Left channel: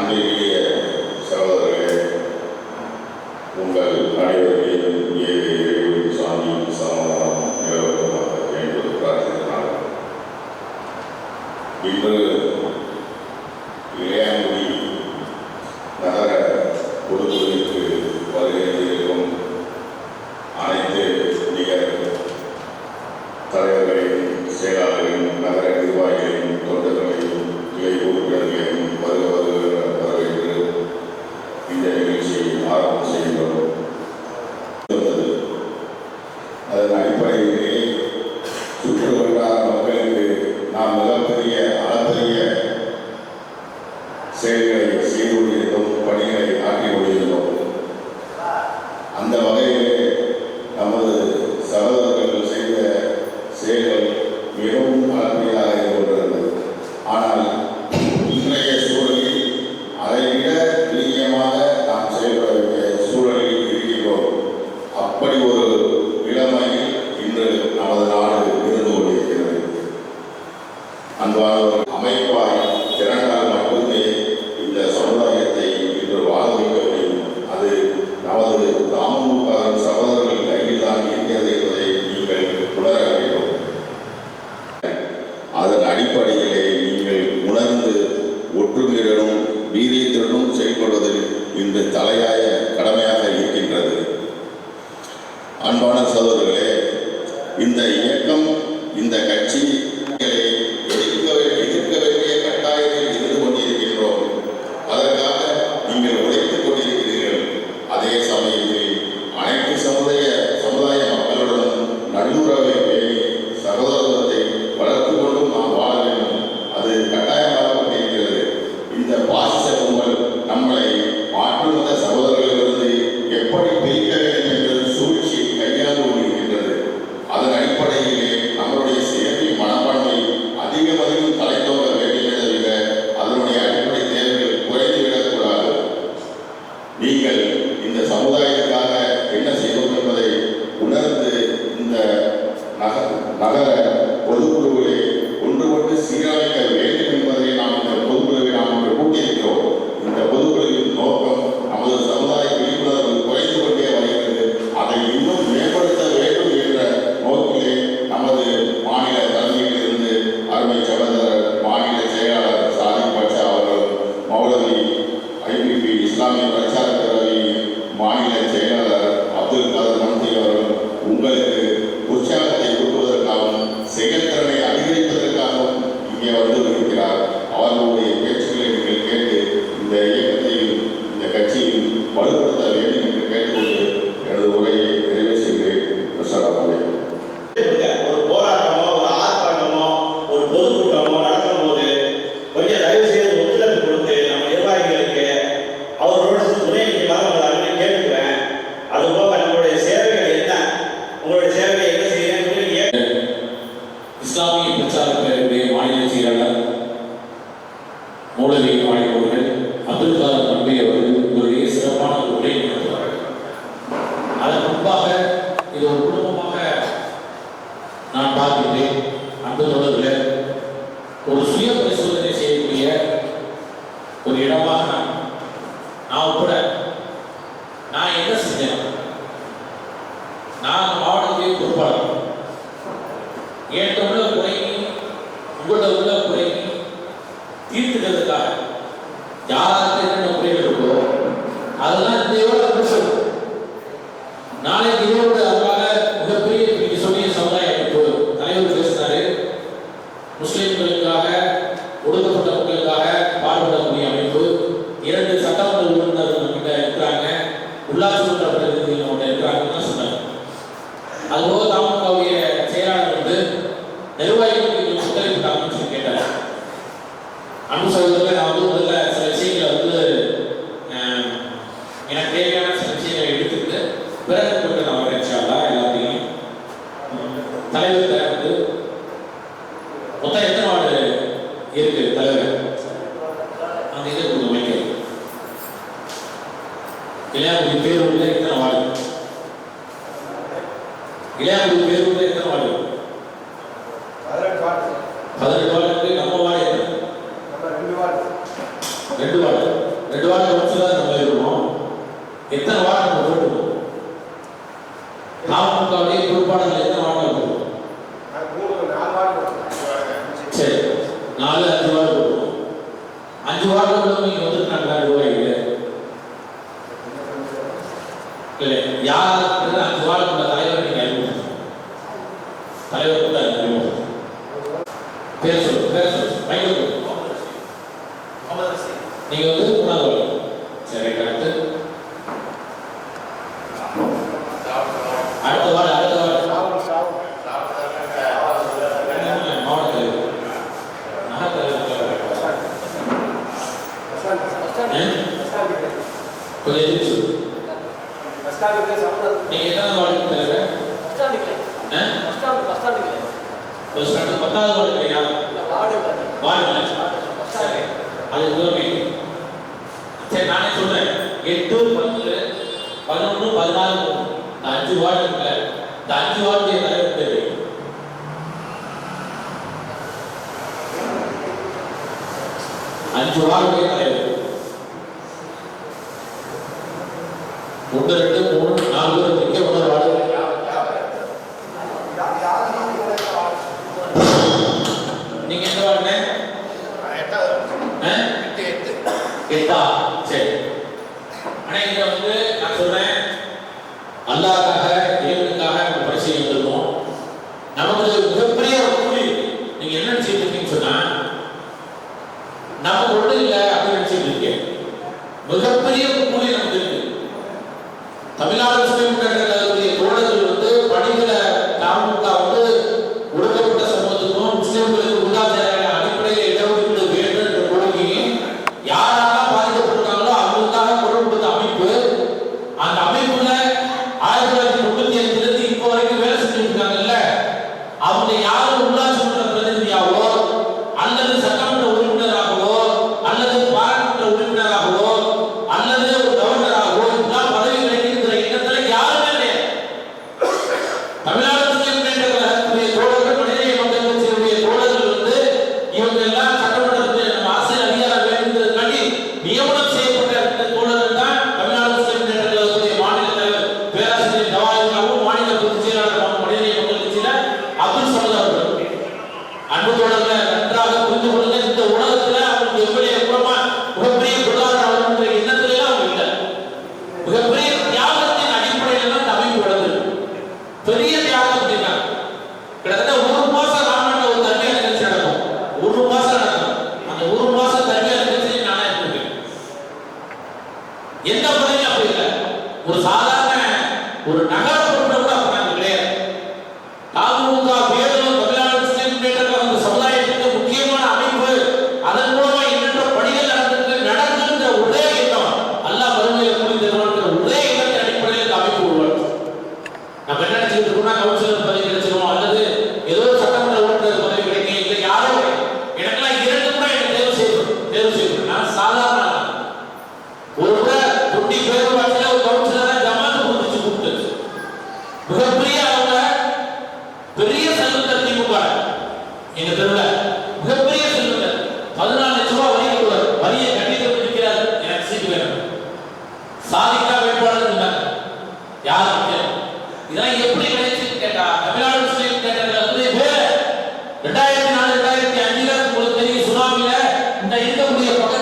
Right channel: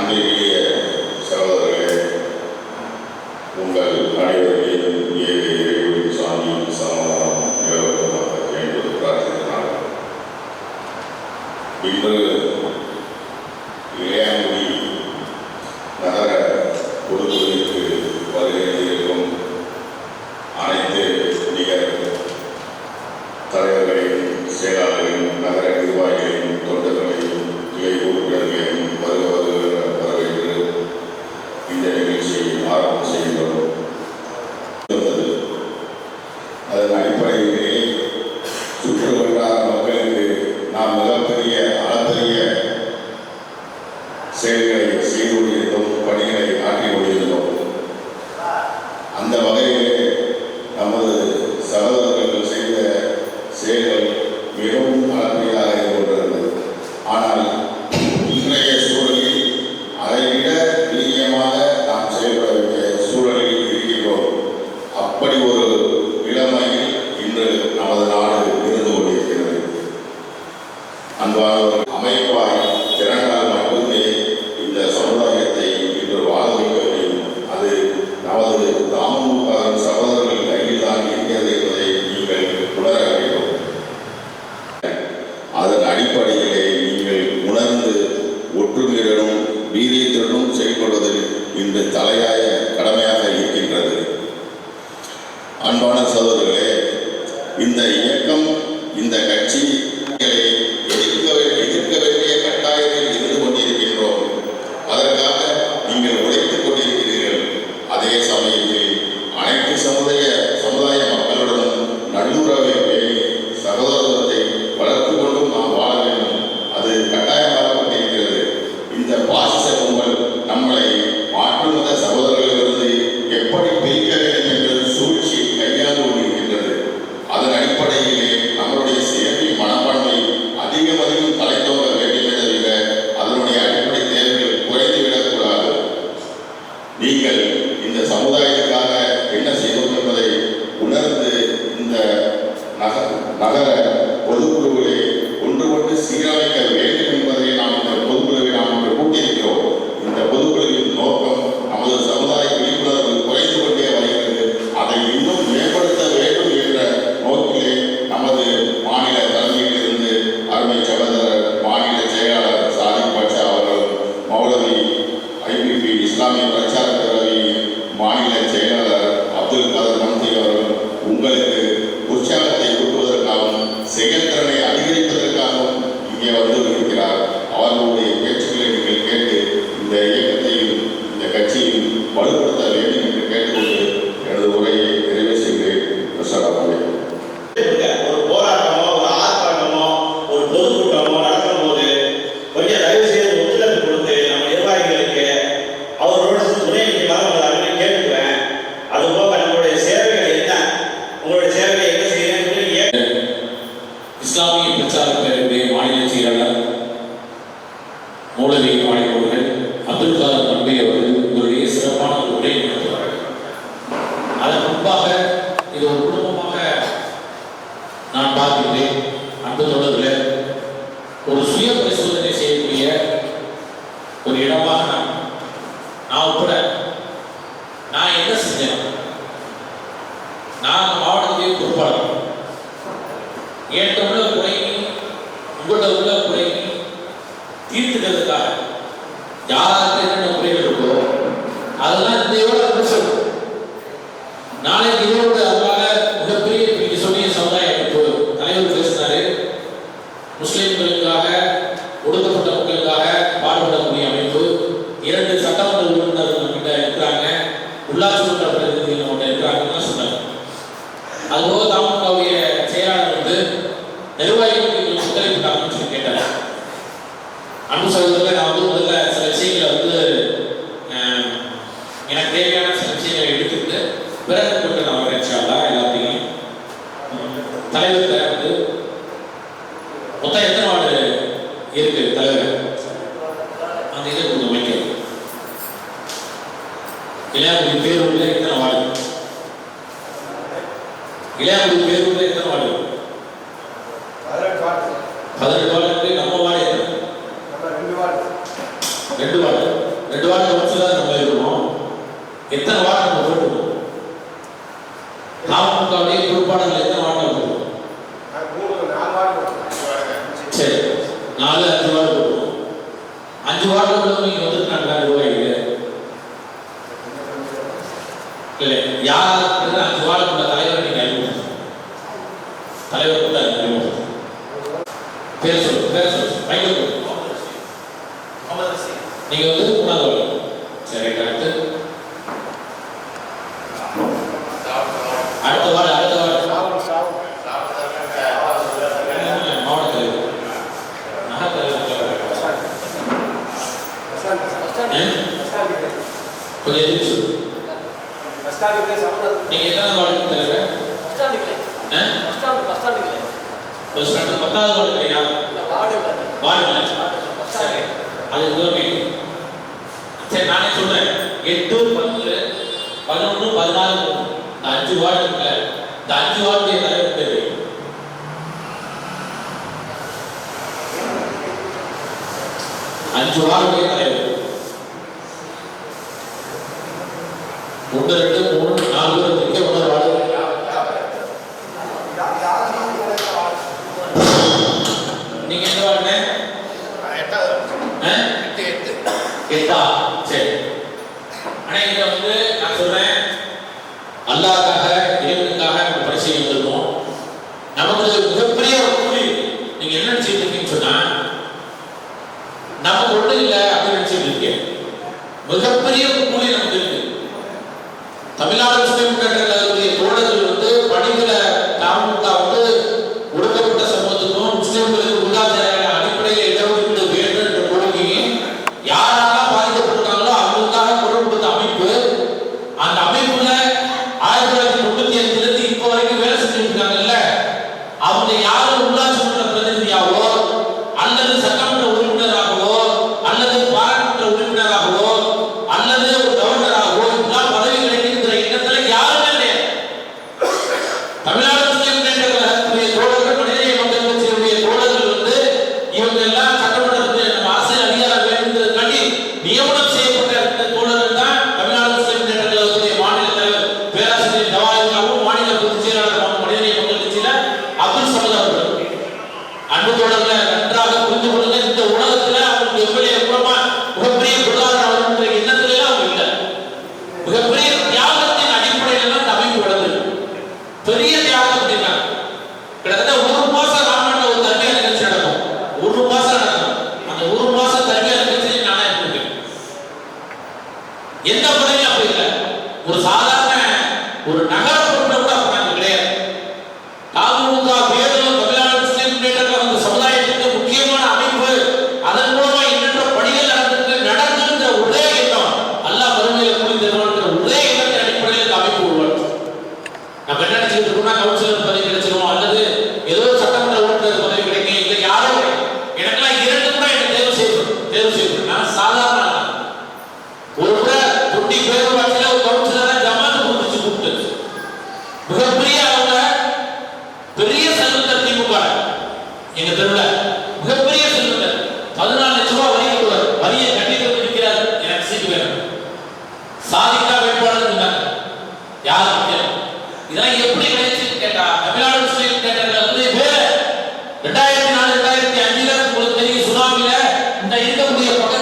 அன்றைய சகோதரர்களே, உங்கள் அனைவரையும் ஏழை சாமி சமாதானம் நிலவரமாக என்று பிரார்த்தித்தார். இன்று இளையாங்குடி நகர பொதுக்குழுவிற்கு வருகையிருக்கும் அனைத்து நிகர் தலைவர்களையும் செயலாளர்களையும் நகர நிர்வாகிகளையும் தொண்டர்களையும் கிளை உறுப்பினர்களையும் வரவேற்று இந்த நிகழ்ச்சியை ஆரம்பம் செய்கிறோம். அதன் அடிப்படையிலே சுற்று வட்டார மக்களுக்கு நாம் மிகப்பெரிய அளப்பரிய செயல்களை செய்து கொண்டிருந்தோம், பணிகளை ஆற்றி கொண்டிருந்தோம். அந்த வகையிலே நமது சகோதரர்கள் செய்த செயல்கள் மிகவும் அளப்பரியதாக இருக்கின்றது. ஆனால் இன்றைய சூழலில் அதைவிட துல்லியமாக நாம் செயல்பட வேண்டிய சூழலில் இருக்கின்றோம். அப்படி ஒரு நிலைமையில் இன்று நமது நாடு இருந்து கொண்டிருக்கிறது. அன்பான அமைப்பாய் திறனால் மட்டுமே இந்த சமுதாயத்தை இன்று வாழ வைக்க முடியும். அது நமது தாமுக சகோதரர்கள் கையில் தான் இருக்கிறது என்பதை நீங்கள் உணர வேண்டும். அதன் அடிப்படையிலே நீங்கள் உணர்ந்து ஒற்றுமையுடனும் வீரியத்துடனும் செயல்படுவதில் இன்று தலையாய கடமையாக இருக்கின்றது. அன்பான சகோதரர்களே, இந்த இயக்கம், இந்த கட்சி எதிர்க்க வேண்டிய கட்டாயத்தில் இருந்து கொண்டிருக்கின்றோம். அதற்காக நீங்கள் உழைத்துக் கொண்டிருக்கிறீர்கள். அதே சமயத்தில் அனைத்து சமுதாய மக்களுடன் நல்லுறவை பேணி சகோதரத்தை வளர்த்து கொண்டும் நாம் வாழ வேண்டும். அது கட்டாயமாக்கப்பட்டிருக்கிறது. இந்த பாசிச கும்பல் நம்மளை மாற்று மத சகோதரர்களிலிருந்து எப்படி பிரிக்க வேண்டும் என்ற சூழ்ச்சி கையாண்டு கொண்டிருக்கின்றது. அதன் அடிப்படையிலே நம்மளுடைய சேவை மனப்பான்மை அதிகம் தலைத்தோங்க வேண்டுமே தவிர அதனுடைய அடிப்படை தேவைகள் குறைந்துவிடக்கூடாது. நீங்கள் இந்த சமுதாயத்துக்காக என்ன செய்வோம் என்பதை உணர்ந்து இந்த நகர பொதுக்குழுவிலே ஒன்றுபட்டு சீரமைக்க வேண்டும் என்பதை நாம் இந்த பொதுக்குழுவை நாம் கூட்டியிருக்கிறோம். இந்த பொதுக்குழுவின் நோக்கம் நமது சமுதாய விழிப்புணர்வு குறைந்து கொண்டே வருகிறது. அதை இன்னும் மேம்படுத்த வேண்டும் என்ற நோக்கிலே நமது மாநில தலைமையிலிருந்து அருமை சகோதரர் மாநில செயலாளர் சாதிக் பட்சா அவர்கள், மௌலவி ஐபிபி இஸ்லாமிய பிரச்சார பேரவை மாநில செயலாளர் அப்துல் கதர் மந்தி அவர்கள் உங்களுக்கு உற்சாகத்தை கூட்டுவதற்காகவும் செயல்திறனை அதிகரிப்பதற்காகவும் இங்கே வந்து இருக்கிறார். அவர்களுடைய பேச்சுக்களை நீங்கள் கேட்டு இந்த இயக்கத்தையும் இந்த கட்சியையும் வலுப்படுத்த வேண்டும் என்று கேட்டுக்கொண்டு எனது உரையை நிறைவு செய்கிறேன். அஸ்ஸலாமு அலைக்கும். ஒரு போராட்டமோ, ஒரு ஆர்ப்பாட்டமோ, ஒரு பொதுக்கூட்டமோ நடக்கும் போது கொஞ்சம் தயவு செய்து ஒத்துழைப்பு கொடுத்து நம்ம நிர்வாகிகளுக்கு அவரோட துணை நிற்கலாம் கேட்டுக்கிறேன். அதுபோக நம்மளுடைய சேவைகள் என்ன, உங்களுடைய சேவையை என்ன செய்யணும். இஸ்லாமிய பிரச்சார பேரவையுடைய மாநில செயலாளர் மௌலவி அவர்கள் அப்துல் கதர் மந்தி அவர்கள் உங்களுடைய சிறப்பான ஒரு உரை நடத்துவார்கள். அதன் முன்பாக இது ஒரு குடும்பமாக நான் பார்க்கின்றேன். அன்பு தொடர்பில் ஒரு சுய பரிசோதனை செய்யக்கூடிய ஒரு இடமாக நான் உட்பட நான் என்ன செஞ்சேன். நான் மாவட்டத்துடைய பொறுப்பாளர். என்கிட்ட உள்ள குறையை உங்கள்கிட்ட உள்ள குறையை தீர்த்துக்கிறதுக்காக யாருக்கு என்னென்ன குறைகள் இருக்கோ அதெல்லாம் இதையோட முடிச்சிடும். நாளைக்கு இதோடு அதனால மிகப்பெரிய நீங்க சொல்லிய சமுதாய அமைப்பு தலைவர் பேசினாரு. முஸ்லிம்களுக்காக ஒடுக்கப்பட்ட மக்களுக்காக பாடுபடக்கூடிய அமைப்பு 2 சட்டமன்ற உறுப்பினர்கள் நம்மகிட்ட இருக்கிறாங்க, உள்ளாட்சி மன்ற பிரதிநிதிகள் நம்மகிட்ட இருக்கிறாங்கன்னு சொன்னாங்க. அதுபோக தாமுகவுடைய செயலாளர் வந்து நிர்வாகிகளுக்கு ஒத்துழைப்பு சொல்லி கேட்டார். அன்பு சகோதரர்கள், நான் வந்து முதல்ல சில விஷயங்களை வந்து எனக்கு தேவையான சில விஷயங்களை எடுத்துக்கிட்டு பிறகு கொண்டு நான் வரேன். எல்லாத்தையும் தலைவர் வந்து மொத்தம் எத்தனை வார்டு இருக்கு தலைவர் அந்த இதை கொஞ்சம் வைக்க இளையாங்குடி பேரூர்ல எத்தனை வார்டு, இளையாங்குடி பேரூர்ல எத்தனை வார்டு? 18 வார்டு. நம்ம வார்டு எத்தனை? 2 வார்டு. 2 வார்டு கவுன்சிலர் நம்ம இருக்கணும். எத்தனை வார்டு நம்ம போட்டுக்கணும்? நாமக்கல்லுடைய பொறுப்பாளர்கள் எத்தனை வார்டு போட்டுக்கணும்? சரி, 4-5 வார்டு போட்டுக்கணும். 5 வார்டு உள்ளவங்க இங்கே வந்துருக்காங்க ரூபாய்க்கு இல்லை யார் 5 வார்டு உள்ள தலைவர் நீங்க அறிமுகம் தலைவர் கூட அறிமுகம் பேர் சொல்லு மைக்கேல் நீங்க வந்து 3வது வார்டு. சரி, அடுத்து அடுத்த வார்டு மாவட்ட தலைவர் கொஞ்சம் எதிர்த்து நீங்க எத்தனை வார்டு தலைவர்? 10வது வார்டு இல்லையா? வார்டு இல்லை. சரி, அது சரி, நானே சொல்றேன். 8, 10, 11, 14 இந்த 5 வார்டு இருக்குல்ல, இந்த 5 வார்டு தலைவர் பேரு 5 வார்டு தலைவர் 1, 2, 3, 4 பேர் இருக்க ஒரு வார்டு. நீங்க எந்த வார்டு? 8. சரி, ஆனா இங்க வந்து நான் சொல்றேன், அல்லாஹ்க்காக இறைவனுக்காக நம்ம பரிசீலனை வந்திருக்கோம். நமக்கு மிகப்பெரிய ஒரு கூலி. நீங்க என்ன நினைச்சிட்டு இருக்கீங்கன்னு சொன்னா, நமக்கு ஒண்ணு இல்லை அப்படின்னு நினைச்சிட்டு இருக்கீங்க. மிகப்பெரிய கூலி நமக்கு இருக்கு. தமிழ்நாடு முஸ்லிம் கழகத்துடைய தோழர்கள் வந்து படிக்கிற தாமுக வந்து ஒடுக்கப்பட்ட சமூகத்துக்கும் முஸ்லிம்களுக்கு பொருளாதார அடிப்படையில் இடஒதுக்கீடு வேண்டும் என்ற கோரிக்கையை யாரெல்லாம் பாதிக்கப்பட்டிருக்காங்களோ அவங்களுக்காக குரல் கொடுத்த அமைப்பு. அந்த அமைப்புல 1995 இப்போ வரைக்கும் வேலை செஞ்சுட்டு இருக்காங்கல்ல, அவங்க யாரும் உள்ளாட்சி மன்ற பிரதிநிதியாவோ அல்லது சட்டமன்ற உறுப்பினராகவோ அல்லது பாராளுமன்ற உறுப்பினராகவோ அல்லது ஒரு கவர்னராகவோ இதெல்லாம் பதவி கிடைக்கிற இடத்துல யாருமே கிடையாது. தமிழ்நாடு முஸ்லிம் கழகத்துடைய தோழர்கள், மனிதநேய மக்கள் கட்சியுடைய தோழர்கள் வந்து இவங்க எல்லாம் சட்டமன்றத்தில் நம்ம அரசியல் அதிகாரம் வேண்டுங்கிறதுக்காண்டி நியமனம் செய்யப்பட்ட இந்த தோழர்கள் தான் தமிழ்நாடு முஸ்லிம் கழகத்துடைய மாநில தலைவர் பேராசிரியர் ஜவாஹிர்லாவும் மாநில பொதுச் செயலாளர் மனிதநேய மக்கள் கட்சியில அப்துல் சமத் அவர்கள். அன்பு தோழர்களை நன்றாக புரிந்து கொள்ளுங்க. இந்த உலகத்துல அவங்களுக்கு எவ்வளவு எவ்வளவா மிகப்பெரிய பொருளாதார என்ற எண்ணத்துல அவங்க இல்லை. மிகப்பெரிய தியாகத்தின் அடிப்படையில தான் அமைப்பு வளர்ந்து பெரிய தியாகம் அப்படின்னா கிட்டத்தட்ட 1 மாசம் ராமநாட்டில் ஒரு தர்மியா நிகழ்ச்சி நடக்கும். 1 மாசம் நடக்கும். அந்த 1 மாசம் தர்மியா நிகழ்ச்சி நானே இருக்கேன். எந்த பதவியும் அப்படி இல்லை. ஒரு சாதாரண ஒரு நகர பொறுப்புல கூட அப்ப நாங்கள் கிடையாது. தாமுக வேதம் தமிழ்நாடு முஸ்லிம் முன்னேற்ற சமுதாயத்துக்கு முக்கியமான அமைப்பு. அதன் மூலமா எண்ணற்ற பணிகள் நடந்துன்ற ஒரே எண்ணம் அல்லாஹ் மறுமையில கூலி தருவான்ற ஒரே எண்ணத்தின் அடிப்படையில் இந்த அமைப்பு உருவாச்சு. நம்ம என்ன நினைச்சிட்டு இருக்கோம்னா கவுன்சிலர் பதவி கிடைச்சிடும் அல்லது ஏதோ சட்டமன்ற உறுப்பினர் பதவி கிடைக்கும். இல்லை யாரோ எனக்கெல்லாம் 2 கூட என்ன தேர்வு செய்யணும். நான் சாதாரண ஒரு முறை 20 பேர் வாட்சில ஒரு கவுன்சிலரை ஜமாத்து கொடுத்து கூப்பிட்டு மிகப்பெரிய அவங்க பெரிய செல்வந்தர் திமுக எங்க தெருவில் மிகப்பெரிய செல்வந்தர் 14 லட்சம் ரூபாய் வரி கட்டுவார். வரியை கட்டிட்டு வந்து நிற்கிறார். எனக்கு சீட்டு வேணும். சாதிக்கா வேட்பாளர் இருந்தாங்க. யார் இதெல்லாம் எப்படி கிடைச்சுன்னு கேட்டா தமிழ்நாடு முஸ்லிம் கேட்டதுல வந்து வேற 2004 2005 உங்களுக்கு தெரியும் சுனாமில இந்த இருக்கக்கூடிய பக்கத்து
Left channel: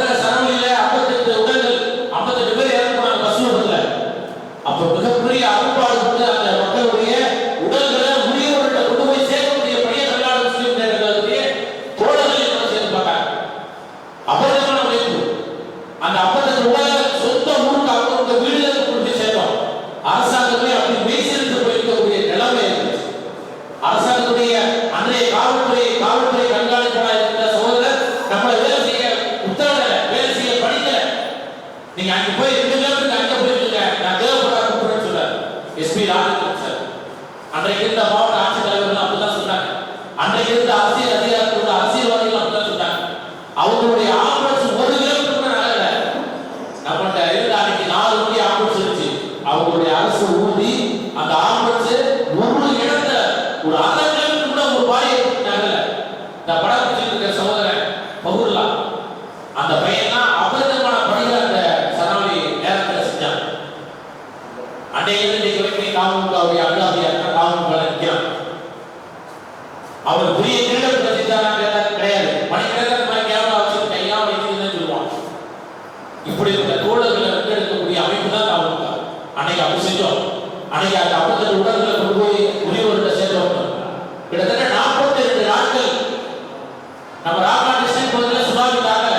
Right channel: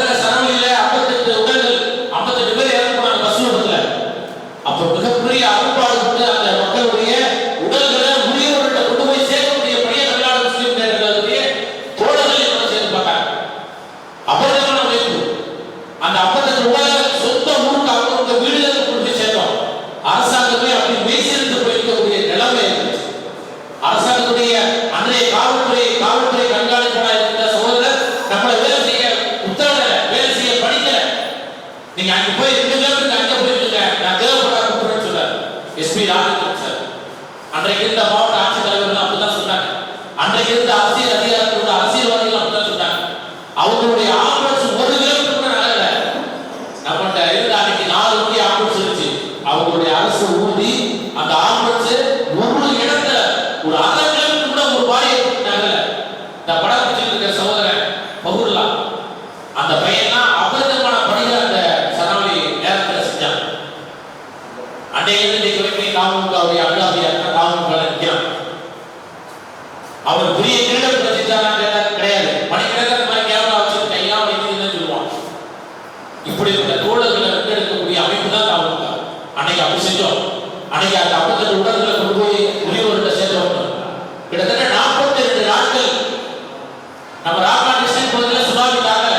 நம்ம ராமநாதன் பகுதியில் சுனாமி தாக்கல,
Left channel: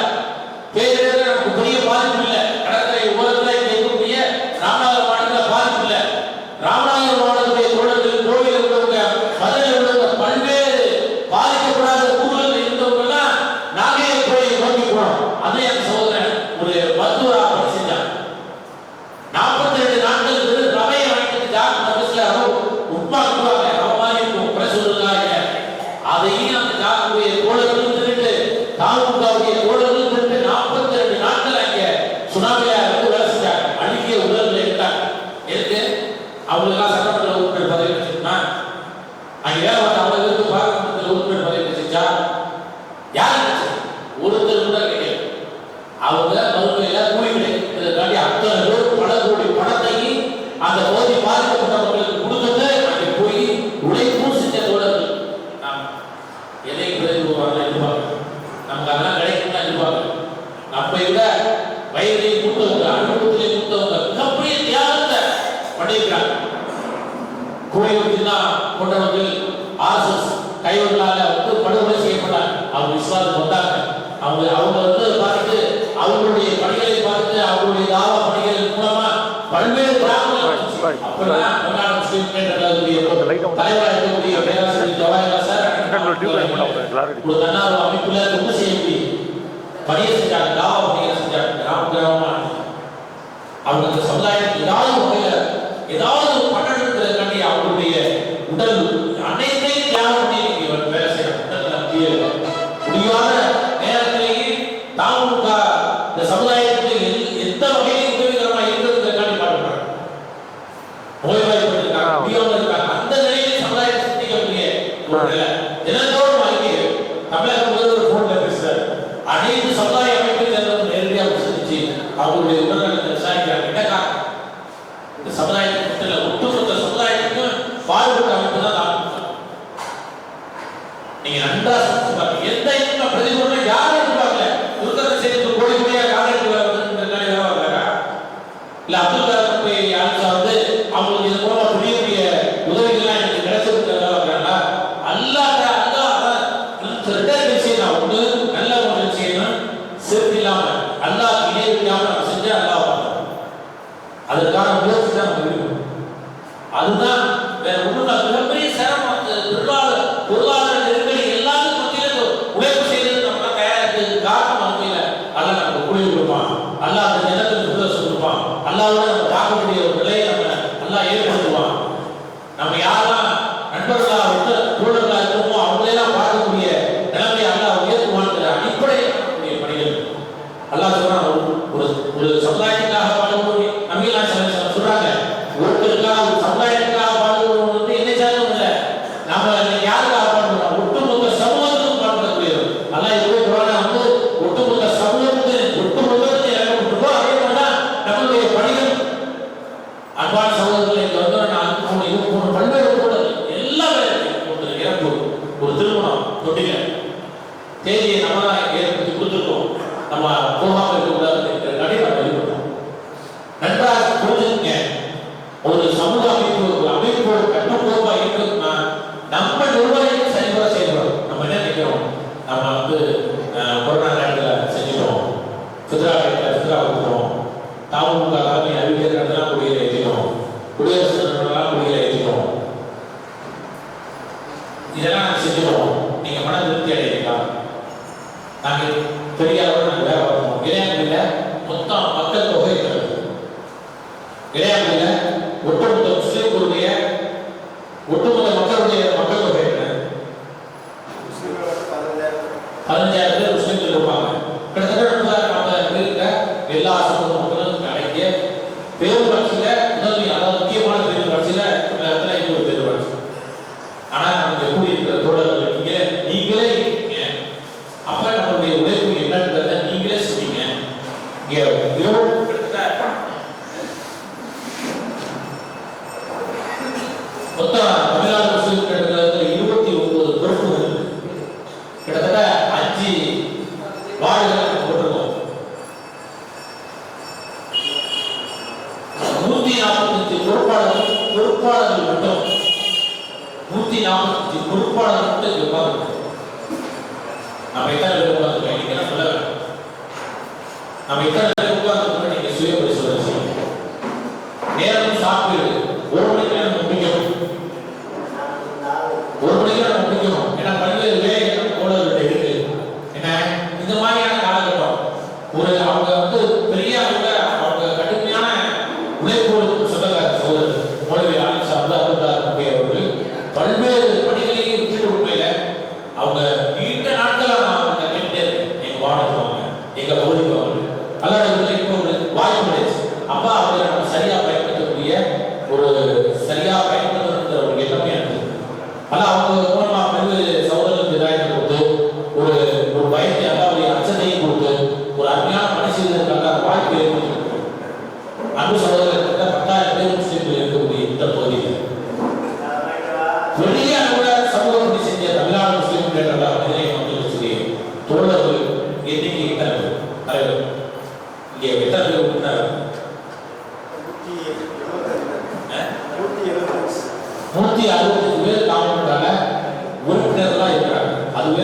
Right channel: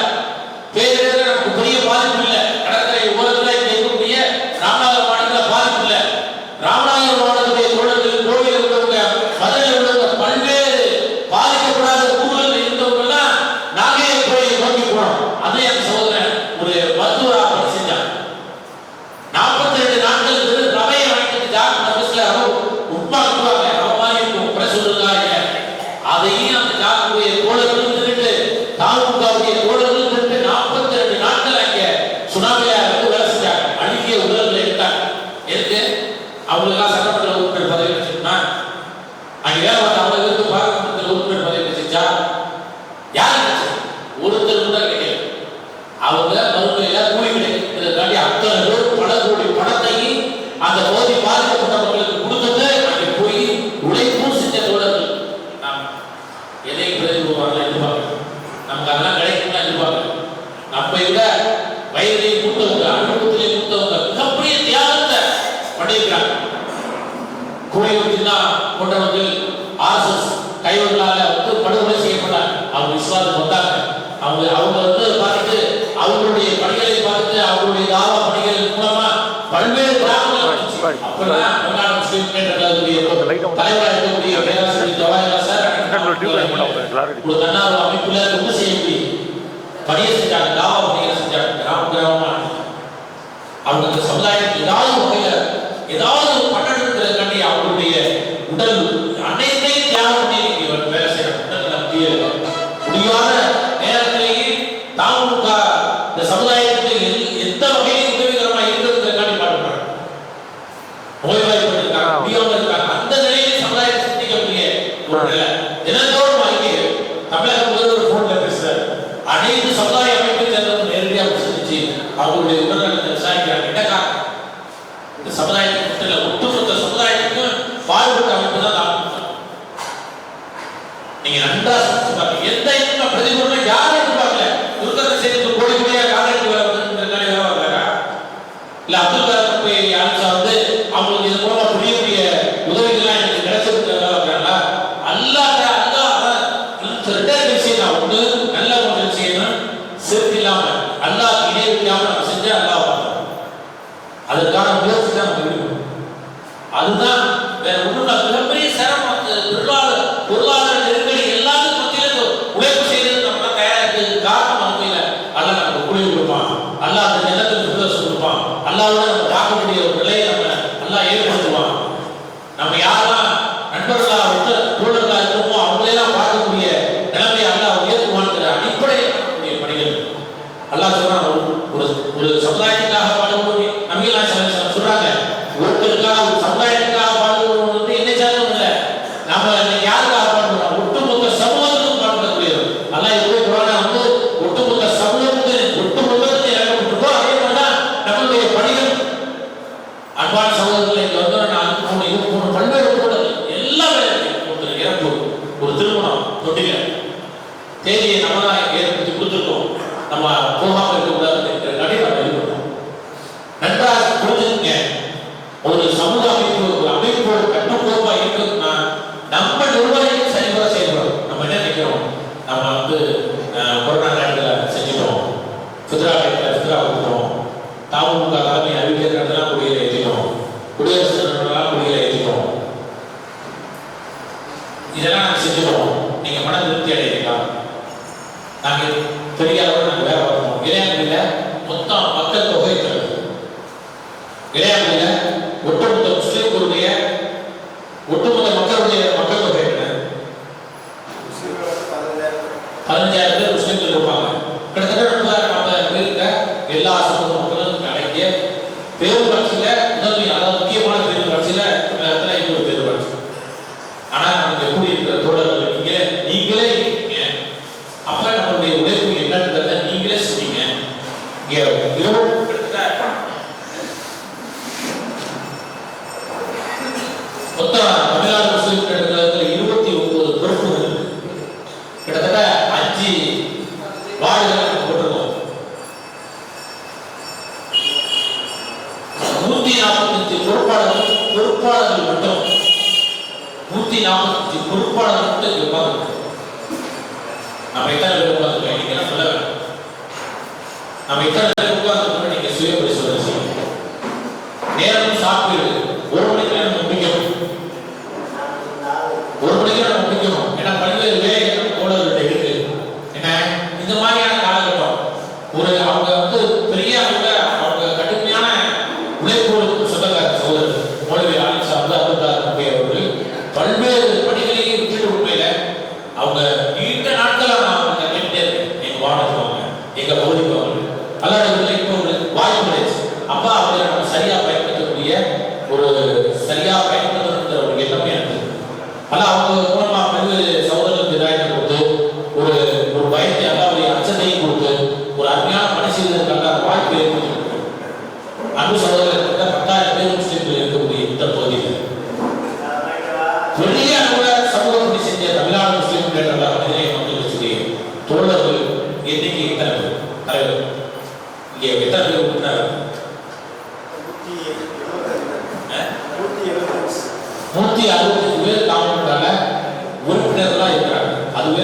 பேரிடர் நமக்கு பெரிய பாதிப்பு இல்லை. கடற்கரை ஓரத்தில் இங்கே இருக்கக்கூடிய ராமநாதபுரம் மாவட்டத்தில் பாதிப்பு இல்லை. ராமநாதபுரம் மாவட்டத்துடைய தோழர்கள், கோவில் உள்ளவங்க, மதுரையில் உள்ளவங்க, பல்வேறு பாதிக்கப்படாத ஊர்கள் இருந்தவங்கெல்லாம் நாகை போய் நோக்கி போனோம். அதே என் சகோதரன் ஒரு மருத்துவராக பணி செஞ்சாங்க. 42 நாட்கள் ரவையை வாங்கிட்டு டாக்டர் பஸ்ல உட்மா கொடுப்பாங்க, அவ மாதிரி இருக்கும் பிரசுருக்காங்க. அதையும் அந்த டாக்டருடைய தோழர்கள் இருந்துட்டு தாமுகவுடைய தோழர்கள் இருந்துட்டு 42 நாட்கள் அங்கே சுனாமியா வந்து வேலை செஞ்சாங்க. அழுகிய உடல்களை எடுத்தாங்க. எதுக்கு? அவங்களுக்கெல்லாம் சட்டமன்ற உறுப்பினர் பதவி வச்சிருந்தா அங்கே வேலை பார்த்து அவ்வளவு பேருக்கு பாராளுமன்ற உறுப்பினர் பதவி வச்சிருச்சா? யார் வச்சு? ஒருத்தர் கூட கிடையாது. அவங்க மறுமையில கூலி கிடைக்கிறதுக்காண்டி அத்தனை பேர் பல கோடி பணத்தையும் அந்த போதி பாதிக்கப்பட்டவர்களுக்கு கொடுத்தது அங்கே போய் உழைப்பும் செஞ்ச தோழர்கள். நாம் எதை பிரதிபலிப்பாங்க எதிர்பார்க்கணும், நமக்கு அதெல்லாம் கிடைக்கும் எதிர்பார்க்கணும். நம்மை விட வயதிலே மூத்தவங்க, அனுபவத்திலே மூத்தவங்க மிகப்பெரிய தியாகத்தை பண்ணியிருக்காங்க. கோயிலுக்கு கொண்டவர்கள் RSS கைவர்களால் வந்து படுகொலை செய்யப்பட்டாங்க. அவங்க விசுவாசம் வந்தாங்க. அவங்க வந்து பார்த்துட்டு அவங்களுடைய பணிகளை பார்த்துட்டு அவங்களுடைய தாவா பணிகள் மூலமா பல்வேறு கிராமங்கள் அப்பெல்லாம் தமிழ்நாடு முஸ்லீம் தலைவராக இருக்கக்கூடிய பேராசிரியர் ஜவாஹிர்லால் சார் ஒரு தன்னார்வ அமைப்புல ரொம்ப செய்யக்கூடிய பணியை செஞ்சாங்க, தாவா பணிகளை செஞ்சாங்க. கிராமமா அவங்க அந்த சமுதாயத்துக்கு ஏதாவது வகையில ஏதாவது பண்ணணுங்கிறதுக்காண்டி அவங்களுடைய உடல் அனைத்தையும் தியாகம் பண்ணி வேலை செய்யறாங்க. முடியாத நேரத்திலேயே தாமுக இந்த சமுதாயத்துக்கு எந்த வகையில் உதவிகரமா இருக்கிறதுக்காண்டி பாடுபடுறாங்க. நோய்வாய்ப்பட்டு இருக்காங்க, முடியாம இருக்காங்க. அந்த நிலையில் சமுதாயத்தை சிந்திக்கக்கூடிய ஒரு நிலை தினந்தோறும் அறிக்கைகள். தமிழக முதல்வர் போன்ல பேசுறாரு. அனைத்து சமுதாய அமைப்பை சேர்ந்தவங்க நேரடியாக சந்திச்சு அவங்களுடைய உடல்நலத்தை விசாரிக்கிறாங்க. என்ன காரணம்? இந்த சமுதாயத்துக்கு மட்டும் இல்லை, ஒட்டுமொத்த சமுதாயத்துக்கும் பாடுபட்ட அமைப்பு தான் தாமுக. நீங்க நன்றா சிந்திச்சு பாருங்க. எந்த இந்த பிரதிபலனை யாரும் எதிர்பார்க்கல. துர்கத்தை சேர்த்து கோடி கோடியா காலேஜ் வேலை வந்துருக்காங்க, வேலை வாங்கல. இல்ல அப்துல் கலாம் போய் அழைச்சா வந்து அவங்களுக்கு இது மூலமா பெரிய பெரிய உதவிகள்லாம் எனக்கு கிடைச்சிருக்கு வேலை வாங்குறாங்களா? அல்லாத ரிட்டர்ன் விஷயம் ஒண்ணு நல்ல ஒன்று செய்யணும். சிறுக்கு இல்லாம அல்லாஹ் இணை வைக்காம நம்ம செஞ்சா அல்லாஹ் பார்க்கணும். அதற்கான முயற்சி தான் நம்ம இருக்கணும். அதுதான் வேற ஒன்றும் மிகப்பெரிய சிரமம். பொருளாதார நெருக்கடி எல்லாத்துக்கும் மத்தியில உழைப்பு செய்யறது நம்ம தயாரா இருக்கிறது காரணம் அமையில அல்ல நமக்கு கூலி கொடுப்பான், அல்ல அந்த நிலத்துக்கு சுதர்சம் கொடுப்பான், அல்லாவோட நம்ம பார்க்கக்கூடிய ஒரு நிலையை நம்ம நல்லா ஏற்படுத்துவான். நம்ம யாரெல்லாம் நண்பர்களா தோழர்களா இருக்கோமோ அவங்களெல்லாம் பார்க்கக்கூடிய நிலைமையை அல்லா உயர்த்துவான்கிற அடிப்படையில் நம்முடைய பணிகள். அல்லாஹ் சொல்றான், ஒரு சமுதாயத்துக்காக பாடுபோது நம்பிக்கை சொல்றாங்க. ஒருத்தருக்காக ஒரு சமுதாயத்துக்காக பாடுபோது வந்து என்ன சாதனம் இல்லை. நம்ம யாருக்காக பாடுபடுறோம்? ஒட்டுமொத்த சமூகத்துக்கும் பாடுபடக்கூடியது. அல்லாஹ் எப்படி குர்ஆன்ல வந்து ஒட்டுமொத்த சமூகத்துக்கு ஒட்டுமொத்தத்துக்கு இறக்கப்பட்டிருக்கோ அதே மாதிரிதான் நம்மளுடைய பணிகள். அன்பான சகோதரர்கள், இங்க வந்து நான் 3 பல்வேறு கூடல் எல்லா வேலையும் ஒரு இறப்பு, ஒரு திருமணம், தொட்டில தேதியை நம்ம தான் ஏற்படுத்தி கொடுத்துருக்கோம். நம்ம போகாம இருக்கக்கூடாது நடைமுறை வெளிப்படுறோம். நன்றாக புரிஞ்சுங்க. ஒரு சமூக அமைப்பு, ஒரு அமைப்போட கட்டுக்கோப்பா இருக்குன்னா நம்ம நிர்வாகிகள் சரிவர செய்யணும். நம்ம என்ன நினைக்கிறோம்? நம்ம வந்து கொரோனா நேரத்தில் செஞ்சிட்டோம், ஃபித்ரா கொடுத்துட்டோம், தாமுக தலைமை அறிவிக்கிறதெல்லாம் குடியில ஏற்றிட்டோம், குடியரசு தலைவர்களெல்லாம் குடியில ஏற்றிட்டோம், இதெல்லாம் நாங்கள் செஞ்சிட்டோம். நீங்க மன திருப்தி அடையீங்களா? நாங்கள் பெரிய அளவில் நாங்கள் வேலை பார்க்கணும். இளையாமையில் மொத்தம் மக்கள் தொகை இளையாமையில் ஒட்டுமொத்த முஸ்லீம்களுடைய ஒட்டுமொத்த மக்களுடைய மக்கள் தொகை என்ன? 15,000 பேர் முஸ்லீம்கள் இருப்பாங்க. கிட்டத்தட்ட 40,000 பேருக்கு எல்லா சமூக மக்களும் அடங்கிய பேரூராட்சியில் முதன்மை, அதாவது முக்கியமான பேரூராட்சியில் இடத்துல இது ஒரு பேரூராட்சி. ஆனால் நமக்கு எப்படி இருக்கிற தோழர்கள் நீங்களே இருக்கீங்க. அப்ப நம்மளுடைய உழைப்பு என்னன்றதை நீங்களே சொன்னீங்க. மொத்தம் தமிழ்நாடு முஸ்லீம் இடத்துல 29 பொறுப்புகள், கிட்டத்தட்ட 5 வார்டுகள் போட்டிருக்கோம். 145 பொறுப்பாளர்கள் மட்டும் 145 பொறுப்பாளர்கள் மட்டும் இருப்பாங்க. நம்ம எத்தனை பேர் உட்கார்ந்துருக்கோம் நீங்க சொல்ல வேண்டாம். நம்ம எத்தனை பேர் உட்கார்ந்துருக்கோம் நீங்க சுய பரிசோதனை செய்யணும். நேரம் சாப்பிடு 1 மணிக்கு நம்ம முடிக்கணும். 1 மணிக்கு நம்ம முடிக்கணும். ஏன்னா பல்வேறு வேலைகள் தோழர்கள்ட்ட இருக்கு. ஏன்னா இந்த மாதிரியான காலகட்டம் ஒரு அவங்க வந்து பெரிய அவங்க கடுமையான உழைப்போருக்கு சொந்தக்கார சகோதரர் மௌலவி ஆலிம் சாஹிப் அவர்கள் பல்வேறு பணிகளையும் விட்டுட்டு உண்மையில அவங்க நீண்ட நாட்களாக நான் கேட்டுட்டே இருக்கேன். எங்க வாடகை வாங்க, எங்க பகுதிக்கு வாங்க. அல்லாத இப்போ ஒரு வாய்ப்பு கிடைச்சு அப்பா அவங்களை நம்ம சரியா பயன்படுத்தக்கூடிய ஒரு சரியா பயன்படுத்துகிற ஒரு எண்ணமே எனக்கு. ஆனால் அவங்க மூலமா பல்வேறு சகோதரர்களுக்கு இதாயத்தை கொடுத்து ஒரு ஒரு பயத்தை அல்லாவுடைய அச்சத்தையும் கொடுத்து ஒரு அருமையான பணி செய்வதற்கான வாய்ப்பு ஏற்படுத்தி அன்பு சகோதரர்கள் 10,000 பேர் முஸ்லீம்கள் இருக்கக்கூடிய இந்த பகுதியில் பெரிய அளவில் சமூக பணி செஞ்ச தமிழ்நாடு முஸ்லீம் முன்னேற்ற மனிதனை மக்களுக்கு சொல்லி தோழர்கள் எண்ணிக்கை எத்தனை பேர் தலைவர் இங்கே எத்தனை பேர் உறுப்பினர் 165 பேர் காமன்றால உறுப்பினர்களாக இருக்கிறாங்க. அதுவே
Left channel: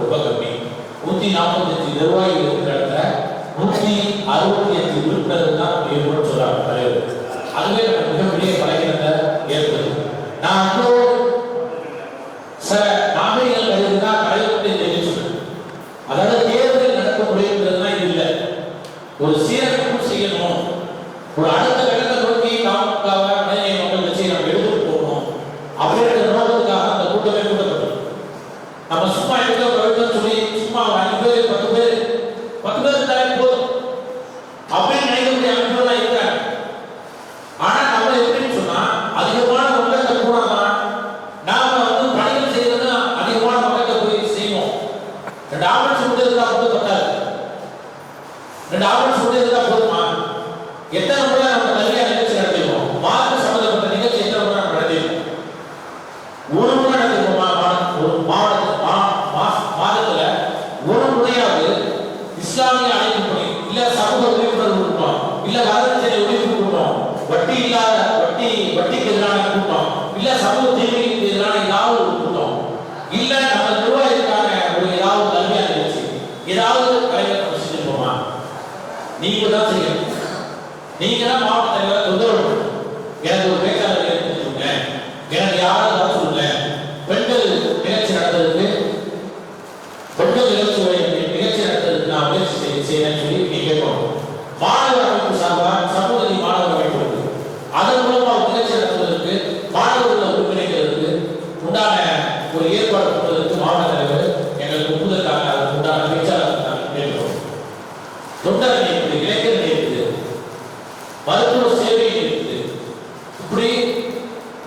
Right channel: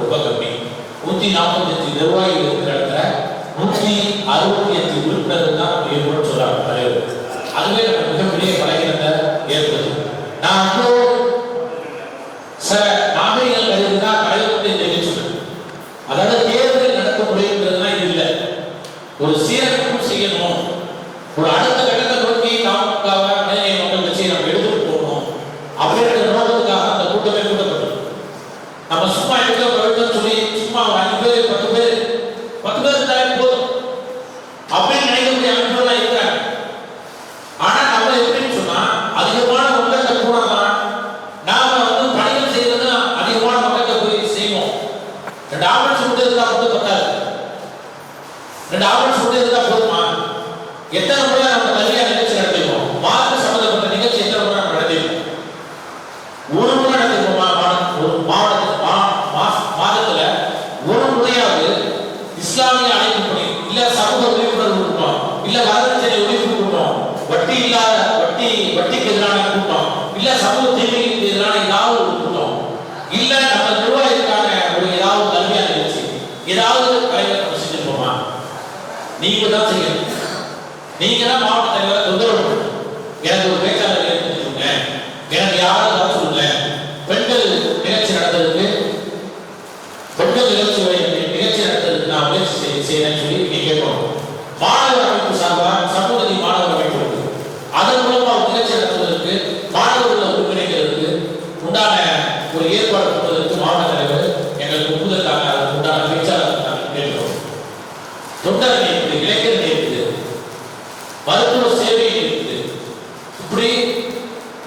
ரொம்ப கம்மி. 145 நிர்வாகிகள் இருக்கிற இடத்துல 165 உறுப்பினர்கள் தான் வேணும்னு சொல்றாங்க தலைவர். அதுவே நம்ம மிகப்பெரிய பலகீனத்தை ஏற்படுத்தும். நான் வந்து சில நாகரிகங்கள் கருதுனா தலைவர்கிட்ட தெரிவிச்சு அதாவது தேர்தல் நடத்த முடியுங்கிறதுலாம் இது இல்லை. ஒரு சீரமைப்பு செய்யணும், ஒரு அடுத்த கட்டத்தை நோக்கி நாமக்காக மனிதநேய மக்கள் கட்சியை நம்ம எடுத்துட்டு போகணும் அப்படின்ற நோக்கத்துக்காக அந்த கூட்டமே கூட்டப்பட்டது. நம்ம சும்மா எடுக்க சொல்லி சும்மா 5 பேர் 10 பேர் இருந்தாலே போதும் அப்படின்னு நினைக்கக்கூடிய அமைப்புலாம் இருக்கிறாங்க. ஆனா நம்ம எப்படின்னு சொன்னா அதிகமான மக்கள்கிட்ட போனாதான் நாம வந்து பணிகள் செய்யறது அதிகமான மக்கள்கிட்ட போய் செய்வோம். 2 ஆம்புலன்ஸ் மட்டும் இருந்தா மட்டும் பத்தாது. 2 ஆம்புலன்ஸ் மட்டும் இருந்தா போதுமா? எத்தனை முறை நம்ம கல்வியா நிகழ்ச்சி நடத்திருக்கோம்? மார்க்க சம்பந்தப்பட்ட நிகழ்ச்சி எத்தனை முறை நம்ம நடத்திருக்கோம்? ஒரு முறை நடத்திருக்கோமா? ஒரு மாதத்துல ஒரு முறையாவது இஸ்லாமிய அழைப்பு பணி இல்ல சமூக விழிப்புணர்வு கூட்டம் இல்ல வரதட்சணை ஒழிப்பு கூட்டம் வட்டிக்கு எதிரான கூட்டம் இல்ல சமூக தீமைக்கு எதிரான ஏதாவது ஒரு கூட்டம் இல்ல நம்ம நிர்வாகிக்கான ஒரு ஏதாவது கல்வியான நிகழ்ச்சி ஏதாவது கலைஞர் நம்ம செஞ்சிருப்போமா? நீங்க தான் செய்யணும். நீங்க தான் மாவட்ட தலைவரை தொந்தரவு எனக்கு ஒரு பேச்சாளர் ஏற்படுத்திருங்க, எனக்கு யாராவது வர சொல்லுங்க, பெண்கள் நிகழ்ச்சி நடத்துறதுக்கு நான் முயற்சி செய்யறேன்னு சொல்லி நீங்க கேட்கணும். மாணவர் அமைப்பு சார்பா சமூகத்தி மாணவர் அமைப்பு இருக்கு. அதன் மூலமா நிகழ்ச்சி நடத்துவதற்கு மாணவர்களை ஒருங்கிணைக்கிறதுக்கு உண்டான ஒரு ஏற்பாடு பண்ணுவதற்கு மாவட்ட தலைவர் எங்களுக்கு ஒப்புதற்காக அதற்கு உண்டான பேச்சாளர் நாங்கள் கேட்கிறோம். தொண்டரணி இருக்குது, இளைஞரணி இருக்குது, மருத்துவ சேவை இருக்குது, இப்படி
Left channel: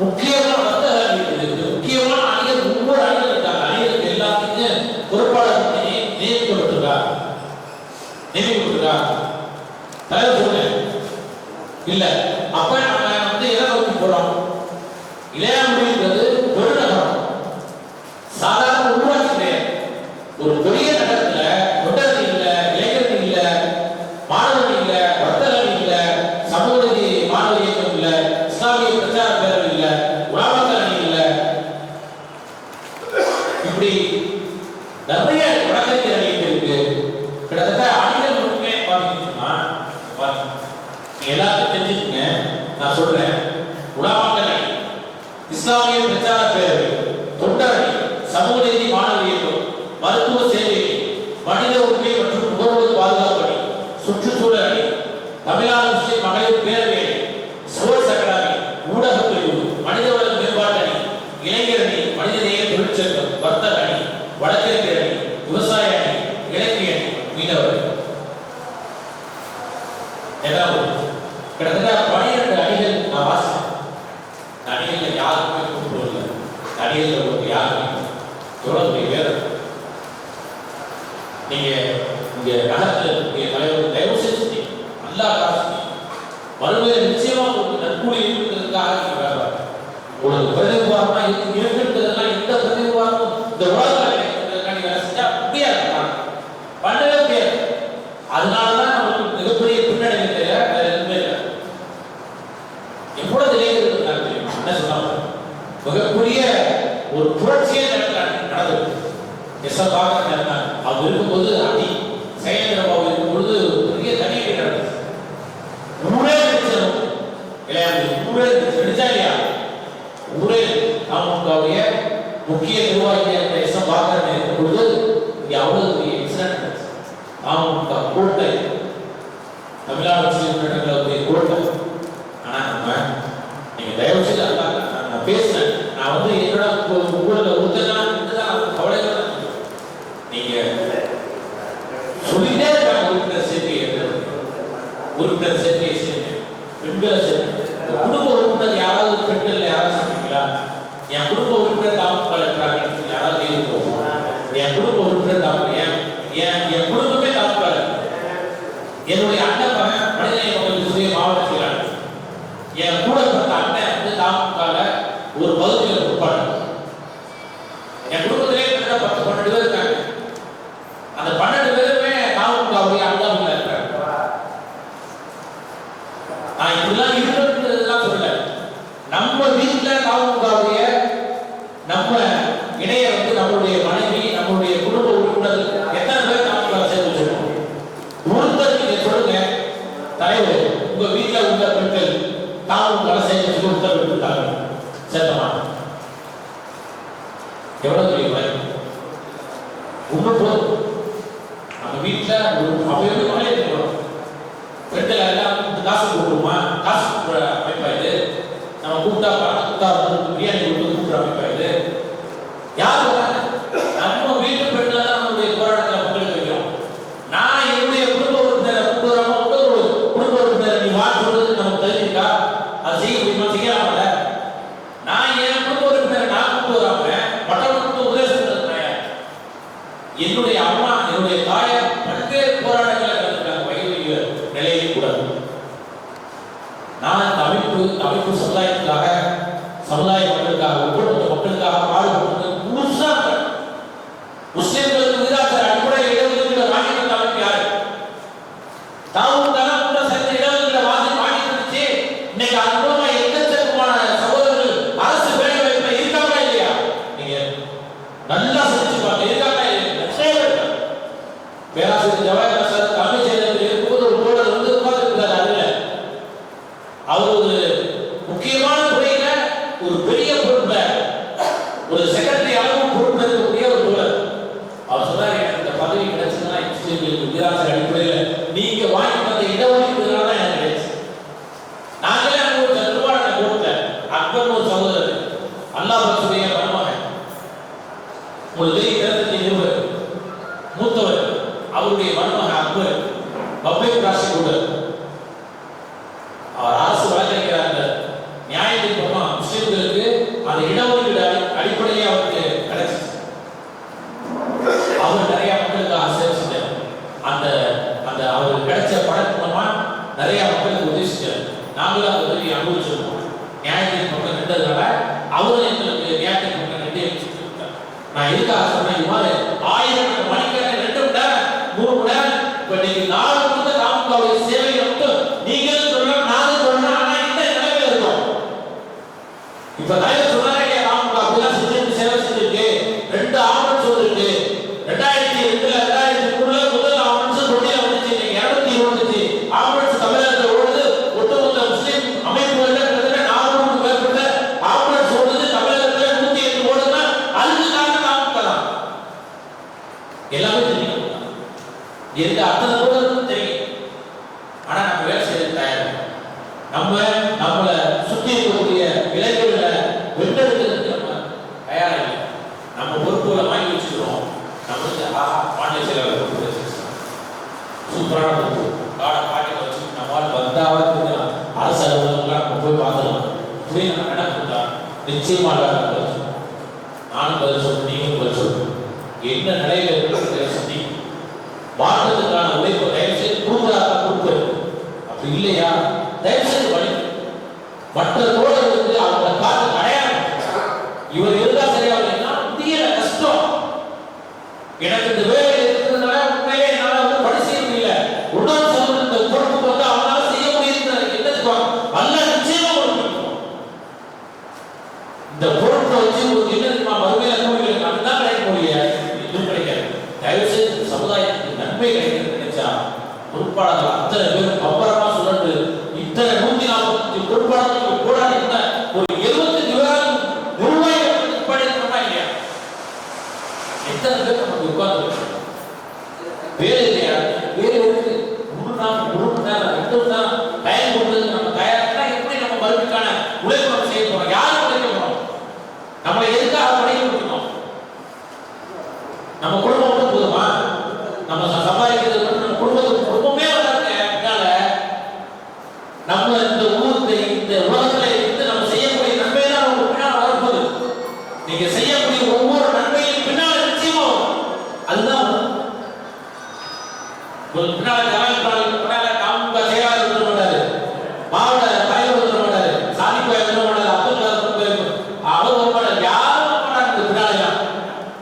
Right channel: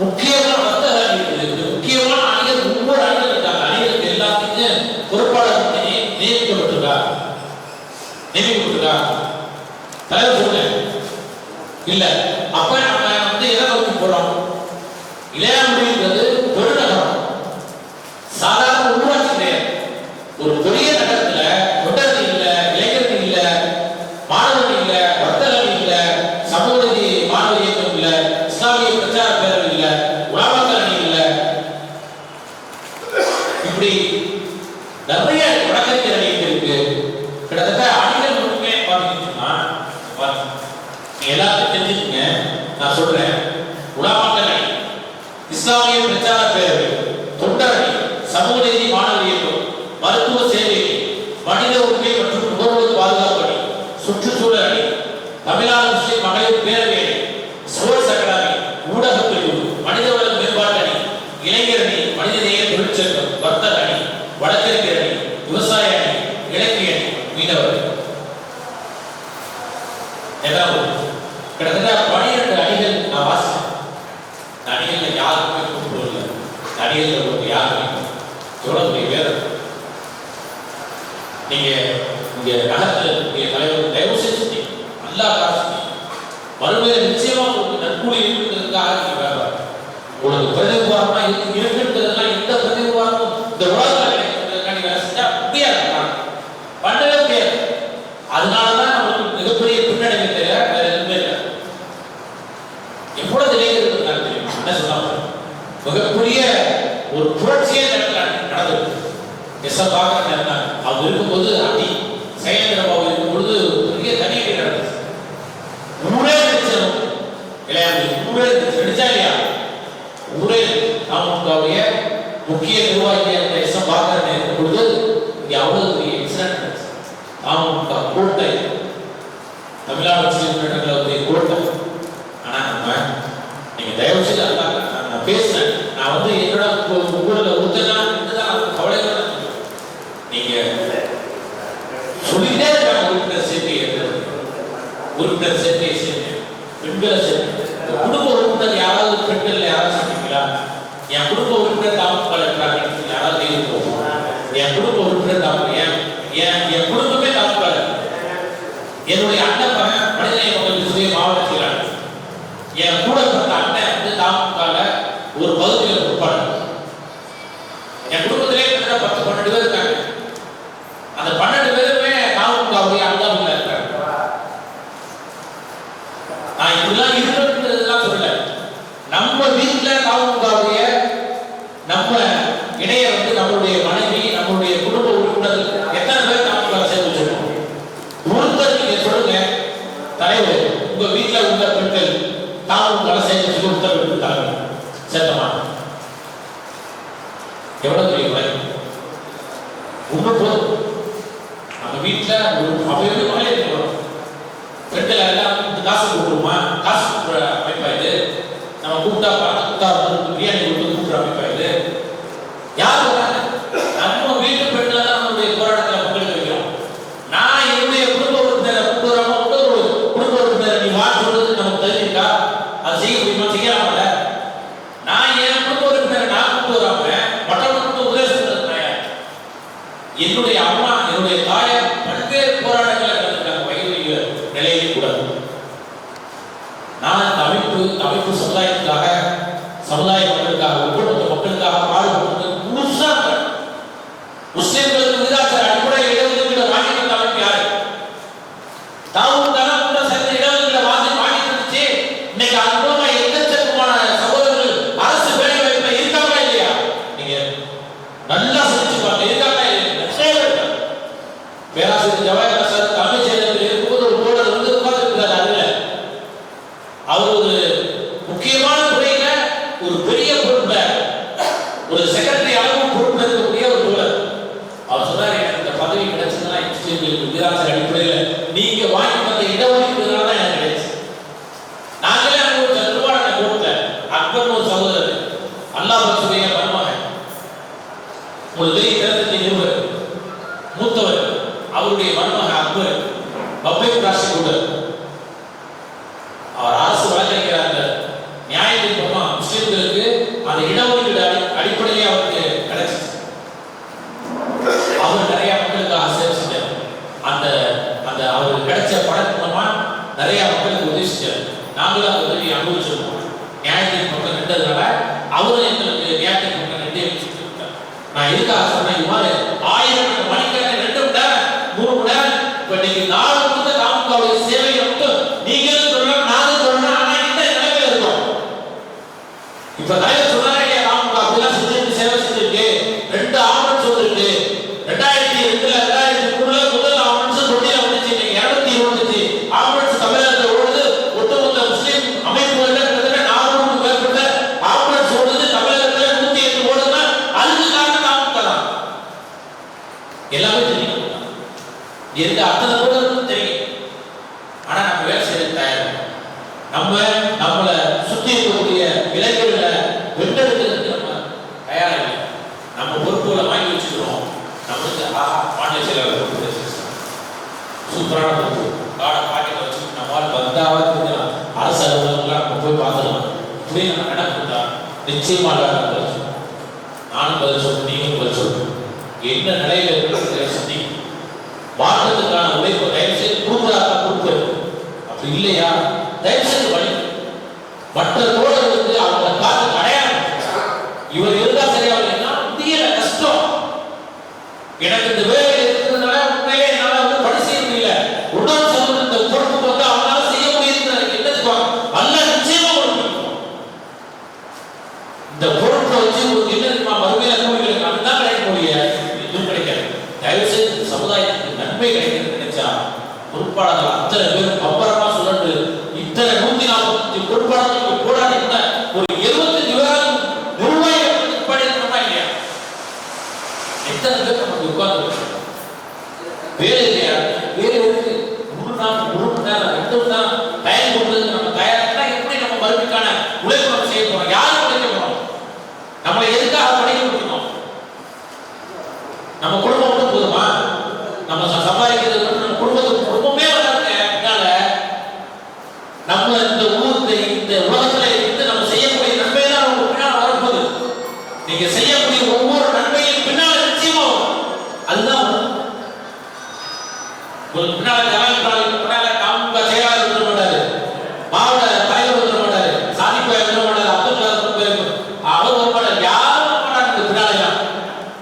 முக்கியமான வர்த்தக அணி இருக்குது, முக்கியமான அணிகள் ஒவ்வொரு அணிகள் இருக்காங்க. அணிகளுக்கு எல்லாத்துக்கும் பொறுப்பாளர் நியமிக்கப்பட்டிருக்காங்க. தலைவர் சொல்ல இல்ல அப்ப நம்ம வந்து எதை நோக்கி போறோம்? இளையாமுடிங்கிறது பெருநகரம், சாதாரண ஊராட்சி கிடையாது. ஒரு பெரிய நகரத்துல தொண்டரணி இல்ல, இளைஞரணி இல்ல, மாணவர்கள் இல்ல, வர்த்தகர்கள் இல்ல, சமூக நீதி மாணவர் இயக்கம் இல்ல, இஸ்லாமிய பிரச்சார பேரவை இல்ல, உலமாக்கல் அணி இல்ல, இப்படி நிறைய வழக்கறிஞர் அணி இருக்கு. கிட்டத்தட்ட அணிகள் மட்டுமே பார்த்தீங்கன்னா எல்லாத்தையும் தெரிஞ்சுக்கங்க. நான் சொல்றேன், உலமாக்கல் அணி, இஸ்லாமிய பிரச்சார பேரவை, தொண்டரணி, சமூக நீதி மாணவர் இயக்கம், மருத்துவ சேவை, மனித உரிமை மற்றும் நுகர்வோர் பாதுகாப்பு அணி, சுற்றுச்சூழல் அணி, தமிழ்நாடு முஸ்லிம் மகளிர் பேரவை அணி, ஸ்போர்ட்ஸ் அகாடமி, ஊடக பிரிவு, மனிதவள மேம்பாட்டு அணி, இளைஞர் அணி, மனிதநேய தொழிற்சங்கம், வர்த்தக அணி, வழக்கறிஞர் அணி, விவசாய அணி, இலக்கிய அணி, மீனவர் கிட்டத்தட்ட 12 அணிகள் நான் வாசிச்சேன். அணிகள் யாருக்குமே கூப்பிடுவதில்லை. அணிகள் யாருமே எவ்வளவு பேர் நீங்க இங்க நகரத்தில் தலைவர் தயவு செஞ்சு நல்லா காசு மறுமையில நிச்சயமா உங்களுக்கு நற்கூலி இருக்கிறதுக்காக நீங்க வேண்டாம். உங்களுக்கு பிரதிநிதிவாரமா இருக்குன்றதெல்லாம் எந்த பிரதிநிதிவாரமும் இந்த உலகத்தில் கிடைக்கிறதுக்காக வேலை செஞ்சா முடியாது, பண்ணவே முடியாது. அதனாலதான் நம்மளுக்கு மிகப்பெரிய பின்னடைவு தெரியாது, வேற எதுவுமே இல்லை. எவ்வளவு இளைஞர்கள் தெரியும் என்ன சொன்னாங்க, மிகப்பெரிய ஒரு புரட்சியே நடந்தது. எஸ் பார்க்க அவங்க இருக்கும்போது அடி சைலேந்திரபாபு இருக்கும் பொழுது பெரிய தனியடி நடந்துச்சு. ஊரே நினைச்சோம் இல்லையா? ஊரே நினைச்சா இல்லையா? ஊரே அவங்களுடைய முக்கிய நிர்வாகியை அந்த எஸ்எம் பாக்கர் இருக்கும் பொழுது இங்க அவ்வளவு பெரிய இன்சிடென்ட் நடந்துச்சு. அவங்க கோட்டை தமிழ்நாடு முஸ்லீம் கோட்டை. ஆனா நம்ம நீங்க தயவு செய்து நான் பேசுறேன், நான் வந்து என்னோட ஊர்ல ஊத்தலாம் கவலை நீங்க சொல்லிட்டே இருக்காங்க. உறுப்பினர் சேர்க்கை பெண்களை சேர்க்கை குடும்ப உறுப்பினர் யாராவது பெண்கள் யாராவது சேர்க்கீங்களா? என் குடும்ப உறுப்பினர் தாமதம் யாராவது இருக்கும். என் குடும்ப உறுப்பினர் என் குடும்பமே தாமதம். என்னுடைய அண்ணன் மனிதநேய மக்கள் சுய மாவட்ட செயலாளர். என் கூட பிறந்த அண்ணன் வந்து தாமதம் ஒரு பகுதியில் உட்பாடு. என் குடும்பத்திலே 10-12 பேர் இருக்காங்க. அந்த 12 பேருமே தாமதவுடைய அண்ணாவில் இருக்காங்க. நான் இப்படிலாம் இருக்கிறதுலாம் சொல்லல. நம்ம வீட்டுல தாமதவுடைய நம்ம இணைய வந்து நம்மளுடைய மனைவி நம்மளுடைய குடும்ப உறுப்பினர் எத்தனை பேர் தாமதம் சேர்த்து வச்சிருக்கோம்? ஒருத்தர் நீங்க சொல்லுங்க தலைவர், உங்க வீட்டுல உள்ள பெண்கள் தாமதம் சேர்த்து வச்சு ஒருத்தர் விட்டுட்டாங்க சேர்த்தமா? எவ்வளவு தெரியுமா? ஒன்று நம்ம வீட்டுல ஒரு அவையோட மழை இருக்கணும். பெண்கள் எல்லாம் காசு கொடுக்குறோமா? காசு கொடுக்குற அமைப்பா இது? நம்ம கூப்பிட்டா பிரியாணி கொடுத்து கூப்பிடுற அமைப்பா இது? யார் வராங்க? நம்ம வீட்டு பெண்கள் தான் நம்மளுடைய போராட்டத்தில் மக்களுக்கு வைக்கிறோம். நான் என்னுடைய குடும்ப உறுப்பினரை கூப்பிடுறாம ஒரு குடும்ப உறுப்பினரை நீ வா சொல்றது நமக்கு தெரிஞ்சிருக்கா? அது செய்ய முடியுமா? செய்யலாமல. நான் என் குடும்ப உறுப்பினரை நான் கூப்பிட்டு வராம மற்றவங்களுக்கு உதவி சொல்றேன். என்னுடைய அம்மா என்னுடைய தாயார் பல்வேறு போராட்டங்களை கலந்துட்டாங்க. வயது நிலையிலே கூட நான் அமைப்பு சமுதாயத்துக்காக சமுதாய மக்களுக்காக ஒவ்வொரு மக்களுக்காக பாடுபட்டு முழுசா முஸ்லிம்களுக்கு விகிதாச்சார அடிப்படையில் இடஒதுக்கீடு வாங்கி தந்த அமைப்பு யாரு? தாவும் தானே கூட சேர்ந்த இடஒதுக்கீடு வாங்கி தந்துச்சு. இன்னைக்கு அது மூலமா எக்கச்சக்கமான சகோதரர்கள் அரசு வேலை வாய்ப்புல இருக்காங்களா இல்லையா? நீங்க நல்லா சிந்திச்சு பாருங்க. இருக்காங்களா இல்லையா? பேராசிரியர் ஜவஹர் சார் தமிழ் சேனத்தில் இருக்கும்போது ஒரு தோழர் வந்து உட்கார்ந்துருக்கிறார். அதுல அவர் ஒரு முக்கியமான துறையில ஒரு பெரிய பொறுப்புல ஒரு செக்ரட்டரி அளவு பொறுப்புல இருக்கக்கூடிய ஒரு தோழர். அவர் சொன்னார், எனக்கு இந்த பதவி கிடைச்சதுன்னா முஸ்லீம்களுக்கு விகிதாச்சார அடிப்படையில் நீங்க வாங்கி வந்த இடஒதுக்கீடுனால தான் எனக்கு கிடைச்சு. நாங்களே அனுபவிச்ச திருவாரூர் கோர்ட்ல அக்பர் ஒரு சகோதரர் அல்லாஹ் பக்சுடைய மருமகன் உங்களுக்கு தெரிஞ்ச நிறுவனர் மூத்தவர், அவருடைய மருமகன் அக்பர் பப்ளிக் ப்ராசிக்யூட்டர். அவர் அரசு வழக்கறிஞராக நியாயத்தின் பக்கம் முஸ்லிம்களுக்கு அந்த இடஒதுக்கீடு அடிப்படையிலே அவருக்கு கிடைச்சிச்சு. அவர் நிறைய மக்களுக்காக சேவை செஞ்சார். அந்த அந்த அவருக்கு கிடைச்ச பணம் மூலமா நிறைய மக்களுக்கு உதவி செஞ்சார். நாங்களும் அந்த உதவி அனுபவிச்சிருக்கோம். நியாயத்தின் பக்கம் நின்றதுனால அவரும் எங்களுக்கு நியாயத்தின் பக்கம் நின்று நான் எதுக்காக சொன்னேன், இது மாதிரி 1000 மணிக்கணக்கு 2 மணி நேரம் 3 மணி நேரம் இப்ப நீங்க 4 கொடுத்த தாமதவுடைய சேவையை மட்டும் நீங்களும் சொல்லலாம் நானும் சொல்லலாம். ஆனா இந்த நிலைமையில இருக்கும். இப்ப தலைவர் சொன்னாரே தாமதம் அப்படிலாம் செஞ்சு சேவை செஞ்சிருக்கு. 2 ஆம்புலன்ஸ் வந்திருக்கு. 2002 2003 முதல் ஆம்புலன்ஸ் தொட்டில வந்துச்சு. 220 ஆம்புலன்ஸ் தமிழகத்தில் ஓடுது. ஒட்டுமொத்த முஸ்லீம் அமைப்புகள்ல கிட்டத்தட்ட 400க்கும் மேற்பட்ட ஆம்புலன்ஸ் ஓடுது. தமிழகத்தில் 108 ஓடுதுன்னா அதுக்கு காரணம் தாமதம் தான். எல்லாமே தெரியும். எந்த அத்தனை போடுறதுன்னு தெரியும். ஆனா நம்ம வேலை செய்ய தயார். நம்மளை சுற்றி இருக்கக்கூடிய இளைஞர்களை வென்றெடுக்கிறதுக்கு நம்ம தயாரா இல்லை. நம்ம பொறுப்புகளை வாங்கி வச்சுக்கிறோம். நம்மளுக்கு மாநில செயலாளர் பொறுப்பு சூப்பரான பொறுப்பு காடை பாக்கெட் வச்சு நம்மளால் வந்தாவது அரசு அலுவலகங்களாம் நம்ம போய் பார்த்துக்கலாம். இப்படி நம்ம நடக்குதா நிச்சயமாக நானும் பதில் சொல்றேன், நீங்களும் பதில் சொல்றேன். என்ன நிலையில இருக்கிற சந்தி மாற்றத்துக்கான உழைப்பு தயவு செய்து கொடுக்குறாங்க கொடுப்பு. அப்படி இல்லையா தயவு செய்து வழி மற்ற தோழர்களுக்கு அவங்க காத்து அடையாளம் இவர் இருந்தா சரியாகலைன்னா முடியல, கஷ்டம். எனக்கு இந்த வேலை இருக்கிறதுனால உண்மையிலே என்னால வந்து பணி செய்ய முடியல. உடல் சம்பந்த இந்த பொறுப்பு வந்து அவனால செய்ய முடியுது. என்னதுக்கு அல்ல நிச்சயமா கொடுக்கணும். இந்த பொறுப்பை வச்சு உங்களுக்கு என்ன மறுமையில கோவிலுக்கு அதுதான் கிடைக்க முடியாது. இதுவும் கிடைக்காது. தயவு செய்து நன்மை கிடைக்கிறது நினைச்சா பொறுப்பாளர்கள் அத்தனை பேரும் பம்பரமா சுழன்று இத்தனை 145 பொறுப்பாளர்களுக்கு போராடி கூட ஒரு 75 பேராலும் நிர்வாகிகளுக்கு படிக்கணுமா இல்லையா? எத்தனை பேர் நமக்கு உட்கார்ந்து வேலை இல்லையா? வேலை இருக்கு. ஒரு மணி நேரம் 2 மணி நேரம் டைம் கொடுத்து நம்ம தயாரிட்டா எப்படி நம்ம மறுபடிக்கான உழைப்பு நம்ம செய்ய போறோம்? யாரும் உழைக்க போறோம்? நம்மளை எதுக்காக படிக்க முடியும்? நம்ம குடும்பம் மட்டும் போதுமா? நம்ம சம்பாதிக்கிறது மட்டும் நம்ம குடும்பமே வராதுங்க. அதனால நம்ம இந்த இந்த உலகத்துல இருந்து நம்ம செய்யக்கூடிய நன்மை தான் நமக்கு பின்னால் வரப்போகுது. நீங்க செய்யக்கூடிய ஒவ்வொரு நன்மையும் பின்னால் நிச்சயமா வரும். அதுதான் ஒரு பின்னால பின்னால காமுக செயலாளர் இருக்க மாட்டாரு, மாவட்ட தலைவர் இருக்க மாட்டாரு, சாதிப்பாய் இருக்க மாட்டாரு, அப்துல் அவர் வர மாட்டாரு, யாரும் வர மாட்டாங்க. பின்னால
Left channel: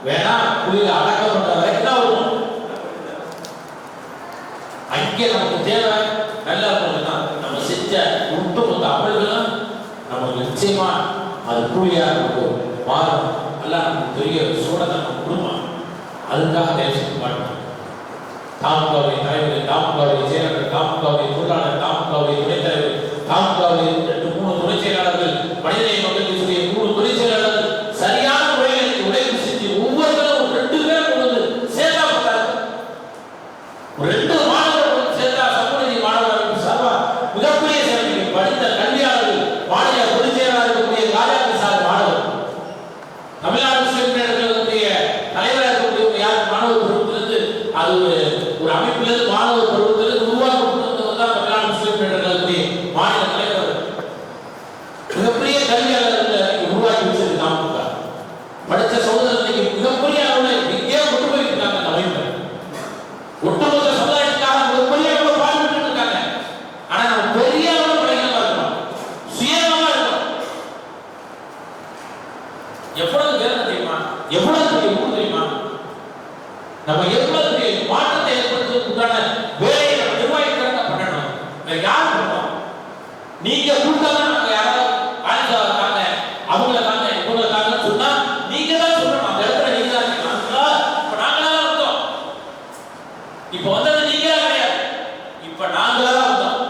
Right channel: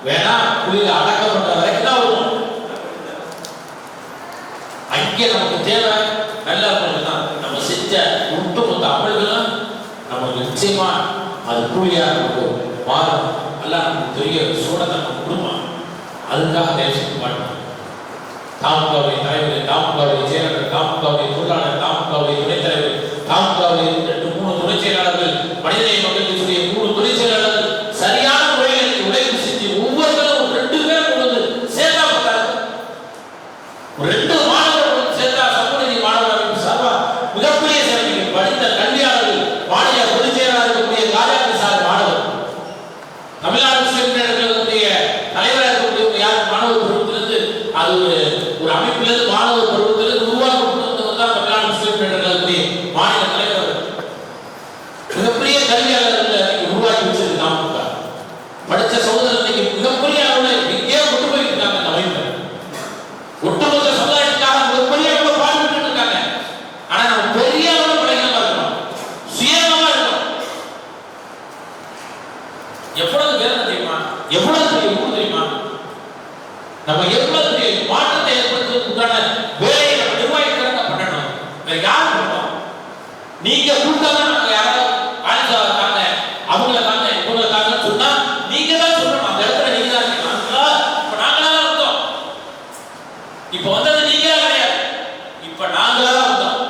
வேணா புள்ளியில அடக்கப்பட்ட வரைக்கும் தான் வரும். அங்கே நமக்கு தேவை நல்ல அமல்கள் தான். நம்ம செஞ்ச ஒட்டுமொத்த அமல்களும் நமக்கு நிச்சயமா அது கூலியா நமக்கு மாறும். எல்லாம் நமக்கு பெரிய சூடத்தை நம்ம கொடுப்பான். அதுக்காக தயவு செய்து மாட்டோம். தாமுகவுடைய தலைவர், தாமுகவுடைய செயலாளர், தாமுகவுடைய பொருளாளர், தாமுகவுடைய துணைத் தலைவர், தாமுகவுடைய 2-3 துணைச் செயலாளர்கள், மனிதநேய மக்கள் கட்சியுடைய 3 துணைச் செயலாளர்கள் சரியான முறையில் உழைப்பு செஞ்சு ஒவ்வொருத்தரும் 2 பேர் கொண்டு சேர்த்தா பார்த்தாரு. ஒரு 2 மாணவர்கள் சேர்த்தா சமூக மாணவர்கள் சார்பா மிகப்பெரிய சேவைகள் படித்த கல்வியாளர்கள், மாநில பொதுச் செயலாளர்களுடைய காரியாலய சார் மாணவர், தமிழ்நாடு முஸ்லிம்களுடைய தலைவராக இருக்கக்கூடிய யார் மாணவர் பருவத்திலிருந்து அது ஒரு அமைப்பிலிருந்து மாணவர் பருவத்திலிருந்து உருவாக்கப்பட்டது தான் தமிழ்நாடு முஸ்லிம்களுடைய மாநில தலைவர். மிகப்பெரிய கல்வியாளர்களை உருவாக்கி வச்சிருக்கு தாமுக. படித்த சகோதரர்களுக்கு மிகப்பெரிய அளவில் எங்கேயோ கொண்டு போயிட்டு இருக்காங்க. அந்த அமைப்பு ஒட்டுமொத்த சமுதாயத்துக்காக மிகப்பெரிய அளவில் பாடுபட்டு இருக்காங்க. ஆனா நம்ம பெரிய அளவில் படைகளா இருக்கணும், சுயமா இருக்கணும். எவ்வளவு வேலை தெரியுமா? எவ்வளவு பெரிய ஊர் தெரியுமா? நம்ம எவ்வளவு பெரிய மாற்றத்தை ஏற்படுத்துவதற்கான வேலையை நம்ம நிர்வாகிக்கிறத பண்ணணும். வேற யார் பண்ணணும்? நீங்க கூட்டாதான் நாங்க யாராவது ஆயுதாங்க அவங்கள தாங்க இவங்களை தாங்கன்னு சொன்னா நீங்க தான் சொல்லணும். அந்த இடத்துல நீங்க தான் இருக்கீங்க. இப்ப நாங்களா தான் வந்தோம். இப்ப வந்தது நீங்களா கிடையாது, இப்ப நாங்களா தான் வந்தோம்.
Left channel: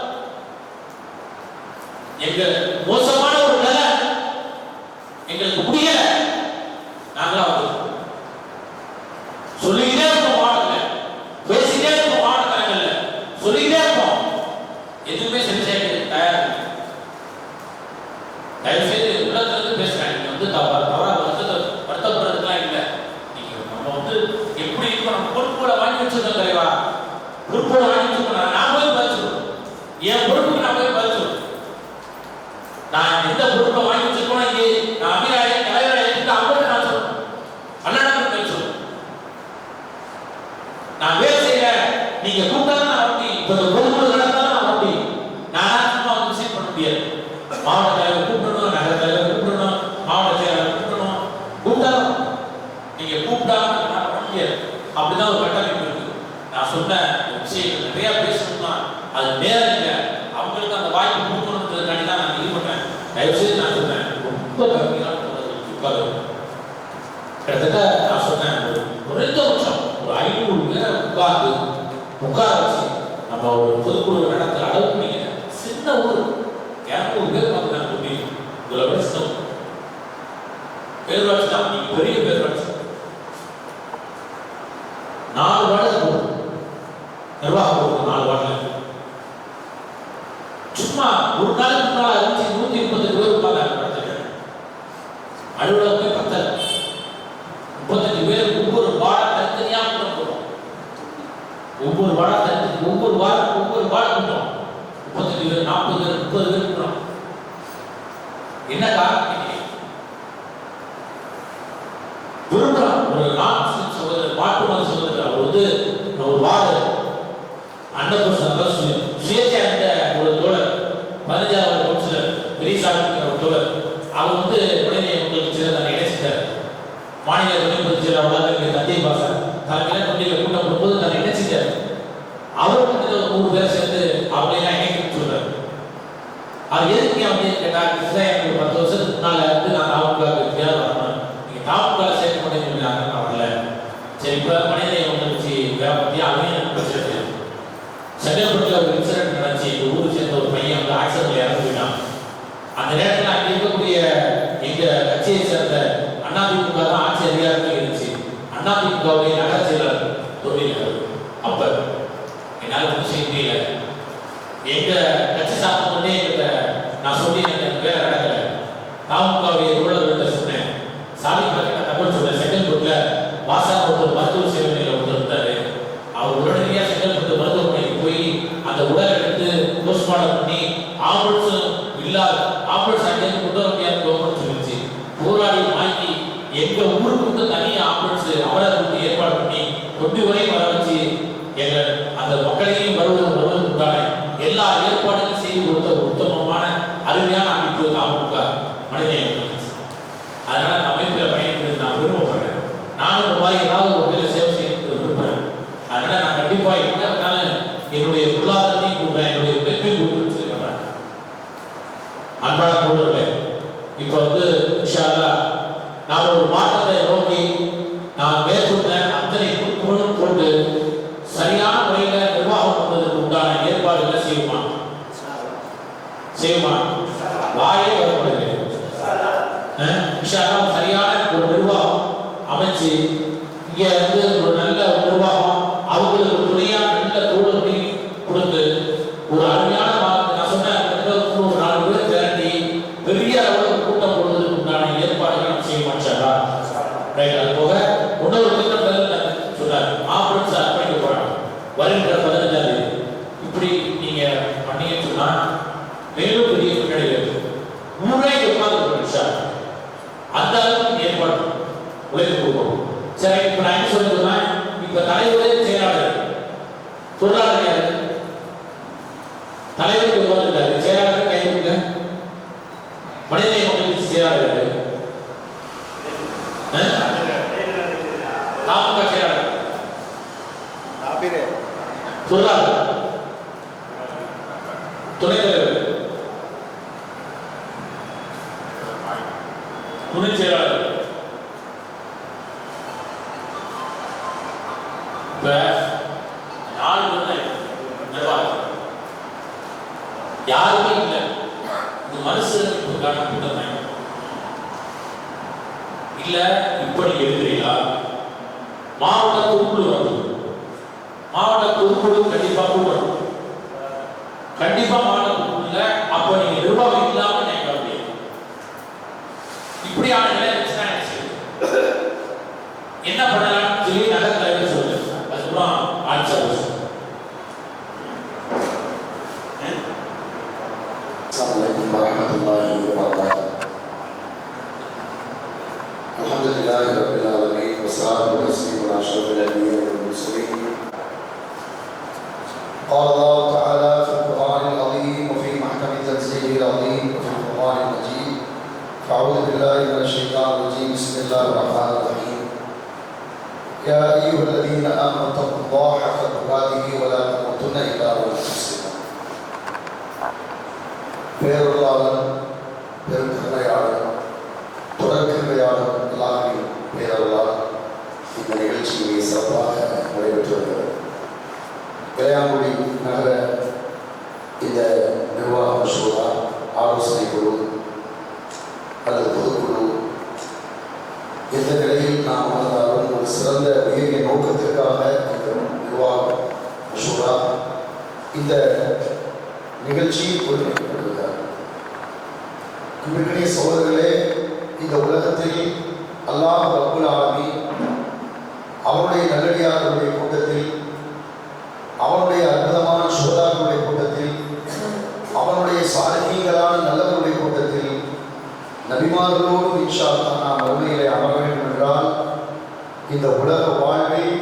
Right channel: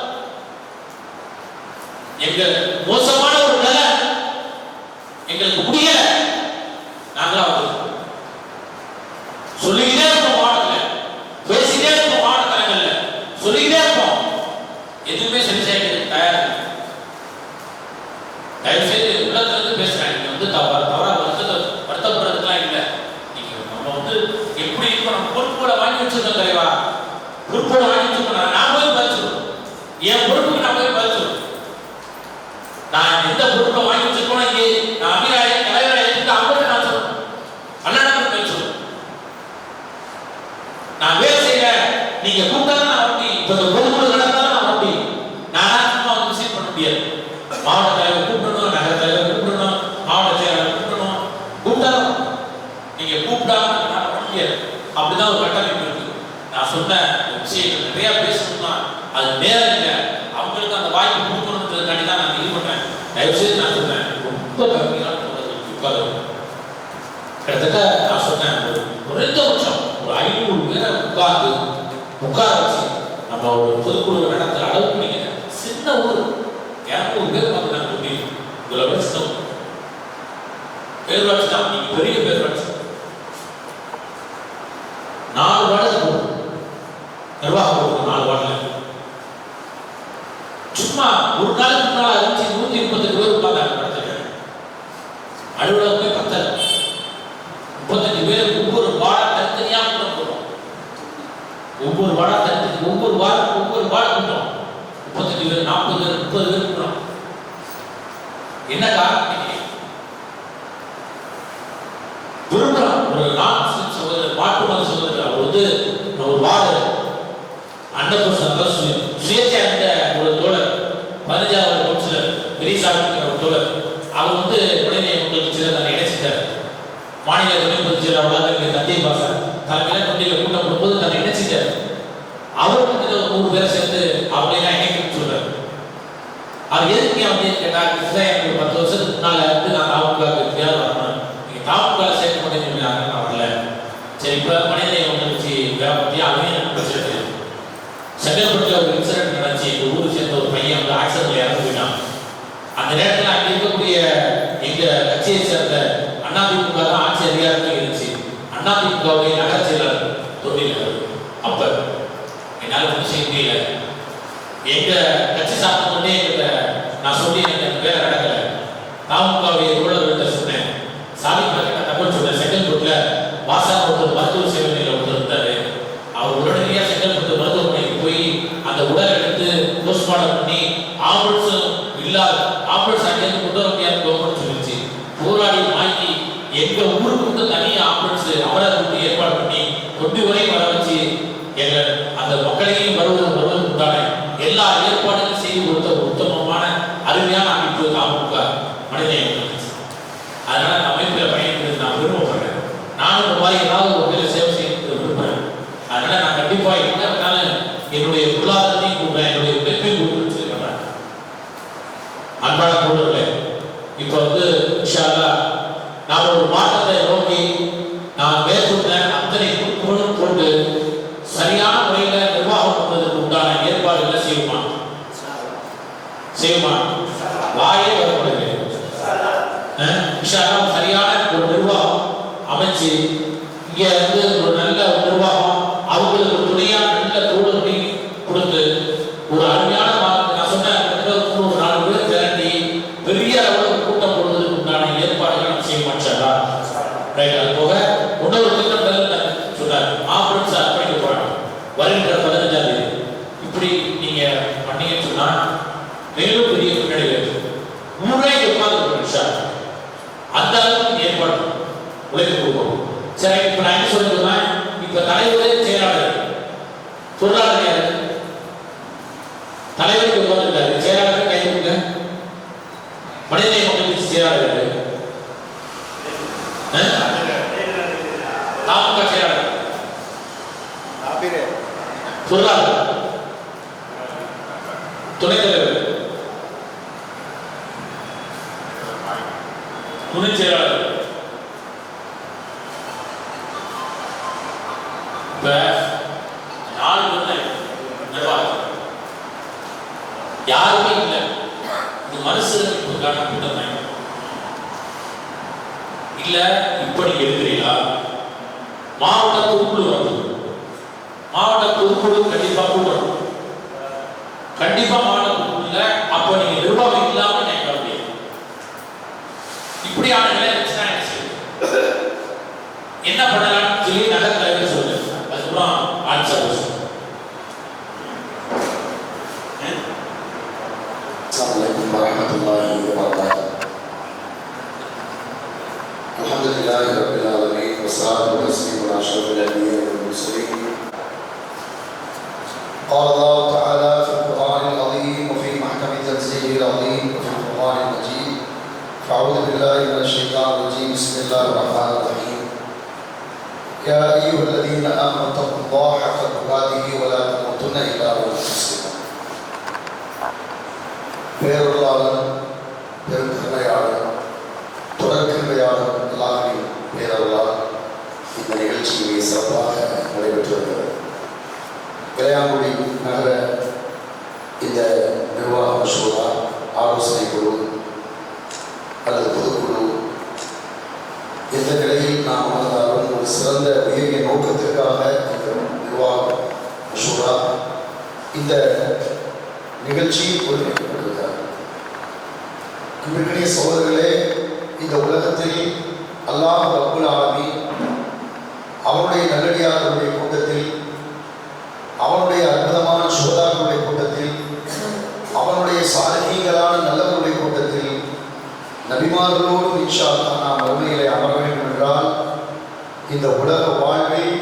எங்க மோசமான ஒரு நிலை எங்களுக்கு முடியல, நாங்களா வந்தோம். சொல்லிக்கிட்டே இருப்போம், மாவட்டத்தில் பேசிக்கிட்டே இருப்போம், மாவட்ட தலைவர்கள சொல்லிக்கிட்டே இருப்போம். எதுவுமே சரி செய்ய தயார். தயவு செய்து உள்ளத்துல இருந்து பேசுறேன். நீங்க வந்து தவறா வருத்தப்படுறதுலாம் இல்லை. நீங்க நம்ம எப்படி இப்போ நம்ம பொறுப்புகளை வாங்கி வச்சிருக்கோம் தலைவா, பொறுப்புகளை வாங்கி வச்சிருக்கோம். நான் போய் பதிச்சிருக்கோம், என் பொறுப்புக்கு நான் போய் பதிச்சிருக்கோம். நான் எந்த பொறுப்பை வாங்கி வச்சிருக்கோம், இங்கே நான் அபிராய தலைவரை எடுத்து அவங்கள்ட்ட நான் சொல்றேன், அண்ணனுக்கு பேசுறேன். நான் வேலை செய்யறேன், நீங்க கூப்பிட்டா நான் வண்டி இப்ப இந்த பொதுக்குழு நடந்தாலும் நான் வண்டி நானா சும்மா விசிட் பண்ண முடியாது. மாவட்ட தலைவர் கூப்பிடணும், நகர தலைவர் கூப்பிடணும், மாவட்ட செயலாளர் கூப்பிடணும். கூப்பிட்டாலும் நீங்க கூப்பிடாம நான் பண்ண முடியாது. அப்படிதான் ஒரு கட்டமைப்பு இருக்கு. நான் சொன்ன விஷயங்கள் நிறைய பேசணும்னா அது நேரம் இல்லை. அவங்களுக்கு அந்த வாய்ப்பு கொடுக்கணுன்றதுக்காண்டி தான் நான் இது பண்ணேன். தயவு செய்து நான் சொன்னேன் ரொம்ப கம்மியான உட்காரு. கிட்டத்தட்ட நான் சொன்னேன் ஒரு 2 வருஷம் ஒரு 500 பேரை உட்கார வச்சு நம்ம ஒரு பொதுக்குழு நடத்துற அளவுக்கு நீங்க சின்ன ஊர் 200 பேர் பார்த்துட்டாங்க. முடியும் இதில் வச்சுட்டோம் பேர் வச்சுதான் நீங்க பெரிய பேர் வச்சு 4 வார்டு போடும் நிர்வாகம் போடும். 4 வார்டில் சும்மா ஒரு நாளுக்கு முன்னால 138 பேர் உட்கார்ந்தாங்க. அலுவலகமே 10 35 பேர் ஒவ்வொரு வார்டை தனித்தனியா கூட்டம் போடுறோம். ஒவ்வொரு வார்டா தனித்தனி ஒவ்வொரு வார்டு கூட்டம் 35 பேர் 40 பேர் 30 பேர் கூட்டம். என்ன காரணம்? விரும்புறான் ஒரு நான்கு சகோதரர் மாட்டு மத சகோதரர் அவர் ஒரு வார்டு அன்னபூர்ண சுயேட்சை அந்த ஒரு தோழர் 15வது கவுன்சிலர் பெரியசாமி ஒரு தோழர் அவர் உடனே உங்களுக்கு சிலர் நான் இணைச்சிட்டார். மாநில துணை பொதுச் செயலாளர் தந்தை பாசா தலைமையில தொண்டியில் கூட்டம் போடும்போது நான் இணைச்சிட்டார். அவர் 100 பேரை சேர்ந்து அவங்களெல்லாம் இணைக்கணும்னு சொல்றாரு. அது எதுக்கு அப்படின்னு கேட்டாங்க. எனக்கு 10 வருஷத்துக்கு முன்னால நான் தாமுகவுக்கு எப்படியாவது வரணும், நீங்க தாமுக சேர்க்க மாட்டேன்னு நான் வரல. சரி இப்ப மனிதனை வச்சு வேலை பத்தி அவங்க செங்கல்பட்டுல ஒரு இன்சிடென்ட் நடந்துச்சு. எங்க ஊரை சேர்ந்த ஒரு பையன் வந்து ஆக்சிடென்ட்ல இறந்து போயிட்டான். அந்த நேரத்தில் அங்கே இருக்கக்கூடிய எங்க கட்சியை சேர்ந்த அதிமுக தான் ஆட்சி அதிகாரத்தில் இருந்துச்சு. அதிமுகவுடைய நகர செயலர் தொழில் அப்ப என்னால் ஒன்றும் செய்ய முடியல. எங்க கட்சி சார்ந்த கொண்டே எங்கிட்ட நான் சொல்லி எனக்கு வேலை நடக்கல. தாமுகவுடைய தோழர்கள்ட்ட சொன்னேன், சாமி பார்க்க தகவல் சொன்னேன். செங்கல்பட்டுல வாசா ஒருத்தர் மருத்துவ சேவை நிலையில் ஒருத்தர் இருந்தாரு. அவர் உடனடியாக செங்கல்பட்டு மருத்துவமனைக்கு போய் அந்த உடல் எடுத்து போஸ்ட்மார்ட்டம் பண்ணி ஆம்புலன்ஸும் இல்லாத ஆம்புலன்ஸ் அங்கேருந்து கொண்டு வர முடியாது கவர்மெண்ட் சொல்லிச்சு. போராடி வாங்கி எங்க ஊருக்கு வந்து தனியாக ஆம்புலன்ஸ் அமரருக்கு ஏற்பாடு பண்ணி கொண்டு வரை வர வச்சு எங்க அந்த மக்களையும் வருவதற்கு உண்டான எல்லா ஏற்பாடுகளும் செய்து கொடுத்த ஒரு உத்தமமான அருமையான அமைப்பு தாமுக மனிதநேயம். அதனால அந்த அமைப்பில் பயணிக்கிறது நான் விரும்பப்படுறேன். நானும் இந்த மாதிரி ஏதாவது ஒரு வகையில் சேவை செய்ய விரும்புகிறேன். அதனால நான் கண்டிப்பாக என்ன என்னுடைய பொருளாதாரத்தையும் கூடுறேன், என்னுடைய பெருமையும் கூடுறேன்னு சொல்லி பண்ணுறேன். அன்பான தோழர்களே, இப்போ வந்து இன்ஷா அல்லாஹ் நாம் ஒரு மாற்றத்தை நோக்கி நான் மேற்கொண்ட அத்தனை குறிப்புகளும் கொண்டு சரியான முறையில் நிர்வாகம் பண்ணுவதற்கு உண்டான ஏற்பாடுகளை செய்யுமா வாயே வரப்படுகிறது. சரியான ஒரு நிர்வாகம் அமைச்சு இங்க வந்து ஒரு நல்ல நிர்வாகம் அவங்களுக்கு துணையாக நல்ல தோழர்களை கொடுத்து ஒரு அருமையான நான் சொன்ன ஒரு 4 பேர் திரட்டி பெரிய அளவில் கூட்டம் போடுவதற்கு உண்டான ஏற்பாடுகள் நம்ம செய்ய மாட்டாரா? ரைட். அது போக இன்னொரு திட்டம் சொன்னார், ஆம்புலன்ஸ் அர்ப்பணிக்க போறாங்க வருகின்ற 15ஆம் தேதி. இப்படி நீங்க பண்ணீங்கன்னு சொன்னா மேலும் பெரிய பின்னணி ஊரே உட்கார்ந்து அந்த அளவுக்கு ஏற்பாடு உழைப்பு கொடுக்கணும். சரி, இப்ப நான் என்ன சொல்லுன்னா, இப்ப தலைவரே செயலாளர் பொருளாதார யாரு தலைவருக்கு உட்கார்ந்துருக்காரு, செயலாளர் கை கொடுங்க. மனிதநேய மக்களுக்கு செயலாளர் தாமுக செயலாளர் பொருளாதார துணைத் தலைவர் துணை செயலாளர். இப்ப 4 பேர் நிர்வாகம் யாருமே இல்லை. இது மறுசீரமைப்புக்கான கூட்டம் தான் இல்ல. இப்படி எழுதுறீங்களா? மாவட்ட பொதுக்குழு வந்து மாவட்ட பொதுக்குழு கண்டிப்பா கூட்டணும். கண்டிப்பா மாவட்ட பொதுக்குழுல அப்ப நீங்க நிர்வாகம் இல்லாம நினைக்க முடியாது. இப்படியான நிலை இருந்துச்சுன்னா என்ன பண்ணலாம்னு சொல்லி நகர தலைவர் சொல்லுங்க. அதுக்கப்புறம் answer Assalamualaikum warahmatullahi wabarakatuh. Alhamdulillahi rabbil alamin wassalatu wassalamu ala asyrafil anbiya'i wal mursalin. Qala Allah ta'ala fil Qur'anil 'azim wa fi mahkami tanzilil 'azim wa fil Qur'anil majid. A'udzu billahi minasy syaithanir rajim. Bismillahir rahmanir rahim. Ya ayyuhalladzina amanu taqullaha haqqa tuqatih wa la tamutunna illa wa antum muslimun. பேரருளாளர் பெருந்தன்மையாளர் தொடர்கின்மையாளர் எல்லாரின் பேரருளால் இந்த நிகழ்ச்சியை சிறப்பாக நடைபெற்று வருகிறது. இளையாங்குடி நகர இந்த நிர்வாக மசோதா ஆலோசனை குழு அல்லது பொதுக்குழு எந்த நிலையில் நாம் அமர்ந்தாலும் ஒரு சிறந்த உயரிய நோக்கத்திற்காக இந்த நிர்வாக மசோதா இந்த நிகழ்ச்சியில் ஒருங்கிணைக்கப்படுகிறார். அன்பிற்குரிய சகோதரர்களே, இந்த உலகத்தில் அல்லாஹ் ரப்புல் ஆலமீன் அவருடைய நல்லடியார்களுடைய கூட்டத்தில், அவனுடைய அற்புதமான சுஹதாக்களுடைய கூட்டத்தில், அவனுடைய சாலிஹீன்களான நல்லவர்களுடைய கூட்டத்தில் நபிமார்களோடு இன்ஷா அல்லாஹ் நாம் மறுமையிலே அமர வேண்டும் என்றால் இந்த உலக வாழ்வில்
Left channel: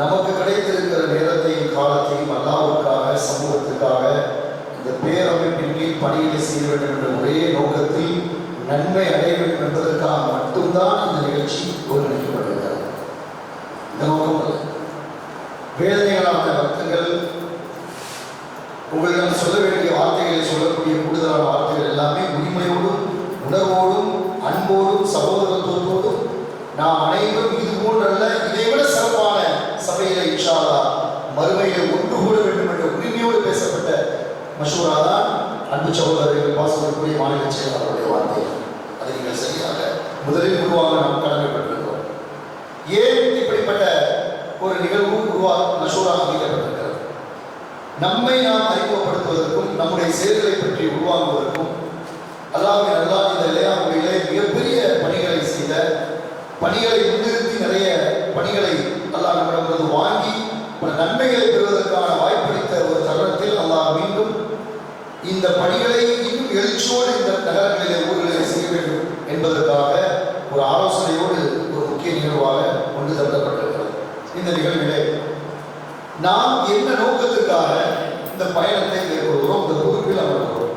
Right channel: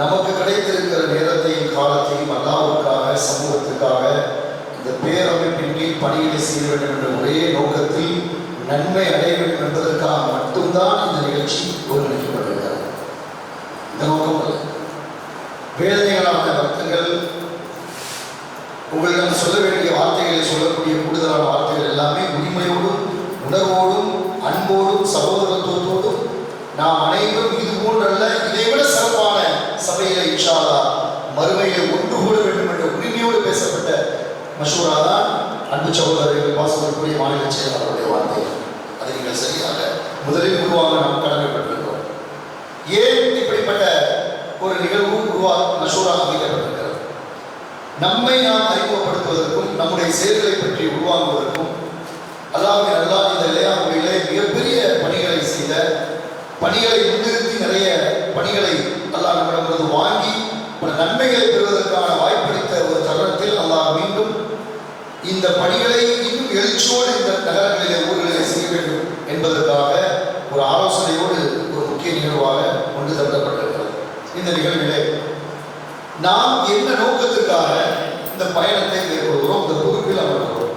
நமக்கு கிடைத்திருக்கிற நேரத்தையும் காலத்தையும் அல்லாஹ்வுக்காக சமூகத்துக்காக இந்த பேரமைப்பின் கீழ் பணிகளை செய்ய வேண்டும் என்ற ஒரே நோக்கத்தில் நன்மை அடைய வேண்டும் என்பதற்காக மட்டும்தான் இந்த நிகழ்ச்சி ஒருங்கிணைக்கப்படுகிறது. இந்த நோக்கம் அல்ல. வேதனைகளான வருத்தங்கள், உங்களிடம் சொல்ல வேண்டிய வார்த்தைகளை சொல்லக்கூடிய கூடுதலான வார்த்தைகள் எல்லாமே உரிமையோடும் உணர்வோடும் அன்போடும் சகோதரத்துவத்தோடும் நாம் அனைவரும் இது போன்றல்ல இதைவிட சிறப்பான சபையில இன்ஷா அல்லாஹ் மறுமையில் ஒன்று கூட வேண்டும் என்ற உரிமையோடு பேசப்பட்ட மஷூரா தான் அன்பு சகோதரர்கள் பாசத்திற்குரிய மாநில செயலாளருடைய வார்த்தை. அதை நீங்கள் சரியாக முதலில் உருவாக நாம் கடமைப்பட்டிருக்கிறோம். ஏன் இப்படிப்பட்ட ஒரு நிகழ்வு மஷூரா அமைக்கப்பட்டிருக்கிறது? நம்மை நாம் அறிமுகப்படுத்துவதற்கும் நம்முடைய செயல்களை பற்றி உருவாக்குவதற்கும் அல்லாஹ்வின் அல்லாஹ் இந்த இளையாமுறையிலே மிகப்பெரிய பணிகளை செய்த, பணிகளை முன்னிறுத்தி நிறைய பணிகளை அல்லாஹ் நம்மிடமிருந்து வாங்கி பல நன்மைகளை பெறுவதற்கான வாய்ப்பளித்த ஒரு தருணத்தில் அல்லாஹ் மீண்டும் இந்த பணிகளை இன்னும் எழுச்சியோடு இந்த நகரங்களிலே ஊர்களிலே செய்ய வேண்டும் என்பதற்காக ஒரு ஆலோசனையோடு ஒரு முக்கிய நிகழ்வாக கொண்டு தரப்பட்டிருக்கிறது. இந்த நிகழ்விலே நாம் என்ன நோக்கத்திற்காக இந்த பயணத்தை மேற்கொள்கிறோம், இந்த பொறுப்பில் அமர்கிறோம்.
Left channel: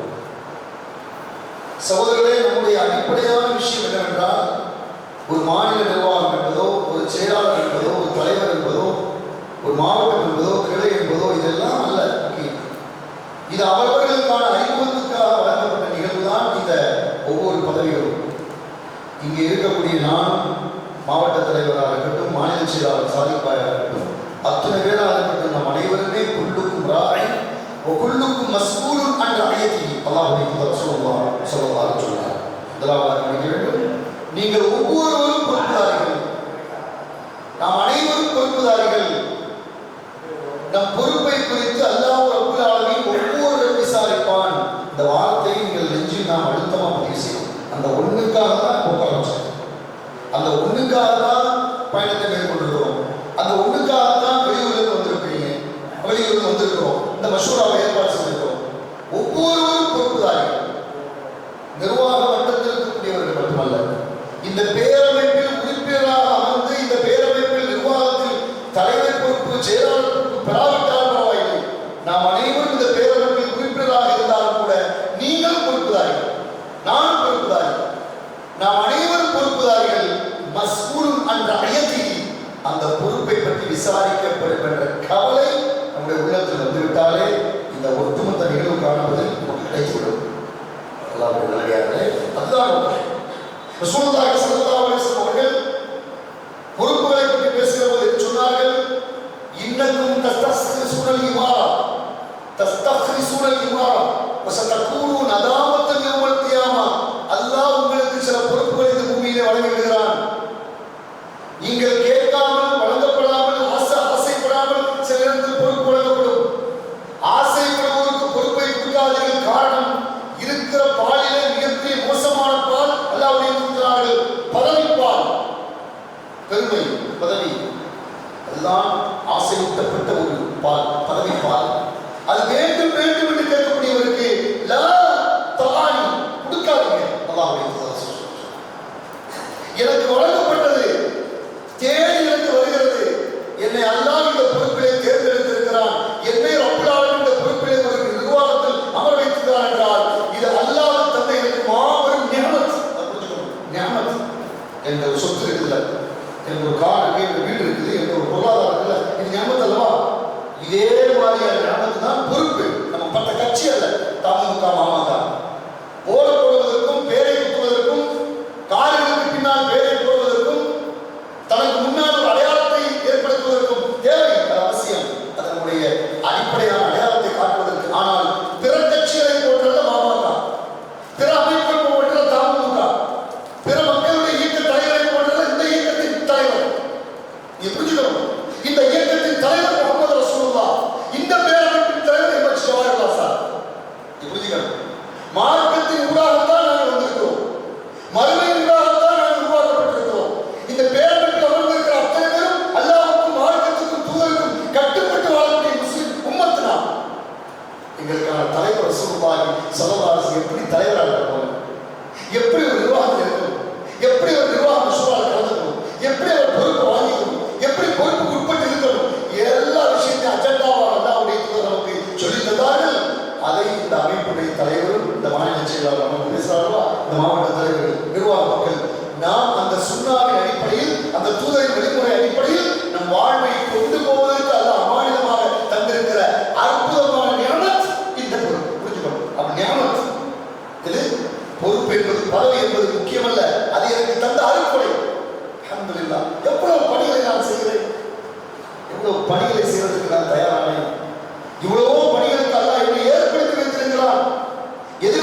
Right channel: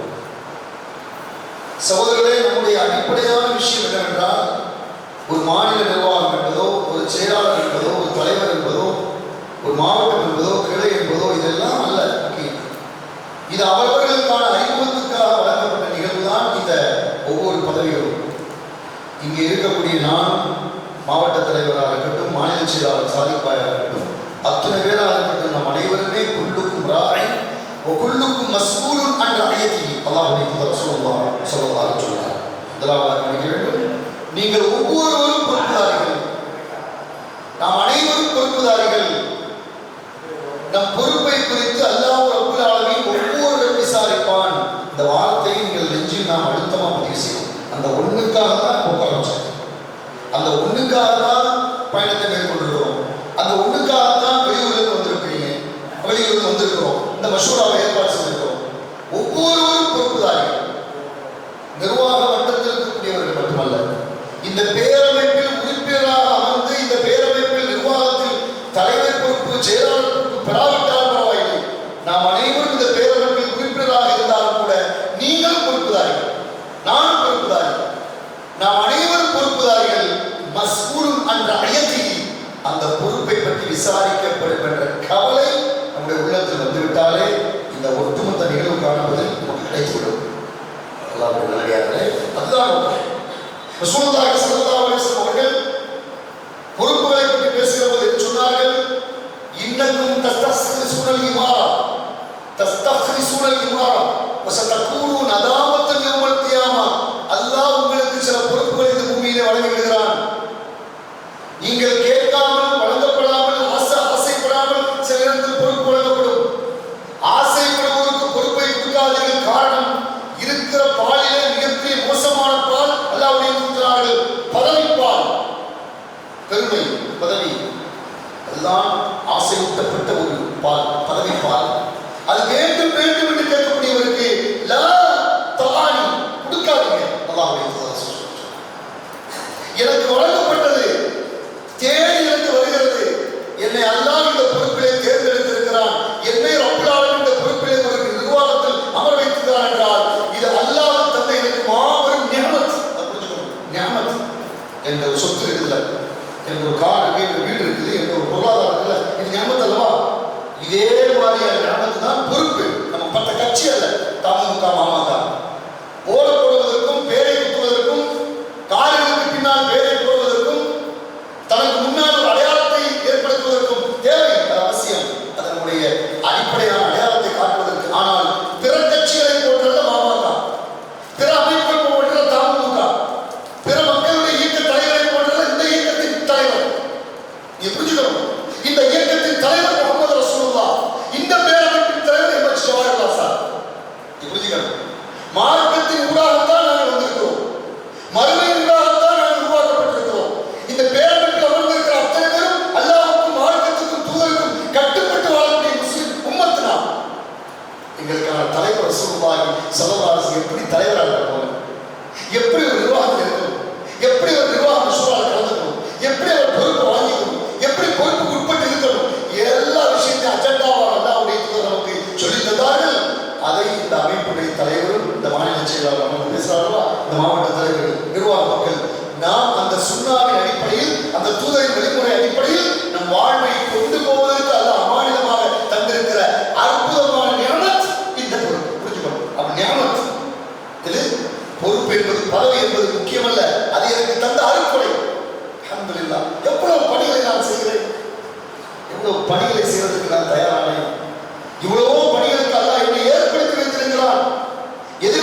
சகோதரர்களே, நம்முடைய அடிப்படையான விஷயம் என்னவென்றால், ஒரு மாநில நிர்வாகம் என்பதோ, ஒரு செயலாளர் என்பதோ, ஒரு தலைவர் என்பதோ, ஒரு மாவட்டம் என்பதோ, கிளை என்பதோ இதெல்லாம் அல்ல முக்கியம். இது அவர்களுக்கான அறிமுகத்துக்காக வழங்கப்பட்ட நிகழ்வு தான் இந்த ஒவ்வொரு பதவிகளும். இங்கே இருக்கக்கூடிய நானும் மாவட்ட தலைவராக இருக்கட்டும், மாநில செயலாளர் சாதிப்பாயாக இருக்கட்டும், அத்தனை பேராக இருக்கட்டும், நம் அனைவருமே குல்லுக்கும் ராய் குல்லுக்கும் மஸ்ஊலுன் அன் ரஅயத்திஹி அல்லாஹ்வுடைய தூதர் ஸல்லல்லாஹு அலைஹி வஸல்லம் முதலாவதாக நினைக்க வேண்டும், நீங்கள் ஒவ்வொருவரும் பொறுப்புதாரிகள், நாம் அனைவரும் பொறுப்புதாரிகள். நம் பொறுப்பை குறித்து அல்லாஹ் ரப்பல் ஆலமீன் ஒவ்வொருவரும் விசாரிப்பான். இந்த வார்த்தையை நீங்கள் நெஞ்சில் நாம் அழுத்தமாக பதிவு செய்யணும். அந்த ஒண்ணுக்காக தான் போக ஆரம்பிச்சோம், அந்த ஒண்ணுக்காக தான் பயணத்தை மேற்கொண்டிருக்கிறோம், அந்த ஒண்ணுக்காக தான் வெளியூரிலிருந்து வந்திருக்கிறீங்க, வெளியூரிலிருந்து வந்திருக்கிறோம், இந்த மஷூராவை ஏற்பாடு செய்திருக்கிறோம். ஒவ்வொருவரும் பொறுப்புதாரிகள். நிர்வாக மட்டத்தில் இருக்கக்கூடியவர்கள் மட்டுமல்ல, இந்த பேரமைப்பில் உறுப்பினராக அமர்ந்து இந்த பேரமைப்பில் நிர்வாகத்தில் தலைவர் பொறுப்பு, செயலாளர் பொறுப்பு பெறாவிட்டால் பரவாயில்லை, நாம் அனைவரும் இந்த பேரமைப்பில் உறுப்பினராக இருந்தாலும் கூட நீங்கள் பொறுப்புதாரிகள், நான் பொறுப்புதாரிகள், நாம் அனைவரும் பொறுப்புதாரிகள். மஸ்ஊலுன் அன் ரஅயத்திஹி, அந்த பொறுப்பை பற்றி விசாரிக்கப்படும் என்ற கவலை நம்முடைய உள்ளத்தில் வந்துவிட்டாலே இந்த ஒட்டுமொத்த நிகழ்வு காணுவதில் நமக்கு கிடைத்துவிடும். அல்லாஹ்வுடைய நல்லடியார்களே, அதுதான் ரசூலுல்லாஹி ஸல்லல்லாஹு அலைஹி வஸல்லம் அவர்கள் பொறுப்புகளை பற்றி பேசுகிற போது என்ன சொன்னார்கள்? இன்னக்கும் தஸ்தக்ரிசூனல் இமாரா வஸதகூனு நதாமத்தன் யௌமல் கியாமா. அல்லாஹ் உங்களுக்கு சில பொறுப்புகளை இந்த பூமியிலே வழங்கி விடுகிறான். நீங்கள் கேட்காமல், வழங்கப்படாமல், ஆசைப்படாமல் சில நேரத்தில் பொறுப்பு வழங்கப்படும். ஆசைப்படுவோருக்கு பொறுப்பை கொடுக்காதீர்கள். காரணம், இருக்கிற பாலிலே மிகப்பெரிய மோசமான பால் அல்லாஹ்வுடைய தூதர்கள் பதவிப்பால், பெருமை, பதவி, அதுதான் ஆசையூட்டப்பட்ட ஒரு பால், பதவிப்பால். அது வேண்டும் வேண்டும் என்று கேட்கக்கூடியவருக்கு லா தஆனி, கொடுக்காதீங்க. அல்லாஹ்வுடைய தூதர் சொல்றார், எனக்கு வழங்கப்பட்டது தேடி எனக்கு வருகிறது, என்னை அல்லாஹ் இந்த பொறுப்பிலே தேர்ந்தெடுத்திருக்கிறான், என்னை ரப்பல் ஆலமீன் இந்த பொறுப்பிலே ஒரு நிர்வாகத்தில் அமர வைத்திருக்கிறார் என்றால் இது அல்லாஹ் தந்த எனக்கு மாபெரும் நிஅமத். நிஅமத் என்ற ஒரு சொத்து இருக்குல்ல, என்ற ஒரு கார் இருக்கு, என்ற வீடு இருக்குது, என்ற ஒரு பொருளாதாரம் இருக்குல்ல, இது நிஅமத் அல்லவா? இதே மாதிரியான நிஅமத் தான் பொறுப்பு. நம்ம பட்ட கட்சி அல்ல, தமுக மாமக போட போடுவதற்கும், பேரை குத்துவதற்கும், கார்களுக்கு பின்னால் பேரை போடுவதற்கும், தனக்கு முன்னால் ஒரு அடையாளத்தை ஏற்படுத்துவதற்கும் தேவை, அது அவசியம், அதனுடைய அடிப்படையான அடையாளத்தை காட்டுவதற்கு. ஆனால் பிற கட்சிகளை போன்றத மாமக, பிற அமைப்புகள் போன்றத தமுக, பிற மக்களுடைய இயக்க தலைவரை போன்றத இந்த இயக்கத்தின் தலைவர். நீ புரிஞ்சுக்கணும், இந்த இயக்கத்தின் தலைவர் முகமது ரசூலுல்லாஹ், இந்த பேரமைப்பின் தலைவர் எம்எச் ஜவாஹிர்லால் சார். நீ புரிஞ்சுக்கணும், மார்க்கத்தின் ஊடாகத்தான் நாங்கள் வந்திருக்கிறோம், மறுமையின் ஊடாகத்தான் நாங்கள் உருவாக்கப்பட்டிருக்கிறோம். இந்த பேரமைப்பில் அமர்ந்திருக்கிற அத்தனை பேரும் அல்லாஹ்வுக்கும் மார்க்கத்துக்கும் தூதருக்கும் கட்டுப்பட்டு வாழக்கூடிய முஸ்லிம் உம்மத்து நாம். எங்களுக்கான தலைவர் ரசூலுல்லாஹி ஸல்லல்லாஹு அலைஹி வஸல்லம் எப்படி தலைவராக இருக்கணும், எப்படி ஒரு நிர்வாகத்தில் இருக்கணும், எப்படி ஒரு நிர்வாக மஷூராவில் கலந்துக்கணும், எப்படி அவர் பொறுப்பை வாங்கிக்கணும், எப்படி பொறுப்புக்கு உட்பட்டு இருக்கணும், எல்லா விஷயத்தையும் அஜெண்டாவாக அல்லாஹ்வுடைய தூதர் நமக்கு சொல்லித் தந்தார்கள். அதை இந்த அமைப்புடைய தலைவரும், இந்த மாநில செயலாளர் நமக்கு பேசுகிறார்களா, இந்த மாவட்ட தலைவர்கள், நிர்வாக மக்கள், நாம் அந்த சுன்னாவின் அடிப்படையில், அந்த தூதரின் வழிமுறை அடிப்படையில் நம் வாழ்வை கொண்டு போவதற்கு அல்லாஹ் அமானிதமாக தந்திருக்கிற அற்புதமான நிஅமத் இந்த பொறுப்பு. புரிஞ்சுக்கணும், அப்ப நிஅமத் இது பொறுப்பு என்பது, பதவி என்பது முக்கியமல்ல, அது எனக்கு தந்த அருட்கொடை. அல்ஹம்துலில்லாஹ், எவ்வளவு பணிகளை நான் செய்கிறேன், எவ்வளவு பணிகளை செய்வதற்கு நான் தயாரானேன், இவ்வளவோ பணிகளை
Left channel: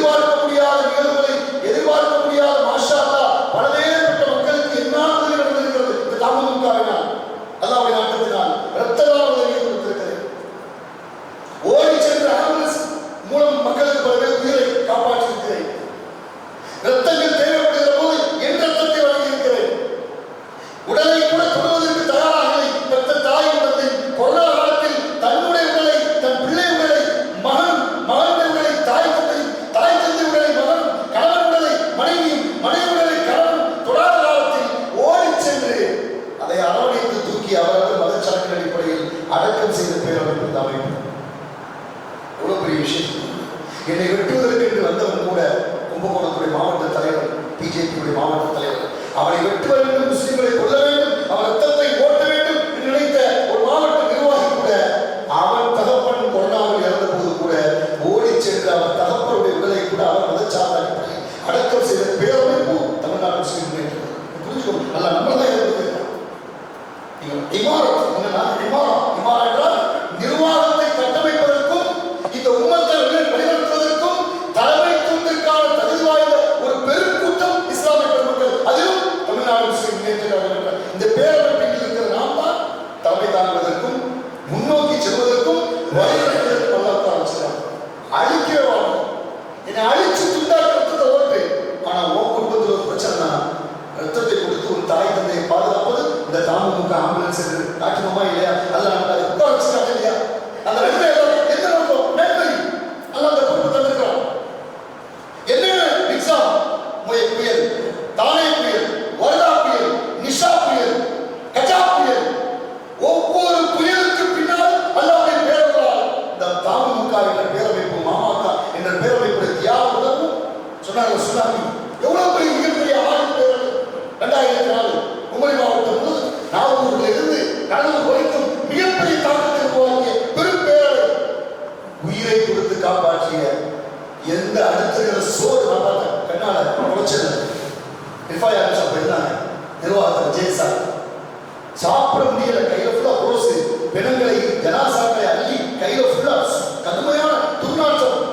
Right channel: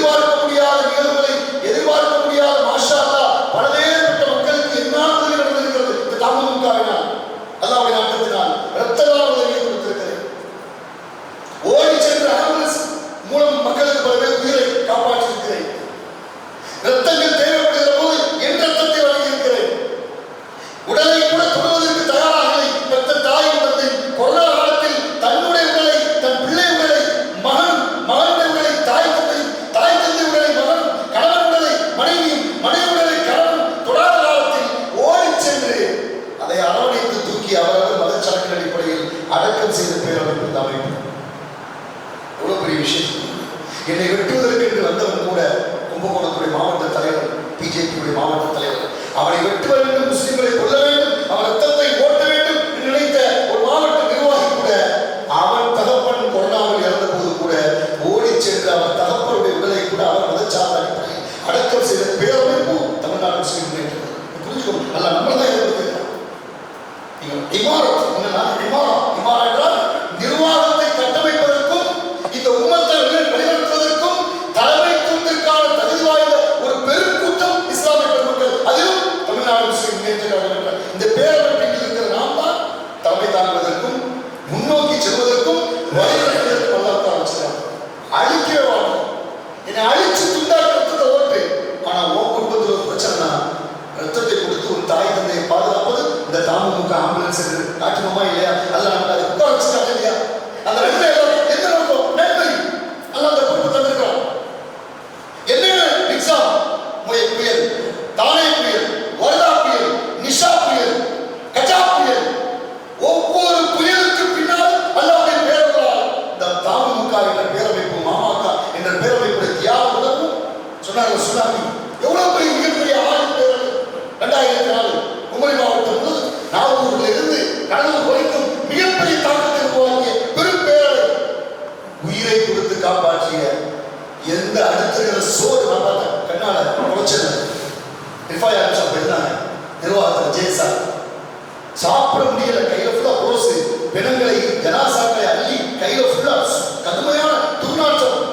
எதிர்பார்க்க முடியாத நிகழ்வுகளை, எதிர்பார்க்க முடியாத மாஷா அல்லாஹ் பலவேறுபட்ட மக்களுக்கு என்ன உதவி நடந்திருக்கிறது இந்த தாமதமுக்காவினால், அல்லாஹ்வுடைய நாட்டத்தினால் இரத்ததான உதவியை கொடுத்திருக்கிறது. ஓடி சென்ற ஆம்புலன்ஸ் மூலம் மக்களுக்கு பலவேறு உயிரை காப்பாற்றியிருக்கிறேன். இரத்தங்கள் தேவைப்படுகிற போது என் இரத்தத்தை வழங்கியிருக்கிறேன். உடலை கூட தொடுவதற்கு தயாராகலை பெற்ற தாயும் தந்தை கொரோனா காலத்தில் தன்னுடைய உடலை, தன் பிள்ளை உடலை, மகனுடைய உடலை தாய் தந்தை உடலை மகன், கணவன் உடலை மனைவியும், மனைவி உடலை கணவன் தொடாத காலத்தில் ஓடி சென்று அதை அரவணைத்து தூக்கி அவரவர் மதச்சார்பின் அடிப்படையில் அடக்கம் செய்த பேரமைப்பு இந்த அமைப்பு. எவ்வளவு பெரிய விஷயம்! என்னை வெட்டுவதற்கு என்று வந்தவன் கூட கும்பகோணத்துடைய மாவட்ட தலைவர், பிஜேபியுடைய மாவட்ட தலைவர், அவனை வெட்ட வேண்டும், முஸ்லிம்களை கொல்ல வேண்டும், அவன் ரத்தத்தை ஓட்ட வேண்டும் என்று நினைத்த ஒரு மாவட்ட நிர்வாகி கூட அவன் தகப்பன் கொரோனாவில் இறந்த போது கூட ஓடி சென்று அவன் தகப்பனுடைய உடலை கூட அவர் மதச்சார்ந்த அடிப்படையில் அடக்கம் செய்த பேரமைப்பு தமிழ்நாடு முஸ்லிம் முன்னேற்ற. புரிஞ்சுக்கணும், நல்லா நம்மளதான் இருந்தது. இமாரா என்றால் நிர்வாகத்தை கட்டமைப்பதற்கும் இந்த உம்மத்தை வழிநடத்துவதற்கும் தலைமைத்துவத்திற்கான தகுதி வாய்ந்த ஒரு பெருங்கூட்டம் இஸ்லாமிய பெருமக்கள், அதிலும் தமிழ்நாடு முஸ்லிம் முன்னேற்ற கழகம் இந்த பேரமைப்பில் இருக்கிற நாம் தான் தலைமை தாங்குவதற்கும் முன்னோக்கி செல்வதற்கும் வழிநடத்துவதற்கும் அல்லாஹ் ஆரம்பிச்சிருக்காங்க. அழிக்கவே வாங்க, என்னை அழிச்சு துண்டாக்க ரத்தத்தை ஓட்டு. ஆனா உன் குடும்பத்தில் ஒரு பிரச்சனை, ரத்தத்தை கொடுத்து ஒரு தாய் தந்தையை பாதுகாப்பது இந்த தாமமுக ஆம்புலன்ஸ் என்று காட்டுமா இல்லையா? அல்ல நம்ம அதை உட்கார வச்சுட்டாங்க இல்லையா? அந்த ரெண்டு எந்த நோக்கம்? நன்மை. அல்ல அந்த பொறுப்பு தந்திருக்கிறோம். என்னென்ன எக்ஸாம்? புயல், தானே புயல், வர்தா புயல், நிஷா புயல், கஜா புயல், ஒவ்வொரு புயலுக்கு பின்னால் அல்லாஹ்வின் பேரர்களால் இந்த தாமமுக என்ற பேரமைப்பு, மாமாக்கா என்ற பேரமைப்புடைய தியாக உணர்வும் சொன்னாங்க. சுனாமி எவ்வளவு பெரிய மிகப்பெரிய ஆளும் பேரவை 2004 குமரி மாவட்டம் முதல் நாகூரில் இருந்து கடலூர் வரைக்கும் மிகப்பெரிய தாக்கத்தை உருவாக்கிய பெரும் பேரவை, உயிரை கொடுத்து காப்பாற்றிய எந்த அடுத்த சோறு நான் பார்த்தேன் கண்ணால குறைச்சது நிர்வாகத்தில் ஜெயசா சாப்பிட முடியல, கையில ஃபுல்லா ரோஸ், பெண்களை ஜனாசாக்களை அள்ளி கையில ஃபுல்லா கடுமையான துர்நாற்றம்.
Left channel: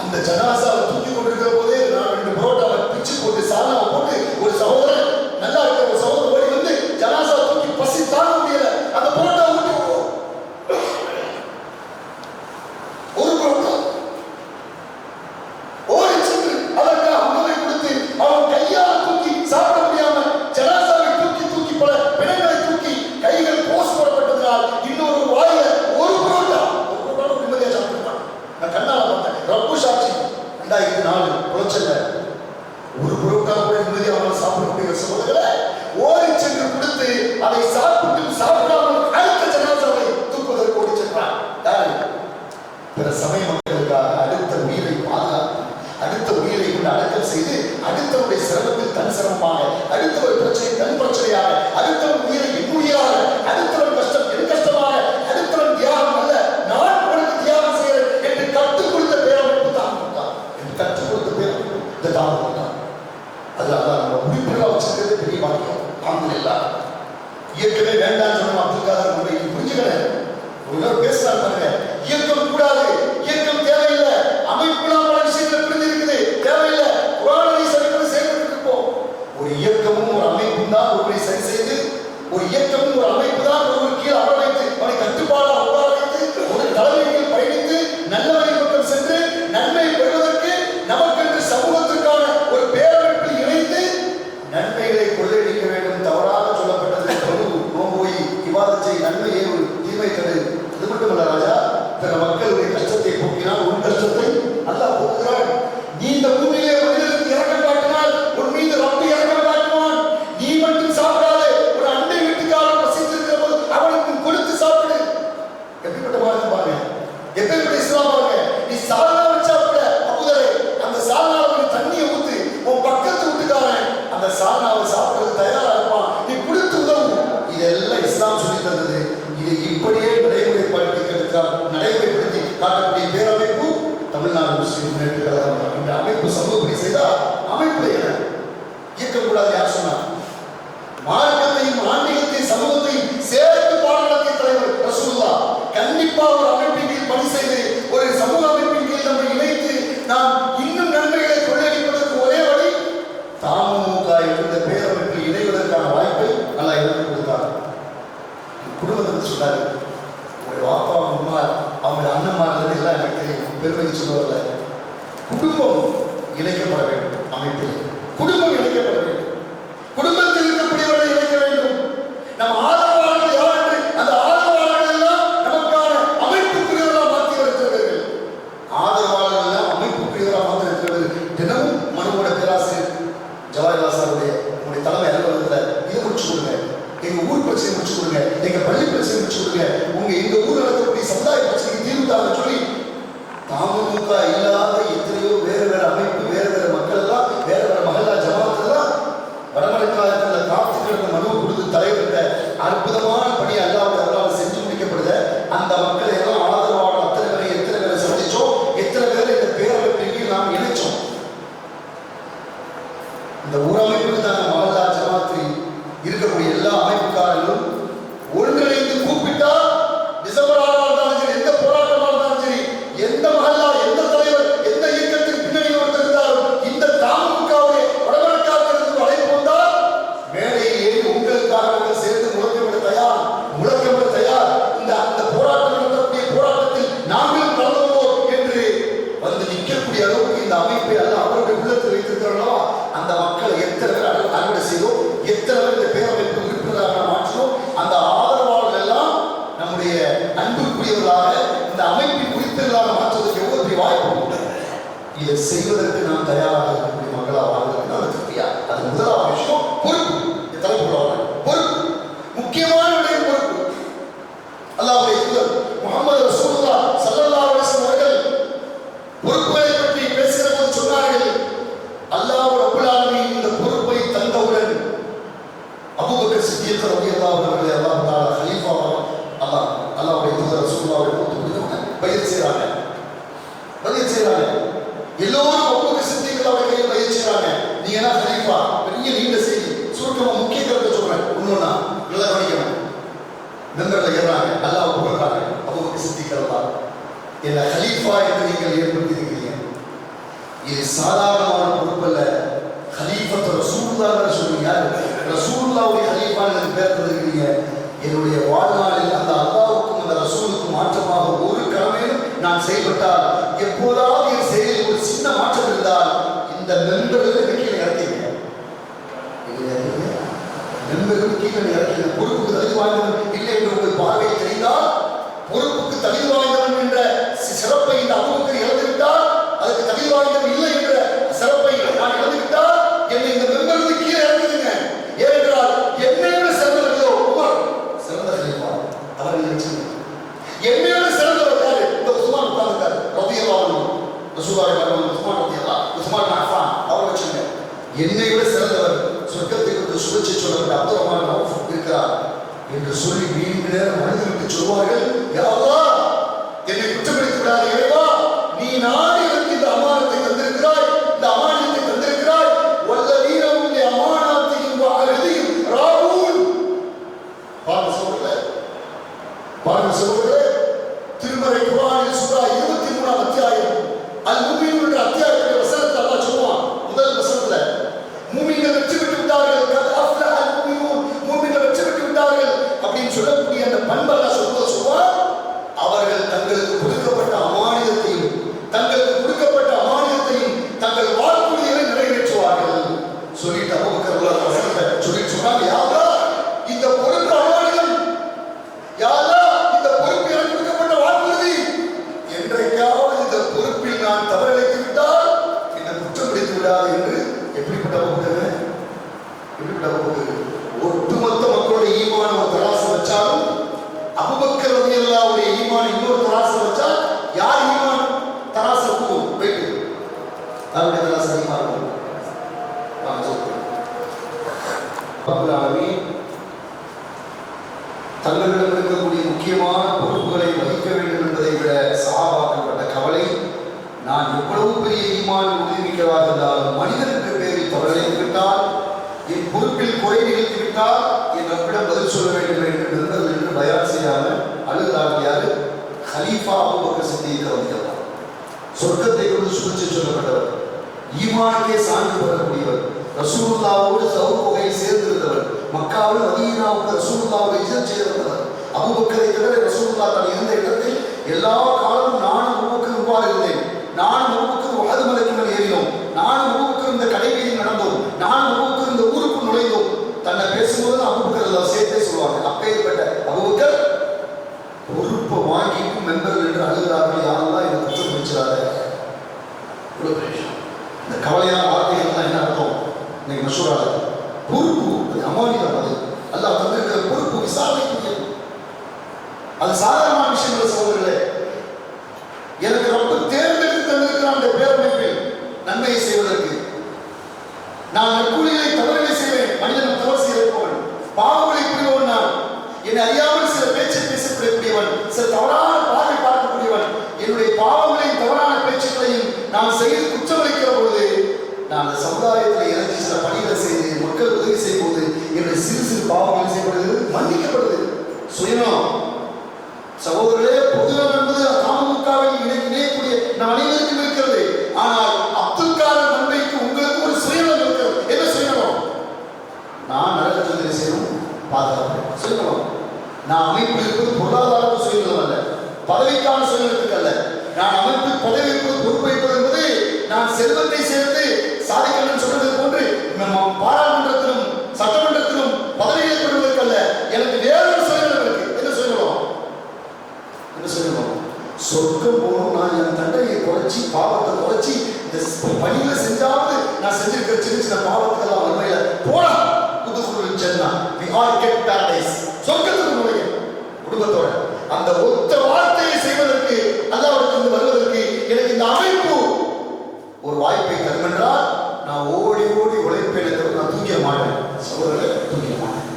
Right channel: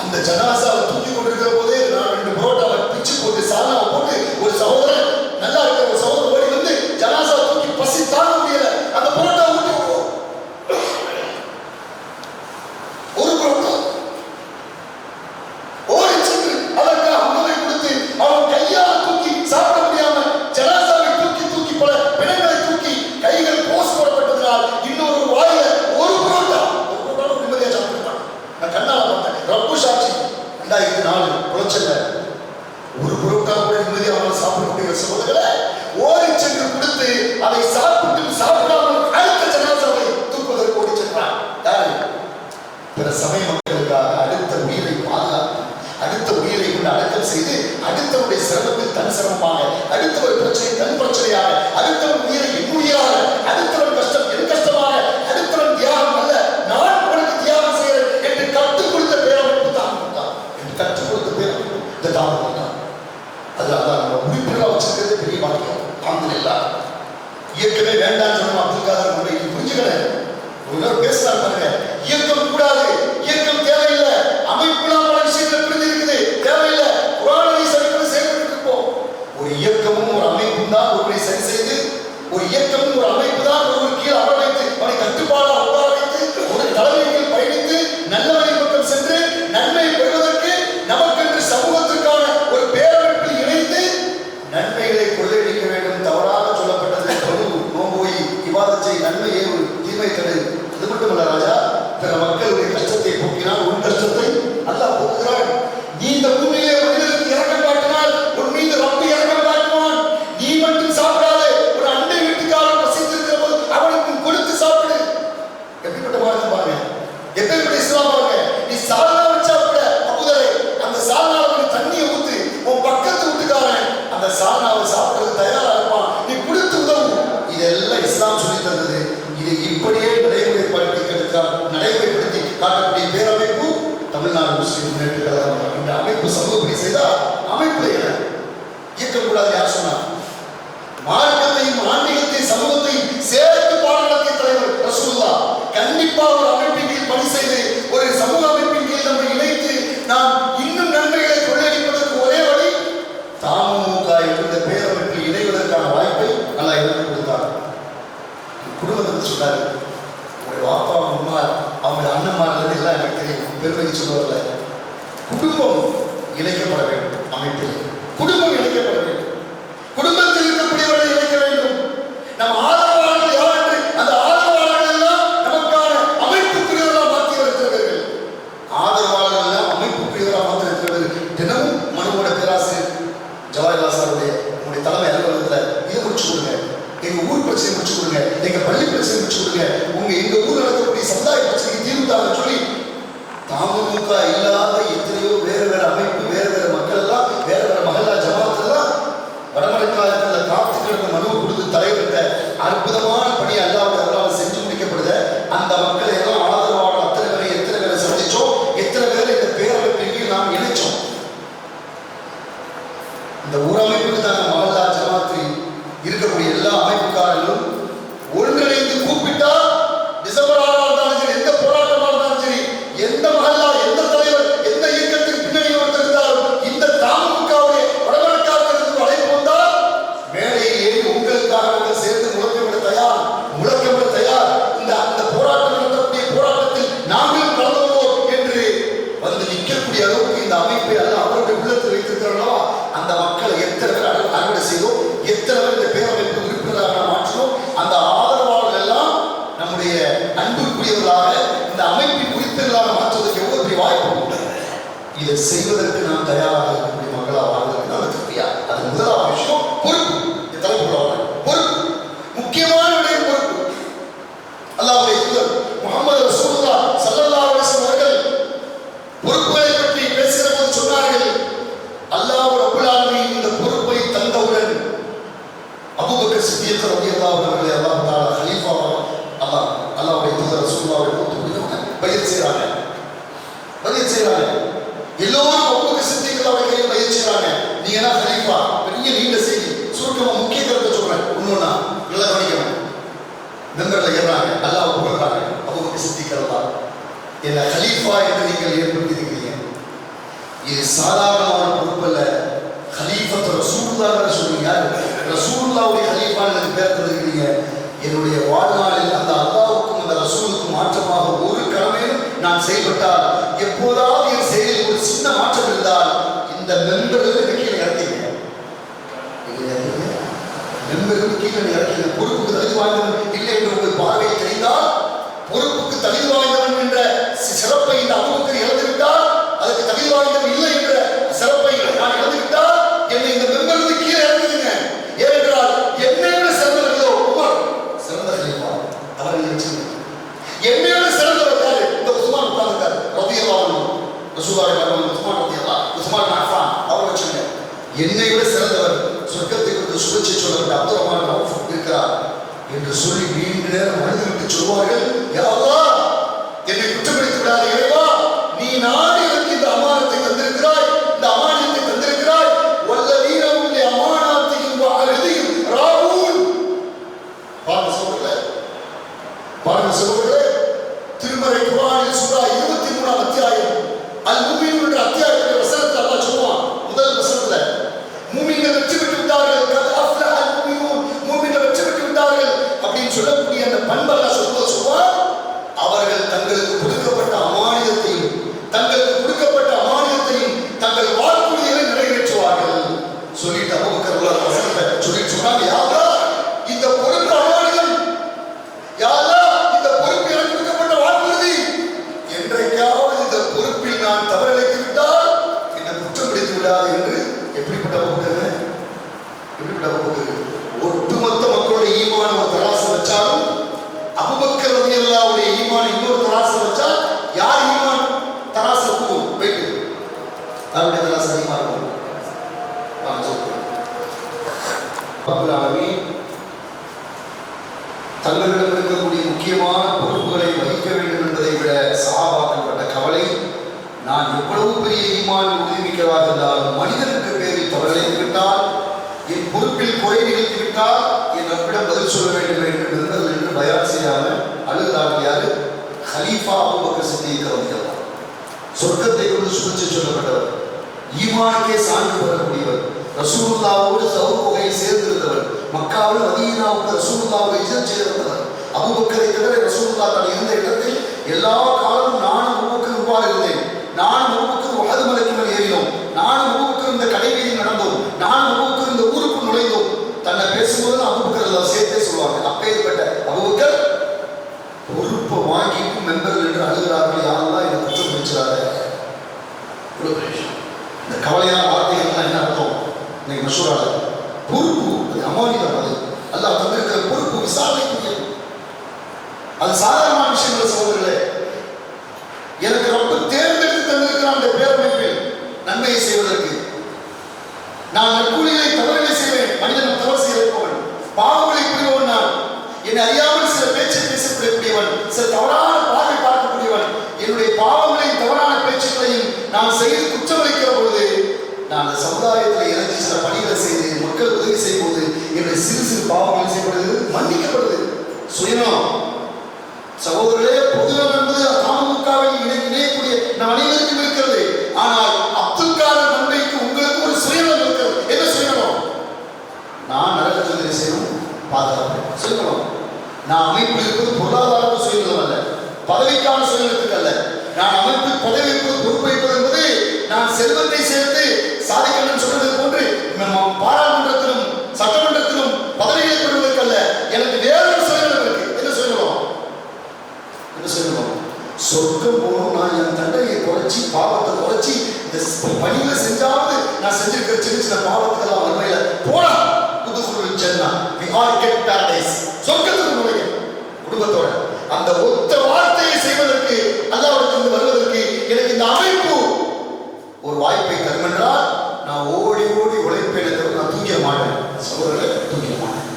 அந்த ஜனாசாவை தூக்கி கொண்டிருக்கிற போதே நான் 2 புரோட்டாவை பிச்சு போட்டு சாலாவை போட்டு ஒரு சகோதரன் நல்லா இருக்கிற ஒரு சகோதரன் ஓடி வந்து ஜனாசாவை தூக்கி பசி தாங்க முடியல, அந்த புரோட்டாவை ஊட்டி விடுவோம். ஒரு புரோட்டா ஓடி சென்று அதற்காக உணவை கொடுத்து அவன் கையால் தூக்கி சாப்பிட முடியாம ஜனாசாவை தூக்கி பல பிணங்களை தூக்கி கைகள் போஸ் போடப்பட்டதனால் இன்னொரு வாயில ஒரு புரோட்டா நிம்மதியா சாப்பிட்டான். நான் கண்ணால பார்த்தேன். ரப்பு சாட்சி 2004 புலச்சல்ல ஒரு புரோட்டா கூட நிம்மதியா அவனால் சாப்பிடக்கூடிய சகோதரர்களை ஓடி சென்று கொடுத்து அதை சாப்பிடாமல் அடுத்த ஜனாசாவை தூக்குவதற்கு ஓடி சென்றான். யாரு? பிற சமய மக்களுக்காக அடுத்த உயிரை பாதுகாத்து, அடுத்த உயிரை கொண்டு அடக்கம் செய்து, அடுத்தவருடைய சிரமத்தில் தன் சிரமமாக, அடுத்தவர் பிரச்சனை தன் பிரச்சனையாக, அடுத்தவன் உயிரை என் உயிராக, அடுத்தவன் கஷ்டம் என் கஷ்டமாக, அடுத்தவன் தியாகம் அல்ல நான் உனக்கு தியாகம் செய்கிறேன் என்று கற்றுக் கொடுத்த பேரமைப்பு தான் என்று கற்றுக் கொடுத்த பேரமைப்பு இந்த தாமதம் தான். அதுல நம்ம உறுப்பினராக வச்சிருக்கிறது பெரிய பாக்கியம். அல்ஹம்துலில்லாஹ். இயக்கமே வேண்டாம் சொன்ன அப்துல் காதர் முறை புரிஞ்சுக்கிறேன். ஒரு நாள் பேசுறாரு பாருங்க, இயக்கம் கூடாது, இயக்கம் தேவையில்லை, அமைப்புலாம் பல விஷயங்கள் புரிஞ்சிருக்குது, தேவையில்லை, குர்ஆனை சரிபட செயல்பட்டு இருப்போம். ஒரு இயக்கமும் ஒரு அமைப்பும் தான் ஒருவரை சரி செய்து, ஒரு இயக்கமும் ஒரு அமைப்பு தான் ஒருவர் கீழே அமர வைத்து அவனை கட்டுப்பாடாக உட்கார வைத்து ஒரு தலைமையில் பயணித்து நல்ல வழி பக்கம் சென்று நன்மை பெறுவதற்கு நமக்கென்று சமூகத்திற்கான ஒரு பேரமைப்பில் இணைந்து நன்மைகளை கொள்ளையடிக்க வேண்டும். தவறாக சொல்லப்பட்டது நோம்போய் இவாதத்தை நன்மையே ஒரு தீமை தடு. அது மட்டுமல்ல ராஜா, பிற மக்களுடைய கஷ்டத்தை போக்கினால் உன் கஷ்டத்தை அல்லாஹ் போக்குகிறான். நீ இந்த பூமியிலே மனிதனுக்கு இறக்கம் காட்டினால் உன் மீது ரப்பு இறக்கம் காட்டுவான். நீ மட்டும் சாப்பிடாதே, ஒரு அண்டை வீட்டுக்காரன் பசித்திருக்கிற போது அவனுக்கும் கொடுத்து சாப்பிடு. எப்படிப்பட்ட வாழ்க்கை பாருங்க, எப்படிப்பட்ட இஸ்லாம் பாருங்க. நீ சால்னா வச்சா கூட அபூதரே அந்த சால்னாவுக்கு தண்ணியை ஊத்து, உன் பக்கத்து வீட்டுக்காரன் அந்த சால்னாவை சாப்பிடுறது தயாரா இருப்பான், நீ கொடுத்து உதவும். இதெல்லாம் இஸ்லாம் சொல்லி தந்தது. இதை இப்படியே நடைமுறைப்படுத்தி காட்டக்கூடிய பேரமைப்பு தமிழ்நாடு முஸ்லிம் முன்னேற்ற கழகம். இந்த அமைப்பு சமூகப்படி செய்தால் அமைப்புல என்ன இயக்கக்கூடாது யார் சொன்னார்? மார்க்கத்தையும் ஆன்மீகத்தையும் சமூகத்தையும் சேர்த்து பாடத்திய தலைவர் ரசூலுல்லாஹ் கண்டிப்பா ஒரு அமைப்பின் கீழ் பணி செய்து, ஒரு சமூக அமைப்பின் கீழ் நம்ம இணைத்து பெருமைக்கு சொல்ல வரல. குடும்பம் இணைக்கப்பட வேண்டும். அமைப்பில் குடும்பம் இணைக்கப்பட வேண்டும். குடும்பத்தில் இருக்கக்கூடியவர்களை இணைக்க வேண்டும். நம் ஆதரவாளர்கள் யார் என்று அந்த ஆதரவாளர்கள் எல்லாம் நமக்கான அமைப்புக்குரியவர்களாக மாற்றி வருகிறவர்கள். ஆதரவாளர்கள் எல்லாம் அமைப்புக்குரியவராக மாற்றி இருக்கிறவர்கள். தினமும் மனுவோட பேராசிரியர் ஜவஹர்லால் சாருடைய உங்களுடைய தலைமை அலுவலகத்தில் இதை முடிச்சு கொடுங்க, எங்க ஊர் பிரச்சனை முடிச்சு கொடுங்க, எங்க பள்ளி பிரச்சனை முடிச்சு கொடுங்க, எங்க ஊர் நடக்கக்கூடிய சமுதாய பிரச்சனைக்கு தீர்வு தாங்க சொல்லி தமுக இல்லாத எத்தனையோ வேறு வேறு அமைப்பு, வேறு வேறு மக்கள் எல்லாம், வேறு வேறு மகளா ஜமாத் எல்லாம் வடமலைக்காலத்தில் காத்து கிடந்த மனுவை கொடுத்து தலைவர்கிட்ட அற்புதமான பணி அல்லாவுடைய அல்லாவை செஞ்சு முடிக்கப்படுத. அந்த மக்களை எல்லாம் ஆதரவான எத்தனை பேரை சந்திச்சோம், எத்தனை பேரை இந்த பேரமைப்பின் நாம் இணைச்சோம். இந்த ஊரமைப்புக்கு தாங்க மகளா ஜமாத்து இருக்கக்கூடிய எல்லா அமைப்புக்காரர்களும் ஒன்றிணைந்து கூப்பிட்டால் டிசம்பர் 6 இருந்தாலும் சரி, எந்த போராட்டமாக இருந்தாலும் சரி, எந்த மகளா, எந்த தலைவர், எந்த இயக்கத்தின் பின்னணியில் வந்திருந்தாலும் இந்த தமுகவுடைய வடமலைக்காரர்களுக்கு அழைப்பு வந்தால் மேடையில் ஏறி உங்களுக்காக நாங்கள் சேர்ந்து முழக்கப்பட தயார், இந்த போராட்டம் நடத்தக்கூடிய போராட்டத்தில் நாங்களும் கலந்து கொள்வோம் என்று வந்து நிற்கக்கூடிய அளவுக்கு இந்த அமைப்பை அல்ல அவருடைய உள்ளத்தில் வைத்திருக்கிறோம். அந்த மக்களை எத்தனை பேர் அறுவடை செய்தோம், எத்தனை பேர் இந்த பேரமைப்பு உறுப்பினராக மாற்றினோம். அந்த ஆதரவாளர்கள் எல்லாம் நம்முடைய அன்புக்குரியவர்களாக இந்த அமைப்பின் உறுப்பினர்களாக மாற்றுவதற்கு எவ்வளவு பெரிய வாய்ப்பு உண்டு. இதை செய்வதற்கு நாம் தயாராக இருக்கக்கூடிய மக்களாக வாழ்வதற்கு நாம் திருப்தியா. அது முதலாவது விஷயம். பொறுப்பு தலைப்புள்ளவர்கள் பொறுப்பு, முக்கியமான விடயம் பொறுப்பு. அல்லாஹ்வுடைய தூதர் முஹம்மது ரசூலுல்லாஹ் ஸல்லல்லாஹு அலைஹி வஸல்லம் அவர்கள் பொறுப்புகளை பற்றி பேசுகிற போது சொன்னார்கள், அல்லாஹ் ரப்பல் ஆலமீன் இந்த பொறுப்பை தந்தவுடன் அபூபக்கர் சித்திக் ரலியல்லாஹு அன்ஹு அவர்களை அல்லாஹ் தஆலா கலீஃபாவாக அல்லாஹ்வுடைய தூதர் ரசூலுல்லாஹ்வை கூப்பிட்டு பையத் செய்றாங்க. எல்லோரும் அபூபக்கர் சித்திக் அவர்கள் கையில் பையத் செய்றாங்க. நீங்க என்ன கலீஃபா, பெரிய நீண்ட செய்தி, சுருக்கமா முக்கிய கருத்தை சொல்றேன். ஒன்னொன்னா நல்லா கவனிக்கணும். மெம்பர்ல ஏறாங்க, அல்லாஹ் புகழ்றாங்க. அபூபக்கர் சித்திக் ரலியல்லாஹு என்ன கலீஃபா என்று நீங்கள் ஏற்படுத்தியிருக்கிறீங்க. இது சாதாரணமான பொறுப்பல்ல. கலீஃபத்து ரசூலுல்லாஹ் சொல்றீங்க. ரசூலுல்லாஹ்வுடைய கலீஃபான்னு பேர் தந்திருக்கிறீங்க. என்னுடைய வாழ்நாளில் அந்த அல்லாஹ்வுக்கும் அந்த ரசூலுக்கும் மாற்றமாக ஒரு கடமையும் நான் செயல்பட்டால், எப்போதாவது என் செயலில் ஒரு சின்ன மாற்றம் இருந்தால் இந்த மெம்பர்களுக்கு கீழே இறக்கிங்க. மெம்பர்களுக்கு கீழே இறக்கிங்க. பொறுப்புக்கு தகுதி வாய்ந்தவன் இல்லை என்று உங்கள் பார்வை தெரிந்தால், பொறுப்புக்கு தகுதி வாய்ந்தவன் என்ற சிறப்பை இந்த அபூபக்கர் இழந்துவிட்டால், அதுக்கு தகுதி வாய்ந்தவன் இல்லை என்ற சிறப்பை நான் இழந்துவிட்டால் என்னை இந்த மெம்பர்களுக்கு கீழே இறங்குதுங்க. ஏனென்றால் என்னையோட சிறந்தவர்களோ உமர் சிறந்த கலீஃபா அவர்கள் வச்சுங்க. என்னையோட சிறந்தவர் யாரு? இந்த உஸ்மான் உட்கார்ந்துட்டார் ரலியல்லாஹு அன்ஹு. ரசூலுல்லாஹி உஸ்மான் ரலியல்லாஹு உஸ்மான் அஃபான் அவர் வச்சுங்க. என்னையோட சிறந்தவர் சொர்க்கத்தை குறித்து சுபச்சை சொல்லப்பட்ட அப்துல் ரஹ்மான் அவுஃப் இருக்கிறார் என்று சொல்லி நீண்ட நேரம் மனிதர்களுக்கு சொல்வார்கள், யா அல்லாஹ் என்னை குற்றப்படுத்தி விடாத இறைவா, நீ நாடி எனக்கு இந்த அமானத்தை தந்திருக்கிறாய், இந்த அமானியத்தை தந்திருக்கிறாய். வல்லதீனஹும் லிஅமானாத்திஹிம் வஅஹ்திஹிம் ராഊன். பாருங்க சகோதரர்களே, திருமறை குர்ஆனில் சூரா 23 அத்தியாயம் அல் முஃமினூன் என்ற அத்தியாயத்தின் வசனத்தை அல்லாஹ் சொல்வான். முதல் வசனத்துல மூமின்கள் வெற்றி பெற்று விட்டார்கள், கத் அஃப்லஹ அல் முஃமினூன், மூமின்கள் வெற்றி பெற்று விட்டார்கள் அப்படின்னு சொல்லக்கூடிய அந்த பண்பை அல்லாஹ் சொல்வான். அவர்கள் தங்களுக்கு கொடுக்கப்பட்ட அமானியத்தையும் தங்கள் வாக்குறுதிகளை நிறைவேற்றுவார்கள் சொல்லிட்டு அபூபக்கர் வசனத்தை சொல்லிட்டு சொன்னாங்க, யா அல்லாஹ் இந்த பொறுப்பு அமானியம், யா அல்லாஹ் இந்த பொறுப்பு எனக்கு கொடுக்கப்பட்ட வாக்குறுதி, என்றைக்காவது இந்த பொறுப்பில் நான் தவறிழைத்து விட்டால் என்னை குற்றம் பிடித்து விடாது என்று எப்படிப்பட்ட அபூபக்கர் ஒட்டுமொத்த மக்களுடைய ஈமான ஒரு தராசு வச்சாலும் அபூபக்கர் ரலியல்லாஹுடைய ஈமான் இன்னொரு தராசு வச்சா யார் ஈமான் தராசு இருக்கும்? வெயிட் அவருடைய தராசு ஈமான் இருக்கும். ரப்பல் ஆலமீன் தங்களிடம் இருக்கக்கூடிய முக்கியமான பொறுப்புகளை வகிக்க வேண்டும் என்பதை விட சஹாபாக்கள் பட்ட கவலை, நான் எவ்வளவு பெரிய ஈமான் உறுதிமிக்கவாக இருந்தாலும் மனிதனுக்கு பேரில் தவறிழைத்து விட்டால், என் பொறுப்பில் குறை நிகழ்த்தி விட்டால் என் ரப்பிடம் பதில் சொல்ல வேண்டும் என்று பயான் செய்யாமல் அழுகிறார்கள். யாரு? கலீஃபா அபூபக்கர் சித்திக் ரலியல்லாஹு அன்ஹு. சொர்க்கத்தை கொண்டு சுபிச்சு சொல்லப்பட்டவர், ஈமானுக்கே சான்று பெறக்கூடியவர், ரசூலுல்லாஹ்வோடு சவுர் குகையில் சேர்ந்திருந்தவர், மக்காவில் மதீனாவுக்கு ரசூலுல்லாஹ்வை ஹிஜ்ரத் செய்து வந்தவர். அபூபக்கரை தவிர ரசூலுல்லாஹ் தான் இருந்த இடத்தில் எல்லா காலமும் நானும் அபூபக்கர் இருந்தேன். என்று அழுகிறார்கள். யாரெல்லாம் என்னை குற்றம் பிடிச்சிடாத. இவ்வளோ பெரிய விஷயம். இந்த கவலையான வார்த்தைகள்லாம் என்ன அர்த்தம்? இன்னைக்கு மசூரால பொறுப்பு, அது அமானிதம். அது அல்லாஹ் தந்திருக்கிற பொறுப்பு, விசாரணைக்குரியது. அது சாதாரணமான விஷயங்கள சகோதரர்களே. எனக்கு ரொம்ப தேர்ந்தெடுத்து தந்திருக்கிற அந்த பேரமைப்பில் நன்மையை செய்வதற்கு நான் நற்கூலிகளை தவறுகளை செய்வேன். மனிதன் தவறு செய்திருப்பவன், பாவங்களை புரிபவன். நான் என்னை அறியாமல் சில பேச்சை பேசக்கூடியவன், சில தவறான பார்வை பார்க்கக்கூடியவன். என்னுடைய பாவங்களையும் தவறான பேச்சுக்களையும் நான் செய்து குற்றமளிக்கிற பொழுது நான் அந்த சமுதாயத்தில் இறங்கி சில பணிகளை செய்து மக்கள் உதவி செய்யும் போது என்னுடைய சிறு சிறு பாவங்கள் செய்யப்படுது, மன்னிக்கப்படுது. சுயநலம் சகோதரர்களே, பொதுநலம் என்பது அமமுகவில் இணையக்கூடிய நம் அனைவருக்கும் இருக்கிறது. ஆனால் அப்துல் காதர் நன்மைக்கு உங்களுக்கு ஒரு சுயநலம் இருக்கிறது. என்ன சுயநலம்? நான் நரகத்தை செய்யணும், பாதுகாப்பு சுயநலம். நான் அமைப்பில் இருப்பது பொருளாதார சுயநலம் அல்ல, பதவிக்கான சுயநலத்துக்கு அல்ல. நான் அமைப்பில் பதவி இருப்பது, பொறுப்பேற்பது என்பது நான் செல்வத்தை சேர்த்து சாதிக்கணும்னு சொல்றது போன்று பாராளுமன்றத்திலும் சட்டமன்றத்திலும் பதவிகளை பெறுவதற்கு அல்ல. எனக்கு வேறொரு சுயநலம் இருக்கு. என்ன சுயநலம்? என்ன சுயநலம்? சொர்க்கம் போகணும், நான் என் தண்டையை குறைச்சி பாவத்தை குறைச்சி இந்த பணிகளை செஞ்சாவது நான் செஞ்சிருக்கிற சின்ன சின்ன பாவத்துக்கெல்லாம் வறுமையில போனா புதுக்குழு சென்னா பாரடைஸ் சொர்க்கத்துக்கு நுழைய குடும்பத்தோட அந்த ஒத்த வார்த்தையை செய்வதற்கு அல்லாஹ்விடத்திலிருந்து வருவதற்கு எனக்கு இந்த அமைப்பு ஒரு வாய்ப்பை தரும் என்றால் நான் ஓடி ஓடி உழைப்பேன். நான் தூங்கிட மாட்டேன் சகோதரர்களே, தூங்கிட மாட்டேன்.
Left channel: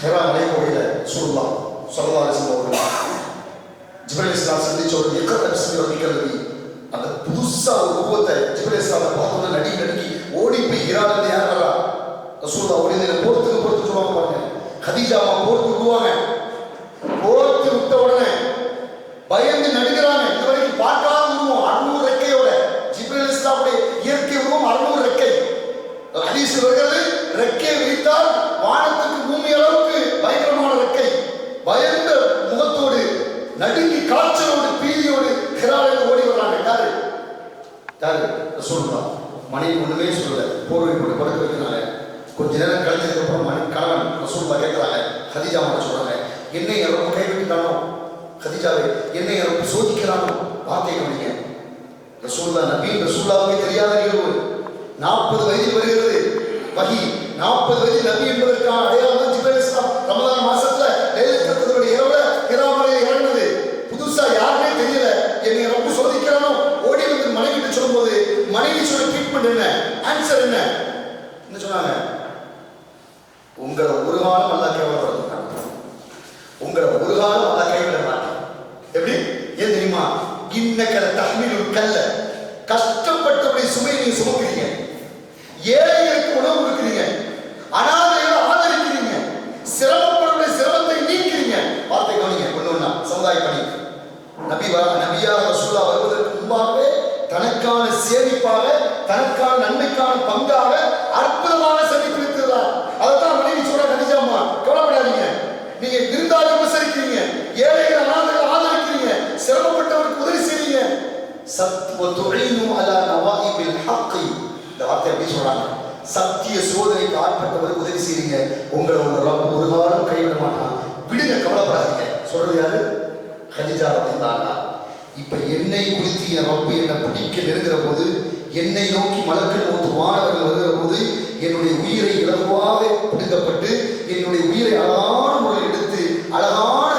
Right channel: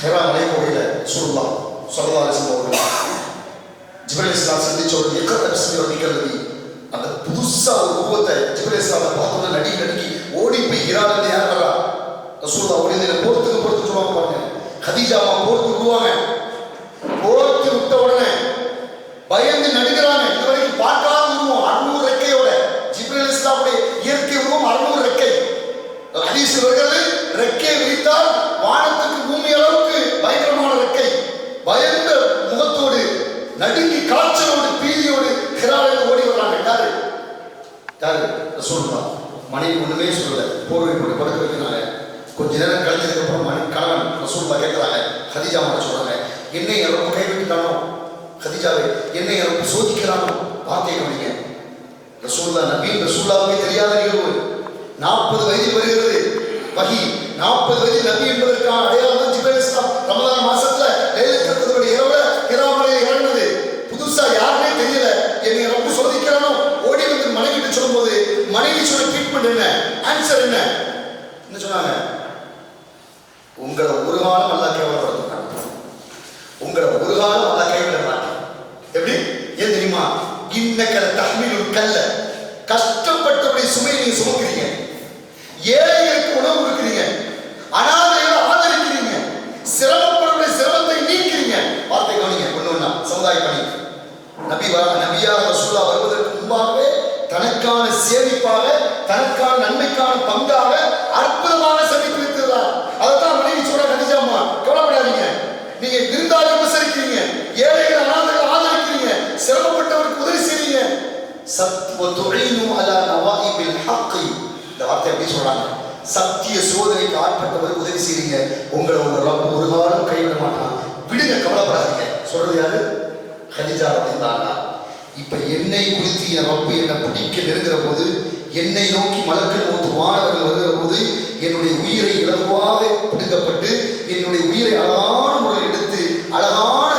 ஹெரா மலைக்கோயில சொல்லலாம் சொல்லலாம் ஜிப்ரீல் இஸ்லாம் சந்திச்ச ஒரு நிகழ்ச்சி. அந்த புதுசா ஒரு உருவத்தை ஜிப்ரீல் இஸ்லாம் பார்த்தோன்னா நடுங்கி ஓடி போய் ஹிரால யார் வரா? ரசூலுல்லாஹ் ஓடி போர்த்துக்கு சொல்லுவாங்க பாருங்க. கதீஜாமா போர்த்து விடுவாங்க. போர்த்து விட்ட உடனே பயந்து நடுகிறாங்க. இதுவரைக்கும் பார்க்காத உருவம் 600 ரெக்கையோட. ஜிப்ரீல் இஸ்லாமுடைய இயற்கை உருவம் 600 ரெக்கை. ஹதீஸ் வருகிறது, ரெக்கை விரித்தால் வானத்துக்கு பூமி அளவுக்கு பயங்கரமான ரெக்கை. பயந்த முகத்தோடு நடுங்கி காய்ச்சலோடு பீதியோடு ஹிராவில் ஓடி வர்றாங்க. யாரு? ரசூலுல்லாஹ். மனைவி ஒண்ணுமே சொல்லல, போர்வை போட்டு படுக்க வைக்கிறாங்க. கொஞ்ச நேரம் கழிச்சதுக்கு அப்புறம் கணவன் ரசூலுல்லாஹ் கேட்கிறாங்க, கதீஜா மட்டும் சொல்றாங்க, என்னை ரொம்ப கைவிட்டுட்டானோ, கதீஜாவை என்னை ரொம்ப சோதிக்கிறானோ. வார்த்தை கவனிங்க. ரசூலுல்லாஹ் நபி ரசூலுல்லாஹ்வே தெரியாத நிகழ்வு. 40 வயதில் வருகிறது வஹி. 40 வயதில் நபி என்பதற்கான அடையாளம் தான் ஜிப்ரீல் இஸ்லாம் ரமலான் மாசத்துல லைலத்துல் கத்ருடைய இரவுல ஹிராவிலே இறங்கினது. புதுசா யாருமே தெரியல. என்னை ரொம்ப சோதிக்கிறானோ. ஓடி வந்து மனைவி கிட்ட சொல்லும்போது மனைவி சொன்ன ட்ரீட்மெண்ட் என்ன, ஆன்சர் என்ன சொன்னாங்க? உங்களை ஒரு காலம் அல்லாஹ் கேவலப்படுத்த மாட்டான். உங்களை ஒரு காலம் அல்லாஹ் கைவிட மாட்டான். எப்படி? ஏன் தெரியுமா? இன்னக்கல தஹ்மீலுல் கல்ல, கஷ்டப்பட்டபடி சுமையை நீங்க சுமக்கிறீங்க, ஏழைகளுக்கு உணவு கொடுக்கிறீங்க, அனாதைகளை ஆதரிக்கிறீங்க, சிரமப்படுற சிரமத்தை நீக்கிறீங்க. வார்த்தை கவனிங்க. ஒண்ணு சமுதாய பணி. நபியா ரசூலுல்லாஹ் வருவதற்கு முன்பாகவே தனக்கான சேமிப்பாக, தனக்கான நன்மைக்கான பங்காக அற்புதமான சேமிப்பு இருக்கிறார். அதைத்தான் மனைவி சொல்ற கதீஜாம்மா, கவலைப்படாதீங்க, நீங்க விருந்தாளி உபசரிக்கிறீங்க, ஏழைகள் அனாதைகள் ஆதரிக்கிறீங்க, சிரமப்பட்டவருக்கு உதவி செய்றீங்க. சத்வதுஈனு அலா நவாயிபில் ஹக்கி. இந்த வார்த்தை எப்படி சொல்றாங்க? சத்திய சோதனைக்கு ஆட்பட்டவருக்கு உதவி செய்றீங்க. உங்களை உங்க ரப்பு ஒரு காலம் கைவிட மாட்டான். விடுங்க, கவலைப்படாதீங்க. சொல்றது யாரு? கதீஜா ரலியல்லாஹு. இப்ப என்னை குறித்து என் ரப்பு என்னை பிடிக்க நெருங்கிற போது, என்னை நோக்கி மலக்குள் மௌத் வானவர்கள் வருகிற போது, என்னுடைய உயிரை இலகுவாக பிடிக்கப்பட்டு என்னுடைய உயிரை அழகான முறையில் எடுத்து அழகான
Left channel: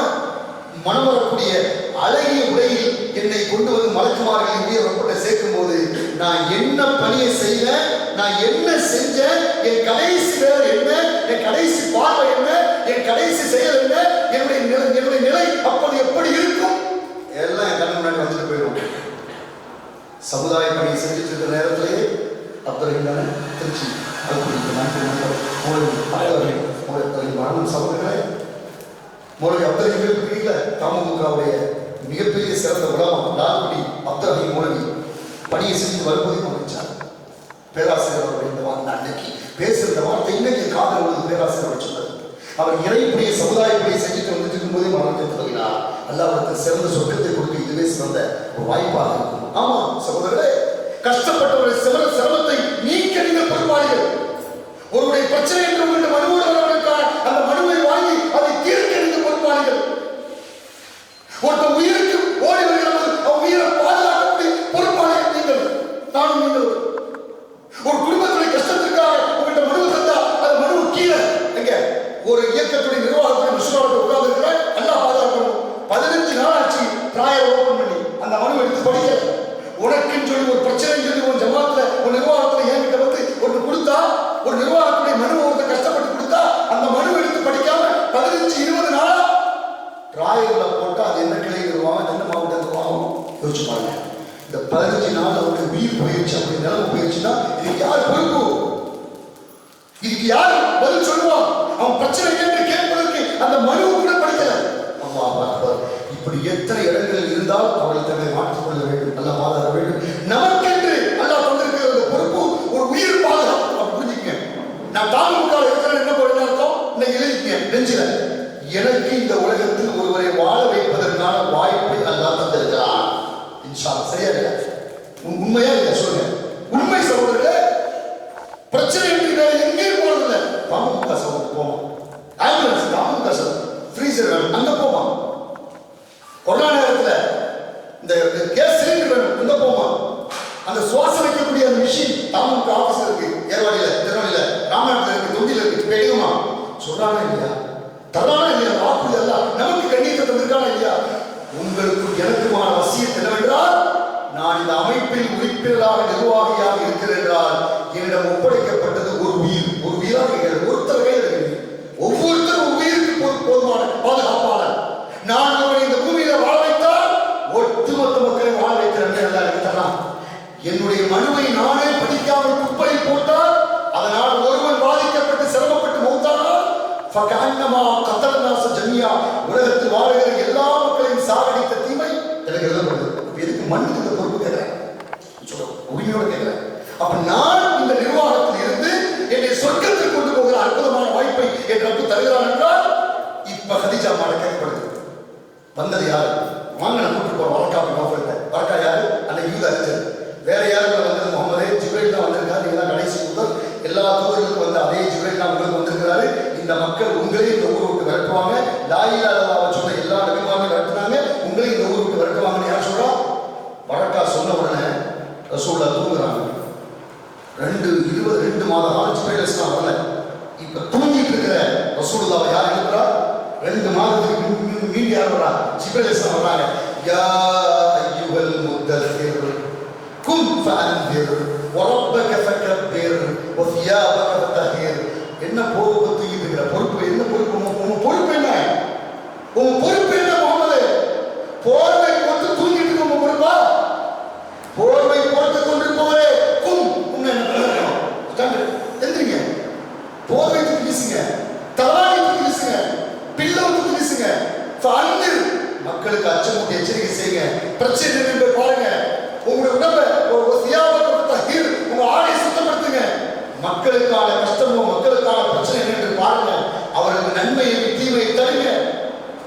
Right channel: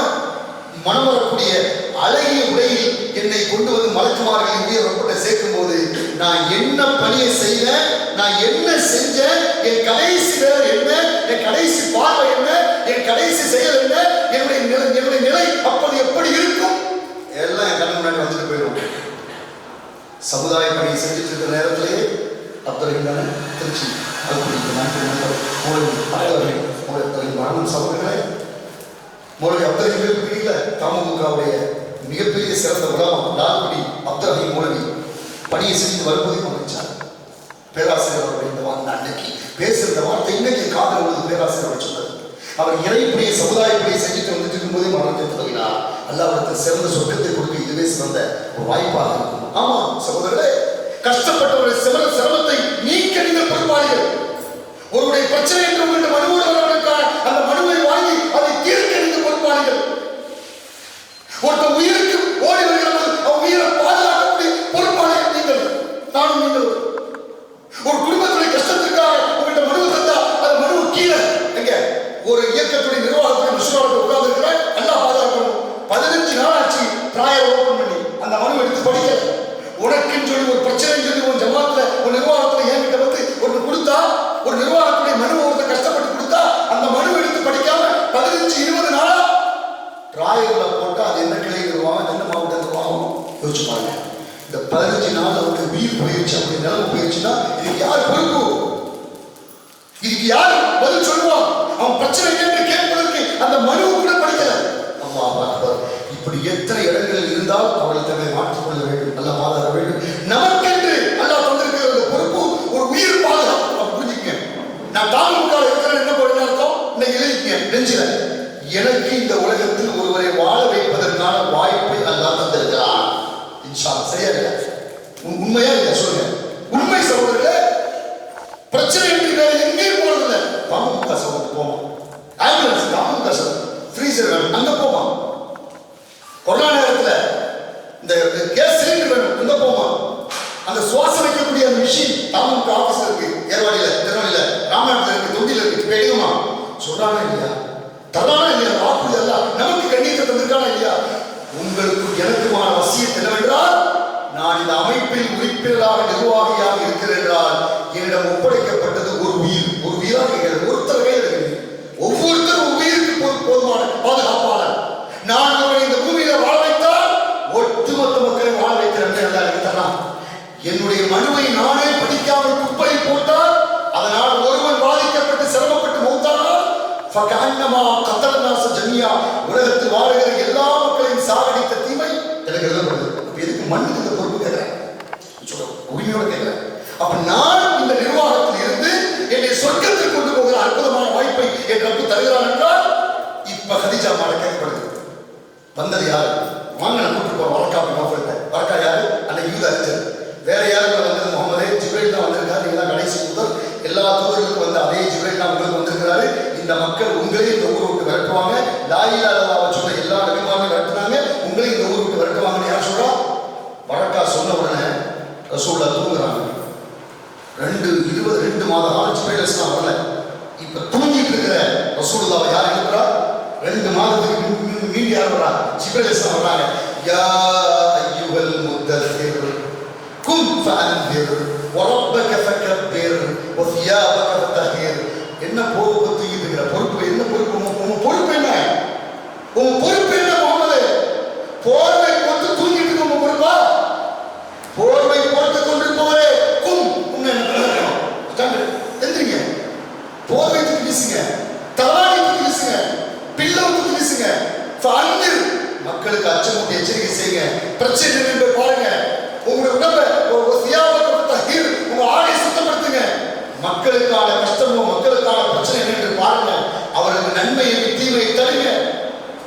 மனம் வரக்கூடிய அழகிய உடையில் என்னை கொண்டு வந்து மலக்குமார்களின் உயிரை ரப்பிட்ட சேர்க்கும் போது நான் என்ன பணியை செய்தேன், நான் என்ன செஞ்சேன், என் கடைசி வேலை என்ன, என் கடைசி பார்வை என்ன, என் கடைசி செயல் என்ன, என்னுடைய நிலை அப்போது எப்படி இருக்கும், எல்லாம் என் கண்ணு முன்னாடி வந்துட்டு போயிடும். சமுதாய பணியை செஞ்சுட்டு இருக்கிற நேரத்திலேயே அப்துல் திருச்சி மரணம் சகோதரர்களே, மௌலவி அப்துல் தெரியல. தமுகவுடைய மிகப்பெரிய சிறந்த உலகம் லால்குடி அப்துல் மௌலவி பணியை செஞ்சு வரும்போது அமைச்சார். பேராசிரியர் அவருடைய இந்த அன்னைக்கு பேசுகிற வார்த்தை இன்னைக்கு காதல் உள்ளது. பேராசிரியர் சொன்னது, அவர் இறைப்படியை சமுதாயப்படியை செஞ்சுட்டு வந்துட்டு இருக்கும்போதே மரணத்தை தொடங்கினார். அல்லாஹ்விடத்தில் சிறந்த சொர்க்கத்தை கொடுக்க இதுவே சிறந்த ஒரு வாய்ப்பாக இருக்கும். ஆமா சகோதரர்களே, கஷ்டப்பட்டவருடைய சிரமத்தை நீக்க நீங்கள் பொறுப்பாளிகள். ஒருவருடைய பிரச்சனை என்று உங்களுடைய மனுவோடு வரவர்களுக்கான அந்த மனுவை வாங்கி அதை தீர்க்க நீங்கள் பொறுப்பாளிகள். ஒருத்தர் டிராயரில் போட்டால் அது என்ன கிளை தருவாங்க, என்ன மாவட்டம் தருவாங்க யோசிச்சு பாருங்க. இந்த 15 நாள் அவருக்கு உயிர் போயிடுச்சு, அப்படி நிலைமை போயிடுச்சுன்னா இதுக்கு யார் பொறுப்பு? இதுக்கு யார் பதில் சொல்லுவான்? அவன் பிரச்சனை என்று கேட்பதற்கு அந்த மனு கூட படிக்கல. இப்படி எத்தனை இடங்கள் இருந்தால் அவர்கள் தன்னை மாற்றிக்கொள்ள வேண்டும், நல்லா பாதுகாக்க வேண்டும். நமக்கென்று அல்லாஹ் தந்திருக்கிற அந்த பொறுப்பு ஒரு உயிர் பாதுகாப்பு. புரிஞ்சுக்கங்க. நான் தாமுக இருக்கிறேன் என்ன போய் அர்த்தம்? இன்னைக்கு எழுதிக்க நெஞ்சில எனக்கு இந்த உலகத்தில் ஒருவரை வாழ வைப்பதற்கான வாய்ப்பை அல்லாஹ் தந்திருக்கிறான். இன்ஷா அல்லாஹ். சரியா இல்லையா? உண்மையா இல்லையா சொல்லுங்க. உண்மை சகோதரர்களே, பிரச்சனை என்று வேற எங்கேயும் போறதில்லை. தாமுக சகோதரர் போமா, ஆம்புலன்ஸ் தாமுக ஃப்ரீசர் வேணும் அங்க போமா, கொரோனா நேரத்தில் இந்த கேஸ் சிலிண்டர் வேணும் அங்க போமா, அந்த சுவாசம் வைக்கக்கூடிய அந்த மிஷின் தாமுக ஆபீஸ்ல இருக்கு, ஏர்வாடியில, திருநெல்வேலியில, ராமநாதத்துல இருக்கு, தொண்டியில இருக்கு. இப்ப எடுக்குமா சொல்றானா இல்லையா? தரானா இல்லையா? வாக்கு எல்லாம் நமக்கு கண்ணியத்தை தந்திருக்கானா இல்லையா? உங்களுக்கு எனக்குமான வசியத் என்னவென்றால், நான் இந்த அமைப்பில் உறுப்பினராக நிர்வாகியாக இருக்கிறேன் என்றால் என்னிடம் ஒப்படைக்கப்பட்டது ஒரு உயிர். ஒரு உயிராக இருக்கிறது, ஒருத்தர் கையில் இருக்கிறது. ஒவ்வொருத்தரும் உயிருக்கு போதுமான பாதுகாப்பாளர். நான் அவரை இந்த பூமியில வாழ வைத்தால் ஒட்டுமொத்த மக்களை வாழ வைக்கிறேன் நல்லா எனக்கு தரலாம். என்னுடைய மனுவை நானே படிக்காமல் குப்பையில் போட்டால், அதனால் ஒருவன் பாதிக்கப்பட்டு சிரமப்பட்டு மௌத்தானால் உலகத்தில் வாழுகிற எல்லா மக்களையும் சாகடித்த தீமை எனக்கு எழுதப்படுது. எதுக்கு மண்ணுக்கு இந்த பொறுப்பு கேட்கிறேன், உரிமையோட கேட்கிறேன். அப்ப நான் இந்த நிர்வாகத்தில் இருந்து என்னை சொர்க்கத்தில் கொண்டு போகிற அற்புதமான வாய்ப்பை என் ரப்பு தருகிறான் என்றால், இப்ப ஹதீஜா மாட கேட்கப்படுது. வந்தது யாரு? வாங்க நான் கூப்பிட்டு போறோம் வழக்காப்பி நோக்கிட்ட. வழக்கா யாரு? அன்னைக்கு யூத அறிஞர். வேற யாரும் வந்தது முகமதே ஜிப்ரீல் தான் வந்திருக்காரு. நீங்க தான் கடைசி முதல் எல்லா தூதர்களுக்கும் வந்து அதே ஜிப்ரீல் தான் உங்களுக்கு வந்திருக்கிறாரு. இந்த மக்கள் உங்களையும் இந்த ஊரை விட்டு விரட்டுவாங்க. லாயிலா இல்லாத சொன்ன எல்லா நபிமாருமே விரட்டுனாங்க, உங்களையும் இந்த ஊரை விட்டு விரட்டுவாங்கன்னு யார் சொல்றா? வழக்கா சொன்ன உடனே ரசூலுல்லாஹ் தூங்குறாங்க. 22 மாத காலம் ஜிப்ரீல் அலைஹிஸ்ஸலாம் வரல. இப்ப தூங்கிட்டு இருக்கிற ரசூலுல்லாஹ் யார் எழுப்புறா? 2 மாதத்துக்கு மீண்டு யார் வரா? ஜிப்ரீல் அலைஹிஸ்ஸலாம் வர்றாங்க. யா அய்யுஹல் முத்தஸிர் கும் ஃபஅன்திர் வரப்பக ஃபகப்பிர் வஸியாபக ஃபதஹிர். என்ன பொறுப்பு தூங்கிட்டு இருக்கிற? பொறுப்பு என்ன? பொறுப்பு உன் பொறுப்பு என்ன? உன் பொறுப்பு என்ன முகமது? போர்வை போட்டு தூங்கிட்டு இருக்க உன் பொறுப்பா? போர்வை போட்டு கொண்டிருப்பவரே கும் என்ன எந்திரிங்க, போர்வை தூக்கி வீசுங்க, தலாணி தூக்கி வீசுங்க, பில்லோ தூக்கி வீசுங்க. மக்களுக்கு அச்சமூட்டி எச்சரிக்கை செய்யுங்க. பிரச்சனை என்று பாருங்க. உங்களுடைய உடம்பை உங்க ஆடை சுத்தப்படுத்துங்க. மக்களுக்கான கஷ்டமோ மக்களுக்கான பிரச்சனை என்று பாருங்க. அவருக்கு நன்மையை தீமையை தருங்க.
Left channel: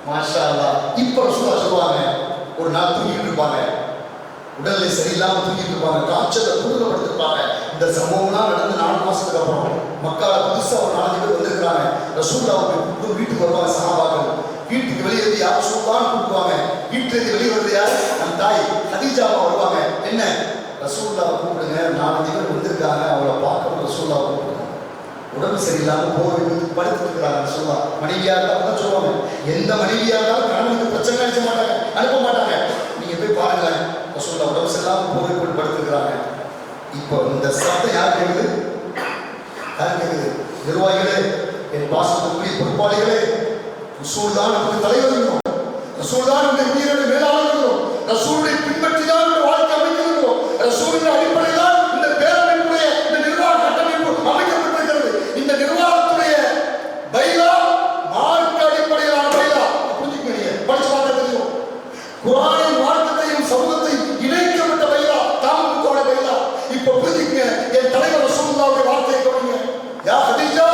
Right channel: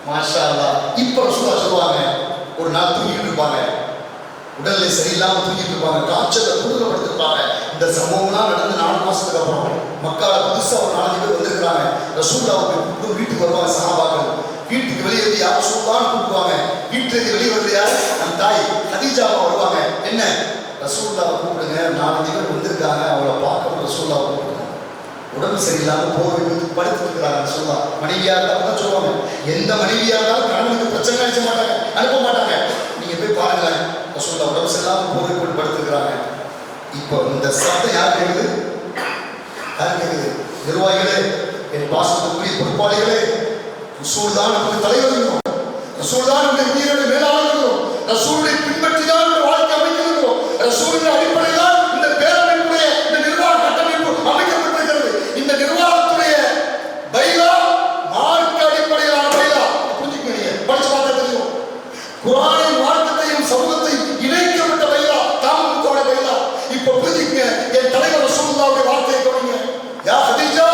மாஷா அல்லாஹ். இப்ப ரசூலுல்லாஹ் சொல்லுவாங்க, ஒரு நாள் தூங்கிட்டு இருப்பாங்க, உடல்நிலை சரியில்லாம தூங்கிட்டு இருப்பாங்க, காய்ச்சலை குடும்பப்படுத்திருப்பாங்க. இந்த சம்பவம்லாம் நடந்து 4 மாசத்துக்கு அப்புறம் மக்கால புதுசா ஒரு 4 பேர் வந்திருக்கிறாங்க. ரசூலுல்லாஹ் வீட்டுக்கு வருவாங்க. சஹாபாக்கள் வீட்டுக்கு வெளியே வந்து யார் ரசூலுல்லாஹ் கூப்பிடுவாங்க. வீட்டுக்கு வெளியே வருது யார்? நம் தாய் ஹதீஜாவா வருவாங்க. என்ன ரசூலுல்லாஹ் கூப்பிடுங்க, 4 பேர் வந்திருக்காங்க, அவளை பார்க்கணும். ரசூலுல்லாஹ் கூப்பிடுங்க. உடம்பு சரியில்லாம போர்வை வந்து படுத்துட்டு இருக்கிறாங்க. ரசூலுல்லாஹ் மனைவியா இருந்தாலும் சொல்லுவாங்க, எந்த மனைவியா இருந்தாலும் கணவனுக்கு பிரச்சனை நினைச்ச மாட்டாங்க, அனுப்ப மாட்டாங்க. நீங்க போய் பாருங்களேன், ரசூலுல்லாஹ் உடம்பு சரியில்லாம போர்வை போட்டு படுத்துக்கிறாங்க. இப்போ இந்த சத்தம் யார் கேட்குது? யார் கேட்குது? நிர்வாகிகளே, என் பாசத்துக்குரிய பொறுப்பாளிகளே, ரசூல் தான் நமக்கு தலைவர், ரசூல் தான் நம்முடைய உயிரோடு மேலாளர்களும், ரசூலை பின்பற்றி தான் நம்முடைய வாழ்க்கை அமைக்கிறோம். ரசூலின் அடிப்படையில் தான் இந்த பேரமைப்புடைய இந்த நிர்வாக கட்டமைப்பு அமைக்கப்பட்டிருக்கிறது. இந்த நிர்வாகத்துடைய பைலா மார்க்க அடிப்படையிலான பைலா. புரிஞ்சுக்கீங்க, படிச்சு பார்த்தா தெரியும். குர்ஆனின் மார்க்கத்தையும் சமூகத்தையும் இணைக்கப்பட்ட பைலா தாமுக பைலா. இப்ப புரிஞ்சுக்கங்க, என் தலைவர் ரசூலுல்லாஹ்வுடைய வார்த்தையை கவனிங்க. யா ஹதீஜா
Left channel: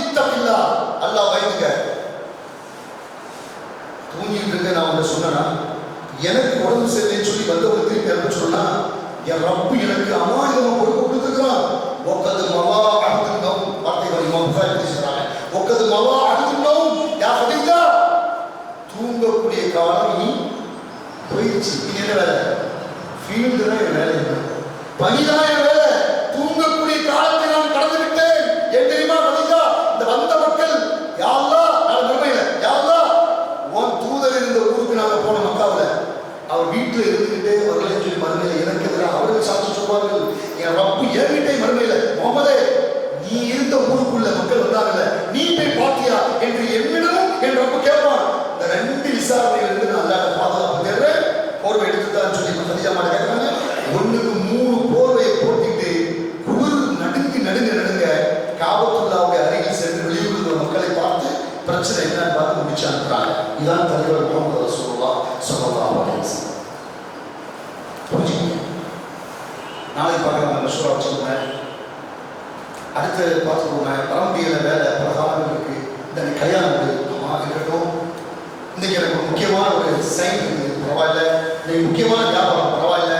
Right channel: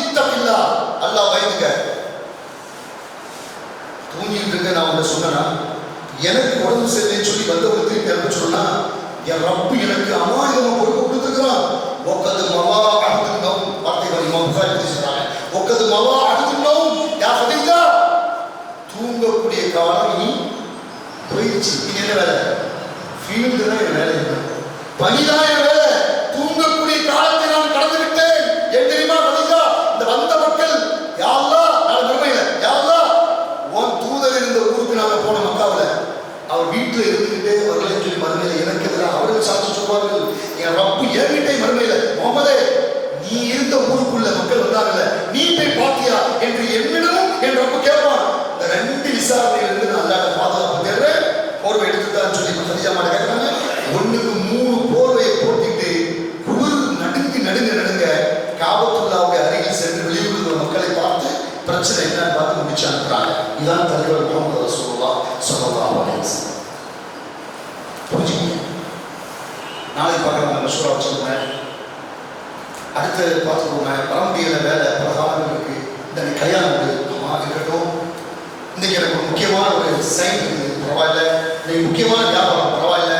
இத்தகில்லா, அல்லாஹ் பயந்துங்க. தூங்கிட்டு இருக்க நான் உங்களை சொன்னா, எனக்கு உடம்பு சரியில்லைன்னு சொல்லி வந்தவங்க திருப்பி அனுப்ப சொன்னா, என் ரப்பு எனக்கு அமானிதமா பொறுப்பு கொடுத்துருக்கிறான். ஒக்கது மவா அடுத்துனோம் வார்த்தைகள் இமாம் புகாரி பத்தி சொல்றாங்க. ஒக்கது மவா அடுத்துனோம் யா ஹதீஜா, தூங்கக்கூடிய காலம் இனி போயிடுச்சு. இனி என்ன வேலை? ஃபீல்டு தான் என் வேலை, பணிதான் என் வேலை. தூங்கக்கூடிய காலத்தை நான் கடந்து விட்டேன். ஏன் தெரியுமா ஹதீஜா? இந்த வந்த மக்கள் யா அல்லாஹ், நான் மறுமையில யா அல்லாஹ் உன் தூதர் இருந்த ஊருக்கு நாங்கள் போன மக்காவில், அவர் வீட்டில் இருந்துகிட்டே அவர்களையும் சொல்லி மறுமையில எனக்கு எதிராக அவர்கள் சாட்சி சொல்வார்கள். என் ரப்பு என்கிட்டே மறுமையில, முகமதே நீ இருந்த ஊருக்குள்ள மக்கள் வந்தாங்கல்ல, நீ போய் பாத்தியா என்று என்னிடமும் என் ரப்பு கேட்பான். இந்த 2 விசாரணையிலிருந்து நான் அல்லாத பாதுகாப்பு தேடுறேன், போர்வை எடுத்துதான் சொல்லி கதிஜா மாட்ட கேட்கிறாங்க. 1க்கு 3 போர்வையை போட்டிட்டு குளிர் நடுங்க காபத்துல்லாவுடைய அருகில் சென்று வெளியூர் மக்களை பார்த்து பிரச்சனை என்னன்னு பார்த்து முடிச்சு அனுப்புறாங்க. இதான் தலைவர் முகமது ரசூலுல்லாஹ் ஸல்லல்லாஹு அலைஹி வஸல்லம். புரிஞ்சுக்கங்க. நாளைக்கு பார்க்கலாம் மஷூரா வச்சுருந்தேன். அடுத்து பார்த்துக்கோங்க. வர முடியல, வேலை பல காலங்கள் இருக்கு, இந்த கல்யாணம் இருக்கட்டும், இன்னைக்கு எனக்கு ஒரு முக்கியமான ஒரு சைன் இருக்குது, பரவாயில்ல, இன்னைக்கு முக்கியமான வியாபாரம், பரவாயில்ல,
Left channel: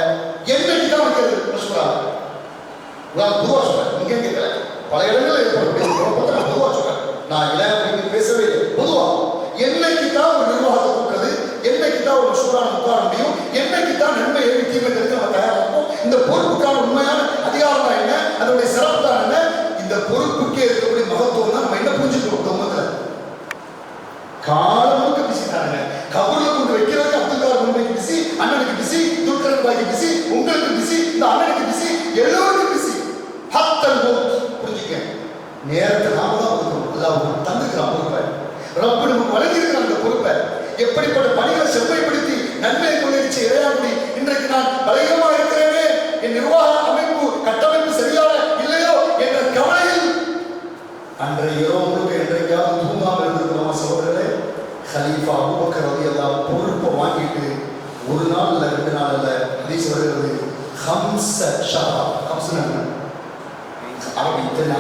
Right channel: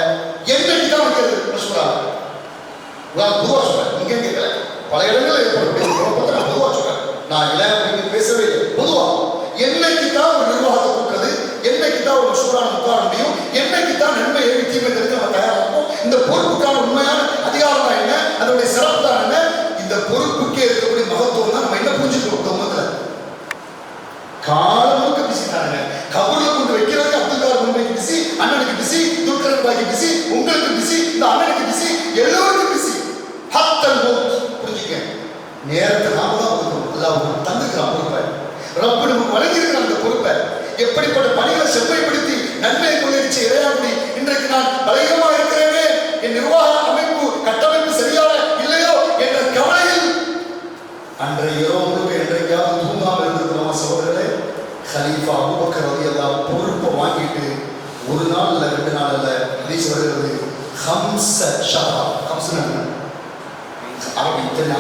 என்னைக்கு தான் வைக்கிறது மஷூரா? பொதுவாக சொல்றேன், இங்கே கேட்கல, பல இடங்களில் ஏற்படக்கூடிய நான் பொதுவாக சொல்றேன், நான் இளைஞர்களுக்கு பேசவே இல்லை. பொதுவாக என்னைக்கு தான் ஒரு நிர்வாகத்தை கொடுக்குறது, என்னைக்கு தான் ஒரு மஷூரான உட்கார முடியும், என்னைக்கு தான் நன்மை ஏறி தீமை தெரிஞ்சு நம்ம தயாராக இருக்கும், இந்த பொறுப்புக்கான உண்மையான அதிகாரம் தான் என்ன, அதனுடைய சிறப்பு தான் என்ன, இந்த பொறுப்புக்கே இருக்கக்கூடிய மகத்துவம் தான் நம்ம என்ன புரிஞ்சுக்கிறோம். காலமுக்கு பிஸி தானுங்க. கபூர்ல கொண்டு வைக்கிறதுக்கு அப்துல் கார் மும்பைக்கு பிஸி, அண்ணனுக்கு பிஸி, துல்கர் பாய்க்கு பிஸி, உங்களுக்கு பிஸி, இந்த அண்ணனுக்கு பிஸி, எல்லோருக்கும் பிஸி. ஹத்தல் மௌத். புரிஞ்சுக்க, நேரத்தை நாம தான் ஒதுக்கணும். அல்லாஹ் தந்துக்கிறான் பொறுப்பை, ரப்பு நமக்கு வழங்கியிருக்கிற அந்த பொறுப்பை எப்படிப்பட்ட பணிகளை செம்மைப்படுத்தி நன்மையை கொள்ளையடிச்சு இறையாகுடி இன்றைக்கு நான் பலகீனமாக இருக்கிறேனே, என் நிர்வாக அமைப்பு கட்டமைப்பு சரியாக இல்லையோ என்ற கவலையில் அன்றைய இரவு முழுக்க என்றைக்காவது தூங்காமல் இருந்திருக்கிறோமா சகோதரர்களே? கலீஃபா அபூபக்கர் ரலியல்லாஹு அன்ஹு பொறுப்பை வாங்கிட்டு ஒரு நாள் இல்லை, 2 நாள் இல்லை, ஹதீஸ் வருகிறது, ஹம்ஸ ஷஹரா, ஹம்ஸ்னா அரபி இத்தனை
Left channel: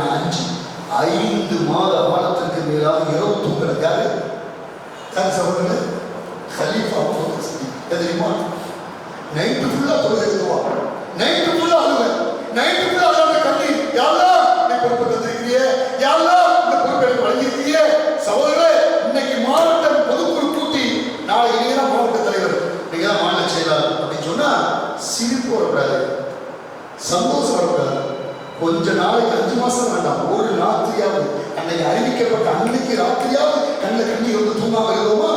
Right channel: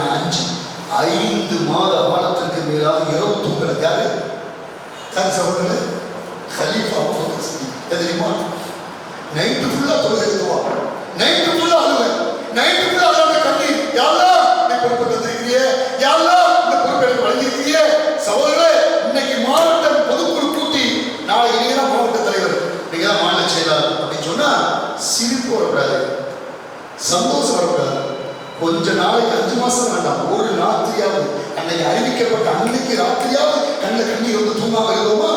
5 மாத காலத்திற்கு மேலாக இரவு தூங்கல. யாரு சகோதரர்களே? கலீஃபா அபூபக்கர் சித்திக். தெரியுமா? நைட்டு ஃபுல்லா தொழுகை எழுதுவா, நைட்டு ஃபுல்லா அழுவேன், நைட்டு ஃபுல்லா அழுவே, கண்ணீர், யா அல்லாஹ் நீ பொறுப்பு தந்திருக்கிறியே, யா அல்லாஹ் இந்த பொறுப்பை எனக்கு வழங்கியிருக்கிறியே. சகோதரர்களே, இன்னைக்கு மாவட்ட பொதுக்குழு கூட்டி நாளைக்கு நீங்க தான் மாவட்ட தலைவர், நீங்க தான் மாநில செயலாளர் அப்படின்னு சொன்னா சிரிப்பு வரக்கூடாது, சந்தோஷம் வரக்கூடாது. கொஞ்ச நாளைக்கு 5 மாசம் வேண்டாம், ஒரு ராத்திரியாவது அன்னைக்கு அறிவிக்கப்பட்ட அன்னைக்கு ராத்திரியாவது கண்ணில் கண்ணீர் வந்து தூங்காம இருந்தோமா?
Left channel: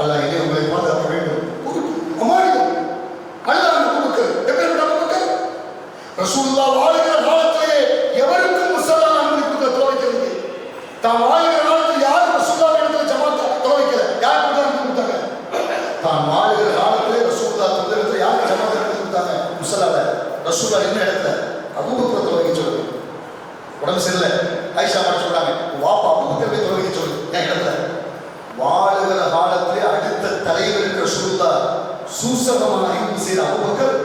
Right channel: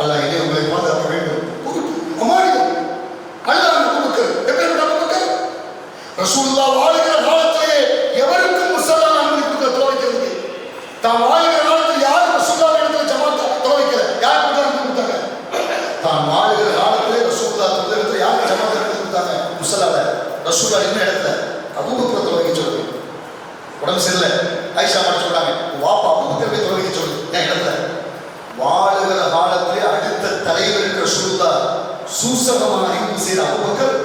அல்லாஹ் என்னை உங்களை பாதுகாக்க வேண்டும். அமானிதம் அல்லாஹ் அபூபக்கர் எப்படிப்பட்ட அபூபக்கர்? ரசூலுல்லாஹ் வாழ்கிற காலத்திலே எவருக்கும் முஸல்லா அனுமதிக்க தொலைக்கிறது. தான் வாழ்கிற காலத்தில் யாரும் ரசூலுல்லாஹ் இடத்துல ஜமாத் தொலைக்கல. யார் கொடுத்தாங்க? தான் வாழ்கிற காலத்திலே ரசூலுல்லாஹ் இடத்துல யார் ஜமாத் கொடுத்தாங்க? முஸல்லால ரசூலுல்லாஹ் என்ன இடத்துல? அபூபக்கர் தொலைக்க சொல்லுங்க. உடம்பு சரியில்லை, ஆயிஷா மாட்ட சொல்றாங்க, வாப்பா அபூபக்கர் போய் தொலைக்க சொல்லு என் இடத்துல. வாழுகிற காலத்திலே அடுத்த தலைவர் ரசூலுல்லாஹ் சூசகமான அறிவு செய்த அபூபக்கர்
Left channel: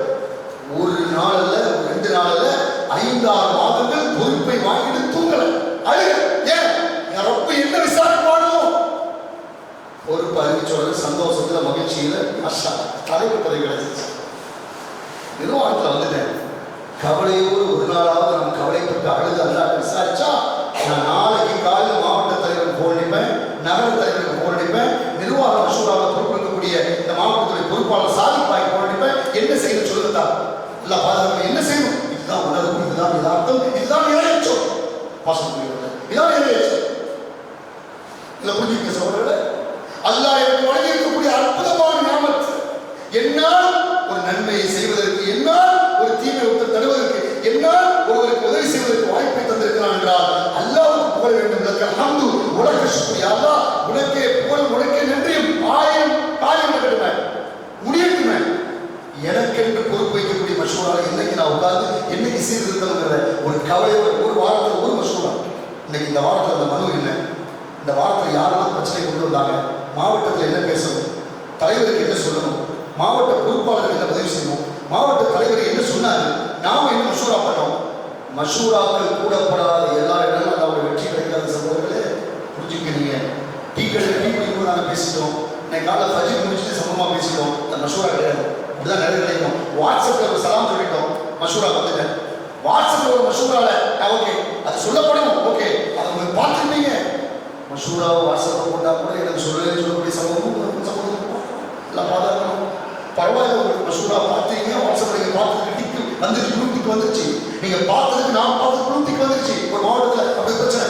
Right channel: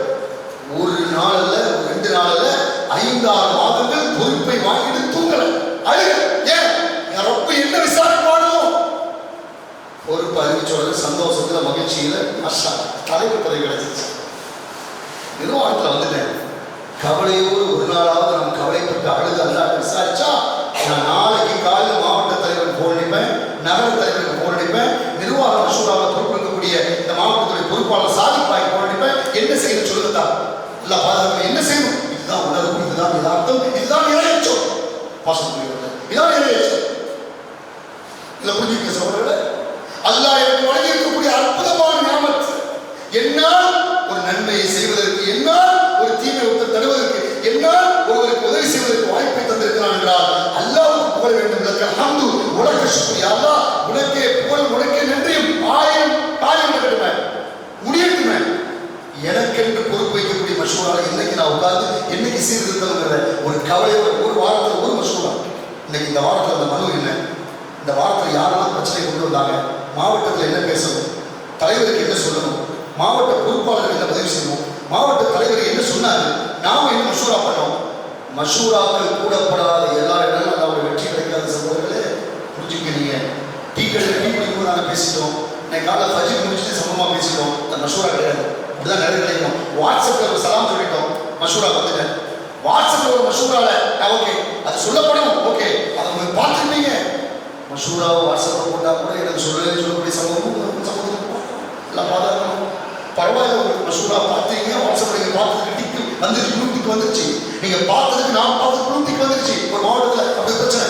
ஒரு நாள் அல்ல, 2 நாள் அல்ல, 5-6 மாதங்கள் பொறுப்பை வாங்கிட்டு தூங்கல, அழுக. ஏன்? ரப்பு என்ன விசாரிப்பானோ? பொறுப்பு அறிவிச்சோட சந்தோஷத்துல மகிழ்ச்சியில மாஷா தலைவர் பதவி கிடைச்சிச்சு. நிர்வாகத்துல வந்துட்டேன், கவலையோடு ஒரு நாளாவது நம்ம கவலைப்பட்டு அழுது அல்லாட்ட விசாரிச்சா நான் நாளைக்கு காலையில் மாவட்ட தலைவருக்கு போன் அடிப்பேன், நகர தலைவருக்கு போன் அடிப்பேன், நிர்வாக மசூராவில் பொறுப்பெடுக்கக்கூடிய இந்த மாவட்டத்துடைய பொறுப்பாளர் சாதிப்பாய்க்கு போன் அடிப்பேன். என்ன செய்யணும் சொல்லுதா? இல்லை பாதுகாப்பு என்ன செய்யணும்? இதுதான் உணர்வு, இதுதான் யதார்த்தம், இதுதான் இறையச்சம். பாசம் புரிகிறது, இதுதான் இறையச்சம். இல்லை புரிஞ்சுக்க சகோதரர்களே, அல்லாஹ் எனக்கு வழங்கி இருக்கக்கூடிய அற்புதமான ஞாபகம், என்னால் ஒரு நன்மையை செய்வதற்கு, என்னால் ஒரு தீமை ஒருத்தர் தடுவதற்கு, என்னால் ஒருவருக்கு உதவி செய்வதற்கு வாய்ப்பை தந்திருக்கிறான் என்றால் அல்லாஹ்வுக்கு புகழ வேண்டும். அல்ஹம்து உலக சுக்ரி, அல்லாஹ் உனக்கே புகழ், உனக்கே நன்றியும் 1000 காரியம் நடக்கட்டுமே, முடியட்டுமே. எனக்கென்று பொறுப்பு வைக்கக்கூடிய மஷூரால இன்னைக்கு நான் உட்கார்ந்து என்னைக்கு சீர்திருத்தம்ங்கிற ஒரு கவலையோட ஒரு வாரத்தில் ஒரு மஷூரா. இன்னைக்கு இந்த வாரத்தில் அந்த மனு என்ன, இந்த வாரத்தில் யாரெல்லாம் பிரச்சனை கொண்டு வந்தாங்க, மாவட்டத்தில் என்ன பேசணும், தலைவருக்கு என்ன சொல்லணும், மாவட்ட பொறுப்பாளருக்கு என்ன பதிவு செய்யணும், மாவட்ட தலைவர் என்ன சொன்னாரு, நாம என்ன மஷூரா பண்ணோம். மஷூராக்கள் கூடப்படாத எல்லா இடங்களும் அல்லாஹ்வுடைய வெற்றி கிடைக்காத சகோதரர்களே புரிஞ்சுக்கிறீங்க. டீ கடையில் டீ குடிக்கும்போது நாங்கள் பேசிட்டோம், இன்னைக்கு காலையில் ஃபஜ்ர் முடிச்சுட்டு சமமாக பேசிட்டோம், அந்த மஷூரா கிடையாது. அப்படிதான் நிறைய கிடைக்கும். வாட்ஸ்அப்பில் ஒரு சலாம் சொல்லிட்டோம், மஷூரா வந்துட்டேன். வாட்ஸ்அப்பில் ஒரு மஷூரால ஓகே அது சொல்லப்படும், ஓகே அதை உங்களுக்கு பார்த்துருப்பீங்க. மஷூராவை வாட்ஸ்அப்பில் போட்டால் கூட எனக்கு சொல்லக்கூடிய சமூகம் எல்லாம் பாதுகாக்கணும். பரவாயில்ல, உங்களுக்கு மஷூரா பார்த்தீங்க, வாட்ஸ்அப்பில் நீங்கள் பார்த்ததுக்கு டிக்கு வந்துருச்சு, குழுத்திக்கு வந்துருச்சு, நீங்கள் பார்த்ததுக்கு நான் பார்த்தது குழுத்திக்கு வந்துருச்சு. ஒரு மாவட்டத்தில் அப்படி பிரச்சனை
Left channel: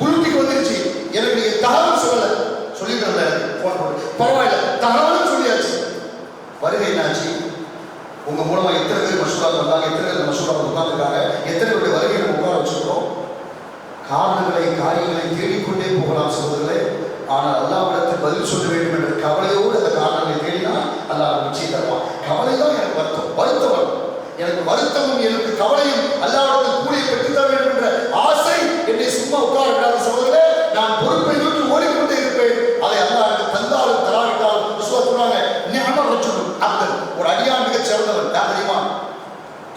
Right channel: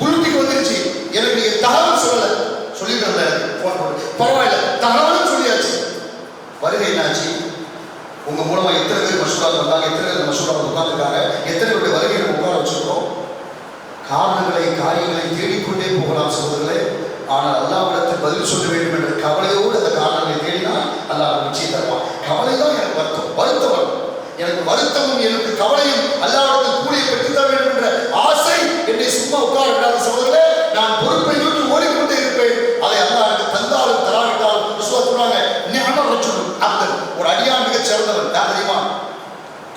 குழுத்திக்கு வந்துருச்சு, எனக்கு நீங்கள் தகவல் சொல்லலை, சொல்லிட்டு ஃபோன் பண்ணி பரவாயில்ல தகவலும் சொல்லியாச்சு. வருகை என்னாச்சு? உங்க மூலமா எத்தனை பேர் மஷூரா வந்தாங்க, எத்தனை பேர் மஷூரா உட்காந்துருக்காங்க, எத்தனை பேருடைய வருகையை நம்ம உட்கார வச்சுக்கிறோம். காரணங்களை காரியங்களை தேடிக்கொண்டே போகலாம் சகோதரர்களே. ஆனால் அல்லாஹ்விடத்தில் பதில் சொல்ல வேண்டும் என்ற கவலையோடு அந்த காரணங்களை தேடினால் அல்லாஹ் நிச்சயம் தருவான். கவலை தான் எனக்கு வருத்தம் எனக்கு வருத்தமும் எனக்கு கவலையும் அல்லாஹ்விடத்தில் கூலியை பெற்றுத்தர வேண்டும் என்ற ஆசை என்னை சும்மா உட்கார விடாத சகோதரர்களே. நான் பொறுப்பை நோக்கி ஓடிக்கொண்டே இருப்பேன். அதை அல்லாஹ் எனக்கு தந்தாலும் தராவிட்டாலும் சொல்றாங்க நிஅமர் ரஜுல் அப்தன், ஒரு அடியான் மிகச் சிறந்தவன். யார் தெரியுமா?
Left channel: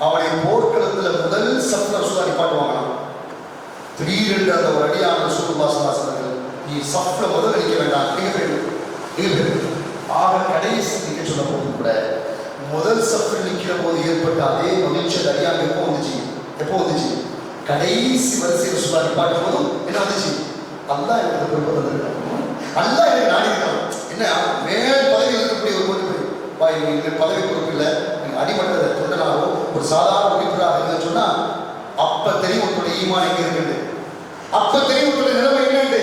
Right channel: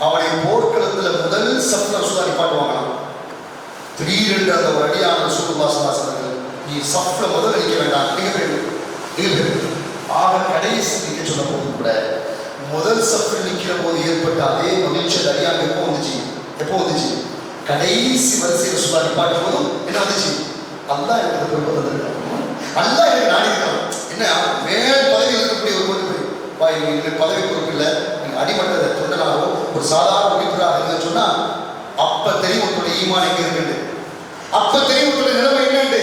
அவனை போர்க்களத்தில் முதல் சப்த ரசூலா நிப்பாட்டுவாங்களாம். திடீரென்று அந்த ஒரு அடியான ரசூலுல்லாஹி ஸல்லல்லாஹு அலைஹி வஸல்லம், நீ சஃப்ல முதல் நிற்க வேண்டாம், நீங்க ஆக கடைசி நிற்க சொல்ல போது கூட முதல் சஃப்ல நிற்கிற போது ஏற்பட்ட அதே மகிழ்ச்சி அடியான் எப்போ வந்துச்சு? கடைசி வரிசை ரசூலா நிப்பாட்டும் போதும் என்ன வந்துச்சு? அல்லாஹ் எனக்கு பொறுப்பு தந்திருக்கான், அல்லாஹ் எனக்கு நாடி இருக்கான். என்ன மேல் பதவியில் இருக்கக்கூடிய ஒரு பொறுப்பு, நீங்க பதவி பொறுப்பு இல்லை, நீங்க அடிமட்ட தொண்டனாகவோ ஒரு சாதாரண உறுப்பினராக இருந்ததுன்னு சொன்னா அப்ப தெரியும் ஒருத்தருடைய ஈமான் எங்க இருக்குது, அப்ப தெரியும் ஒருத்தருடைய நிலைமை என்னண்டு,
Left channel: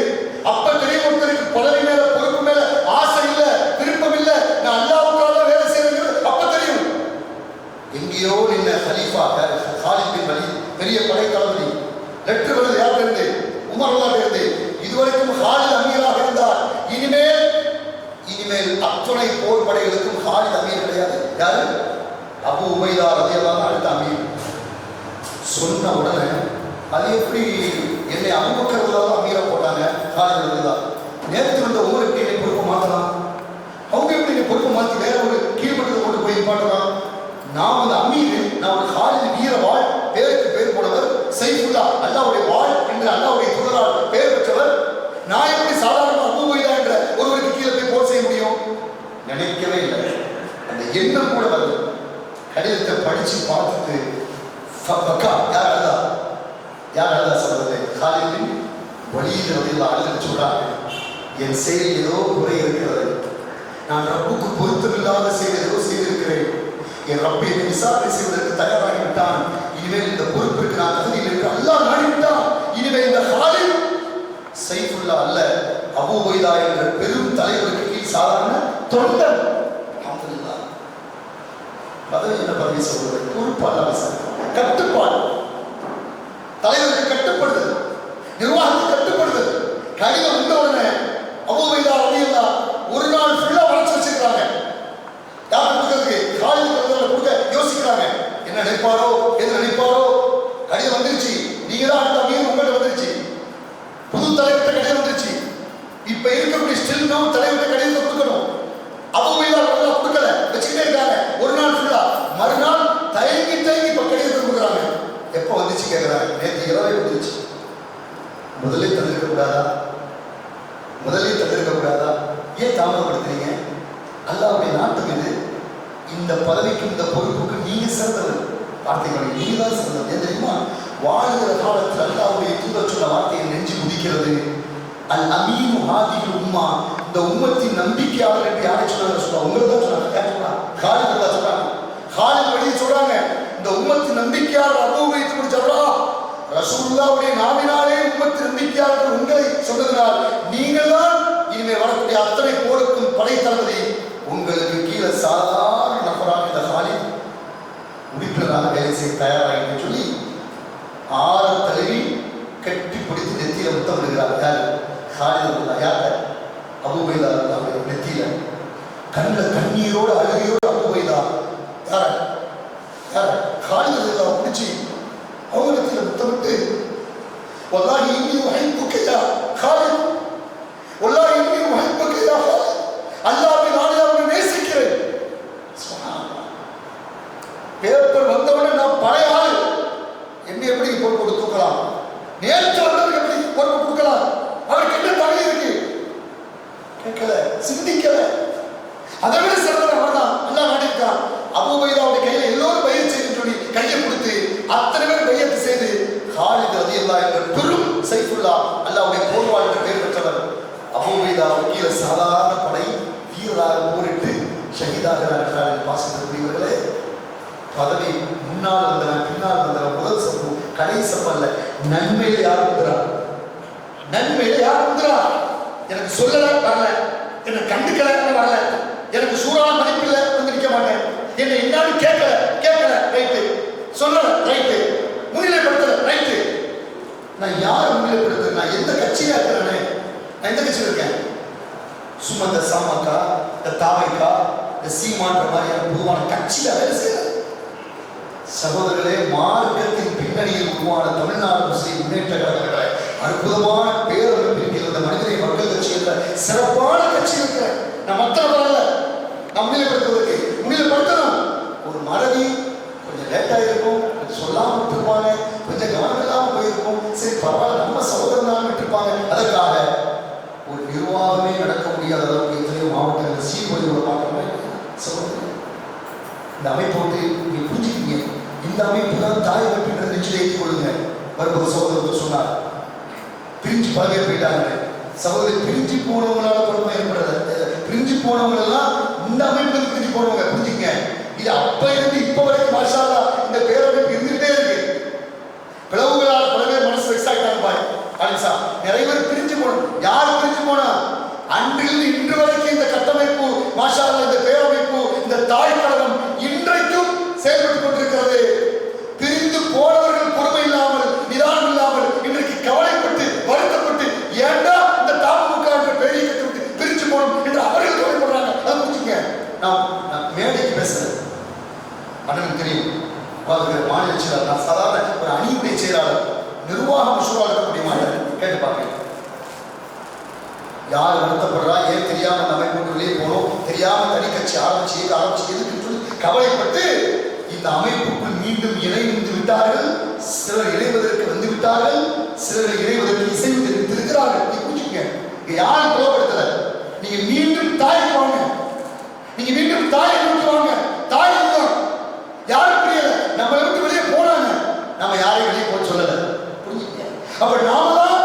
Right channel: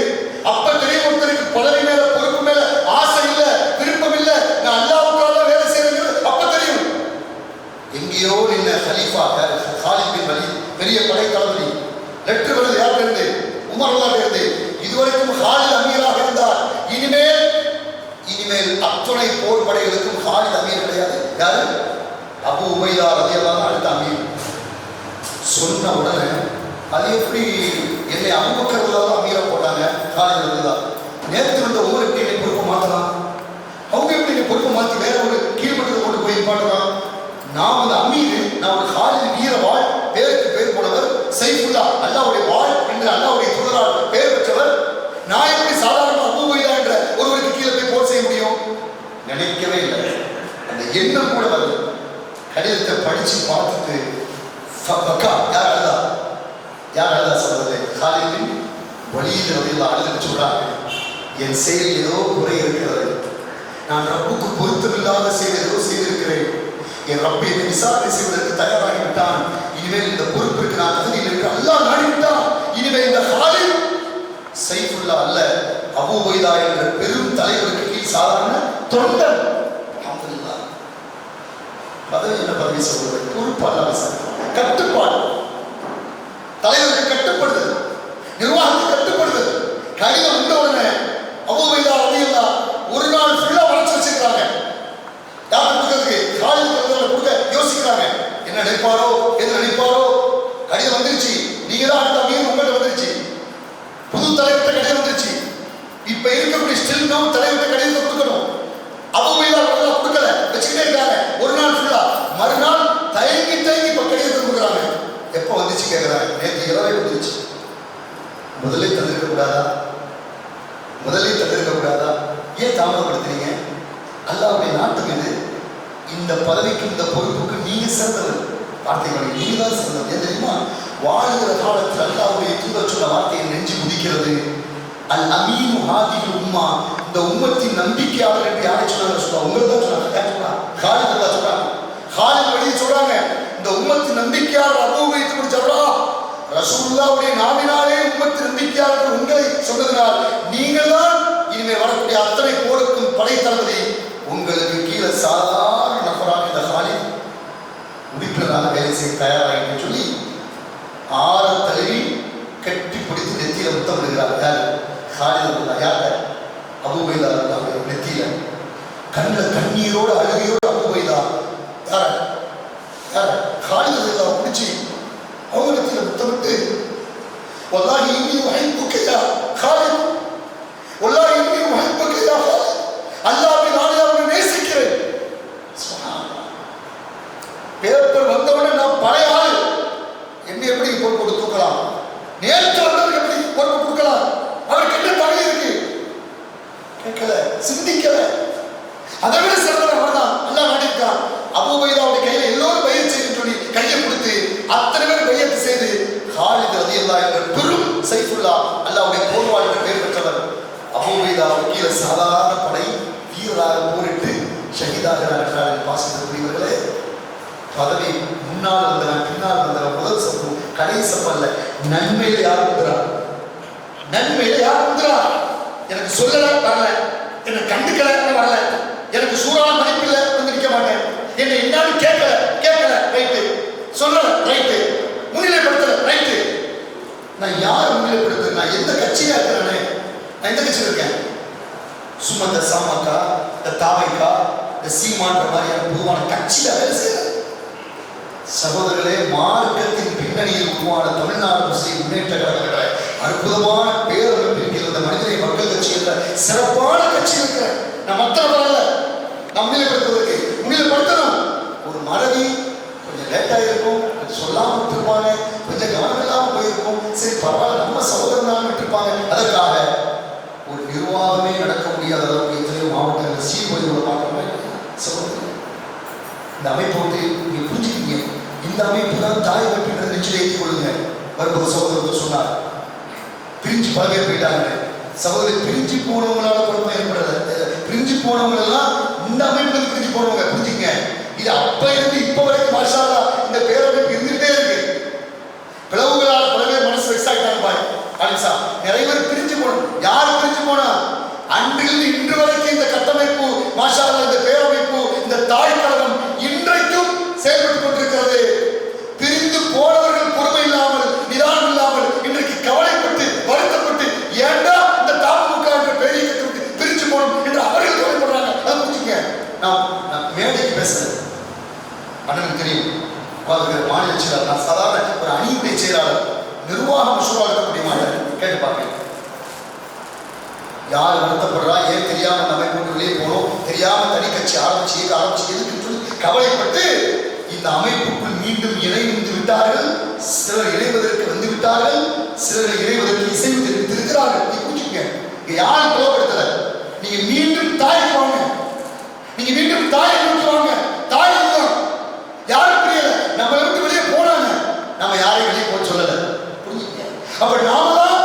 அப்ப தெரியும் ஒருத்தருக்கு பதவி மேல பொறுப்பு மேல ஆசை இல்ல, விருப்பம் இல்ல, நான் அல்லாஹ்வுக்காக வேலை செய்யறது அப்ப தெரியும். எங்கேயோ நின்ன ஹலீஃபா காலித் பின் வலீத், பெரிய படை தளபதி, லெட்டர் வருது யார்கிட்ட இருந்து? உமர் ரலியல்லாஹு இருந்து. இதுவரைக்கும் காலித் அமீராக இருந்தார். இனிமேல் அத்துணை போர் படைகளுக்கும் காலித் அமீர் கிடையாது. யாரு? அபூ உபைதா ரலியல்லாஹு அடுத்த அமீர். சொன்ன உடனே அது எப்படி என்னை அபூபக்கர் ரலியல்லாஹு அமீரா போட்டாங்க? காலித் ரலியல்லாஹு நேற்று வந்த ஒவ்வொருக்கு என்னை பொறுப்பு மாற்றலாம், அவங்க எப்படி என்னை பொறுப்பு மாற்றி வேற ஒரு கீழ்மட்டத்தை கொண்டு போய் பாட்டலாம். நான் வந்து அமீர், நான் ஒரு காலித் வீர வாழ், பேருக்கு பேர் போனவர், சைஃபுல்லா அல்லாஹ்வுடைய வாழ் என்று அல்லாஹ்வுடைய தூதரால் பேர் பெற்றவர். நான் எப்படி சாதாரண அபூ உபைதா என்ற ஒருவருக்கு கீழே போய் போர் செய்ய முடியும்? நினைக்கவே இல்லை. அந்த எண்ணம் கூட வருது. கடிதத்தை படிச்சு பார்த்துட்டு யார் அழுதா சொல்றது? காலித் பின் வலீத் ரலியல்லாஹு அன்ஹு சொல்றாங்க, என் செயல் ஏதோ குறை இருக்கிறது, நான் ரப்புக்கு பொருத்தமில்லாத செயல் ஏதோ செய்திருக்கிறேன், என் ரப்பை என்னை விசாரணை செய்வதற்கு தயாராகிவிட்டான், இனிமேல் இந்த பொறுப்பிற்கு நான் தகுதியில் இருக்க அல்லாஹ் நாடிவிட்டான், இனிமேல் இந்த காலித் சைஃபுல்லா அல்ல, அபூ உபைதா என்ற பெரும் தலைவருக்கு கீழ் சாதாரண தொண்டன். அல்ஹம்துலில்லாஹ். பதவி என்ன பதவி சொல்றது? பொறுப்பு அல்லாஹ், கட்டுப்பாடு, தலைவருக்கு கட்டுப்படுதல், நிர்வாகத்துக்கு கட்டுப்படுதல். கடிதம் வந்த உடனே அபூ உபைதா ரலியல்லாஹு ஒரு நாள் ஃபுல்லா வளர்ச்சி வச்சிருக்காங்க. யார் கொடுக்கிறதுக்கு? காலித் கொடுக்க யோசிக்கிறாங்க. என்ன நினைப்பாரோ, எது நினைப்பாரோ. கடிதம் வந்துருச்சு, நீங்க தான் அடுத்த அமீர், உங்கள்கிட்ட வந்துருச்சு. புது தலைவர்கிட்ட கடிதம் வந்துருச்சு. இப்ப இருக்கக்கூடிய ஸ்டில் நோ தலைவர்கிட்ட கடிதத்தை கொடுக்கணும். அபூ உபைதா ரலியல்லாஹு கொடுக்கல, வச்சுக்கிட்டே இருக்காங்க ஒரு நாள் ஃபுல்லா. மறுநாள் தயங்கி இப்ப கடிதத்தை கொடுக்குறாங்க. எப்போ வந்துச்சு கேட்கிறாங்க? நேற்று இரவே வந்துருச்சு. முதலே தந்திருக்க கூடாதா? ஏன் தாமதப்படுத்துறீங்க? அல்லாஹ்வுடைய நாட்டம் இது. இந்த பதவிக்கு இந்த பொறுப்புக்கு நீங்க சிறந்தவர். வார்த்தைகளை நீங்க தான் சிறந்தவர். ஏன் தெரியுமா? வாழுகிற காலத்தில் அல்லாஹ்வுடைய தூதர் சொன்ன வார்த்தையை நெஞ்சு குதிக்கிறது. அல் அமீனு ஹாதிஹில் உம்மா, இந்த உம்மத்தின் நம்பிக்கையாளர் என்று யாரை சொன்னாங்க? சொல்லுவாங்க, உங்களுக்கு தான் சொன்னாங்க. யார் சொன்னா? காலித் ரலியல்லாஹு சொல்றாங்க. காலித் வழியை சொல்றாங்க, இந்த உம்மத்தின் நம்பிக்கையாளர் அபூ உபைதா முடிச்சவரா ரசூலுல்லாஹ்வுடைய நாவினாலே உம்மத்தின் நம்பிக்கையாளர் உங்களை சொன்னதனால் நீங்கள் தான் இனிமேல் வரக்கூடிய அத்தனை போருக்கும் படை தளபதி. உங்களுக்கு கீழே சாதாரண நபராக இந்த காலித் உறுப்பினராக வேலை செய்ய தயாராக சொல்லி ஆற தழுவி கட்டி பிடித்து நெத்தியில முத்தம் விடுகிறார். யாரு? காலித் ரலியல்லாஹு. யாரு? அபூ உபைதா ரலியல்லாஹு நெத்தியில கண்ணில் கண்ணீரோடு அழுகையோடு அபூ உபைதா யார காலித் ரலியல்லாஹு பிடிச்சி அவங்க நெத்தியில முத்தமிட்டு, வல்லாஹி இன்னி உஹிப்புக யா காலித், வல்லாஹி இன்னி உஹிப்புக யா காலித், அல்லாஹ்வை நான் அவரை நேசிக்கிறேன். சுப்ஹானல்லாஹ். பேப்பர் வந்தவனே நான் பழைய ஆள், என்ன எப்படி பொறுப்பு கொடுத்து தூக்கலாம்? நேற்று வந்தவருக்கு எப்படி பொறுப்பு கொடுக்கலாம்? அவருக்கு என்ன தகுதி இருக்கு? கேட்கல, சிந்திக்கல. அதை விட சிறந்தவர் அவர்தான். அல்லாஹ் நாடியிருக்கான். அபூ உபைதாவுடைய கையில எல்லோரும் பையத் செய்து சொல்லி கையை கொடுத்து அத்தனை பேர் பையத்து செய்து காலித் ரலியல்லாஹு என்ற பெரும் சைஃபுல்லா அல்லாஹ்வுடைய போர்வாள் என்று பெயர் பெற்றவர். அபூ உபைதாவுக்கு கீழே சாதாரண படை வீரராக போரிட்டு ஷஹீதாகிறார்கள். பாசத்திற்குரியவர்களே, பதவி முன்னால் வந்தவன் பின்னால் வந்தவன் முதல் சப்பு கடை சப்பு அல்ல. நன்மையில யார் வந்துறார்? நன்மையில யார் வந்துறார்? எனக்கு சொல்லல வரல, என்னை கண்டுக்கல வரல, எனக்கு சூறான மதிப்பில்ல வந்து நிற்க மாட்டேன், என்னை என்னாலும் கேட்கல ரைட்டு, சொல்லல ரைட்டு, முன்னிலைப்படுத்தல ரைட்டு. நான் யார் முன்னிலைப்படுத்த? நான் எந்த கட்சியா இருக்கிறேனே? நான் எந்த கட்சியில் இருக்கேன்? சும்மா இந்த சாமக்கா, இந்த தாவைக்கா, இந்த சீமான்ற மாதிரியான பொதுவான கட்சியில வேலை செய்யல. சகோதரர்களே, மார்க்கத்தின் பின்னணியில் உருவான தமிழ்நாடு முஸ்லிம் முன்னேற்ற கழகங்களை அற்புதமான பேரமைப்பில் இந்த மனிதரை மக்கள் கட்சி என்ற சிறப்பான கட்சி இருக்கிற நான் மற்ற வரல நான் முன்னிலைப்படுத்துவதற்கு முன்னிலைப்படுத்தணும். ஒரு மறதி கொஞ்சம் லேட்டாக இருக்கும், கொஞ்சம் சொல்லாமல் விட்டுருப்பாங்க, கொஞ்சம் கவனம் இல்லாமல் போயிருக்கும். சரி பரவாயில்ல, நம்ம சகோதரன் தான் விட்டுருப்பாங்க. அதற்காக ஒரு நிர்வாகமே நடக்க முடியாத அளவுக்கு எத்தனையோ மாவட்டங்கள் சீர்குலைகளை பார்க்கணும். சகோதரர், இந்த அமைப்பை விட்டு நீங்க புரிஞ்சுக்கிங்க. இந்த அமைப்பு தான் தாய் அமைப்பு நிச்சயம் ஏற்றிக் கொள்ளுங்க. வரும்போது சகோதரர் சொன்னார், பிரிஞ்சு பல பேர் போயிட்டாங்க. சகோதரர், பிரிஞ்சு போனவங்களால குழப்பம் ஏற்படுறது. பிரிஞ்சு போனவங்க எல்லாம் இந்த அமைப்புக்கு பிரிஞ்சு போனவங்க புரிஞ்சுங்க. இது அப்ப இருந்து இப்ப வரைக்கும் மாஷா அல்லாஹ் இந்த பேரமைப்பு இருந்துகிட்டே இருக்கு. பிளவுகளால் பல பேர் மனசு எக்ஸாக்டாக பாய் அலிசா நிறைய பேர் பிரிஞ்சு போனோம். யார் பிரிஞ்சு போனா? அன்றிலிருந்து இன்று வரைக்கும் இந்த கட்டமைப்பு மாஷா அல்லாஹ், இந்த பேரமைப்பு, இந்த தாய் கழகம் இன்றைக்கும் செயல்பட்டுக் கொண்டிருக்கிறது. பிரிந்து போனவர்கள் பொறுமை இல்லாமல், நிதானம் இல்லாமல், இன்றைக்கு கவலைப்பட்டு வருத்தப்பட்டு ஏண்டா இந்த தாமுக என்ற பெரிய கட்டு பிரிஞ்சு போனோம் என்று அவர்கள் கவலைப்படுறாங்க. அதை புரிஞ்சுங்க. நான் மேடைக்கு பேசுறேன், அண்ணனுக்கு தெரியும். மாநில செயலாளர், நான் சாதாரண ஒரு அணியுடைய செயலாளர், நிர்வாக மசூரா இருக்கக்கூடிய மாநிலம் கேட்டு பார்க்கிறேன். யார் வருத்தப்படுறா, ஏன் தெரியாம அந்த அமைப்பு வெளியே போனோம், தெரியாம தனி கட்சி ஆரம்பிச்சு எதுக்குன்னு சொல்லி கவலைப்பட்டு இந்த அமைப்புக்குள் மீண்டும் இணைந்து விட்டார்கள். சிலர் இணைவதற்கு வந்து விட்டார்கள், சிலர் இணைவதற்கு இசைவு தெரிவித்திருக்கிறார்கள். நீ புரிஞ்சுக்கங்க, யாரும் புலப்படுத்தல. நீங்க மீண்டும் தாய்க்கு வாங்க, நீங்க மீண்டும் தாயை நோக்கி வாங்க. தாய் தான் யாரும் புரியல, நம்மளை விட்டு வெளியே போனாங்க, நம்ம யாரையும் வெளியே போக சொல்லல. புரிஞ்சுக்கங்க. அப்ப நாம தான்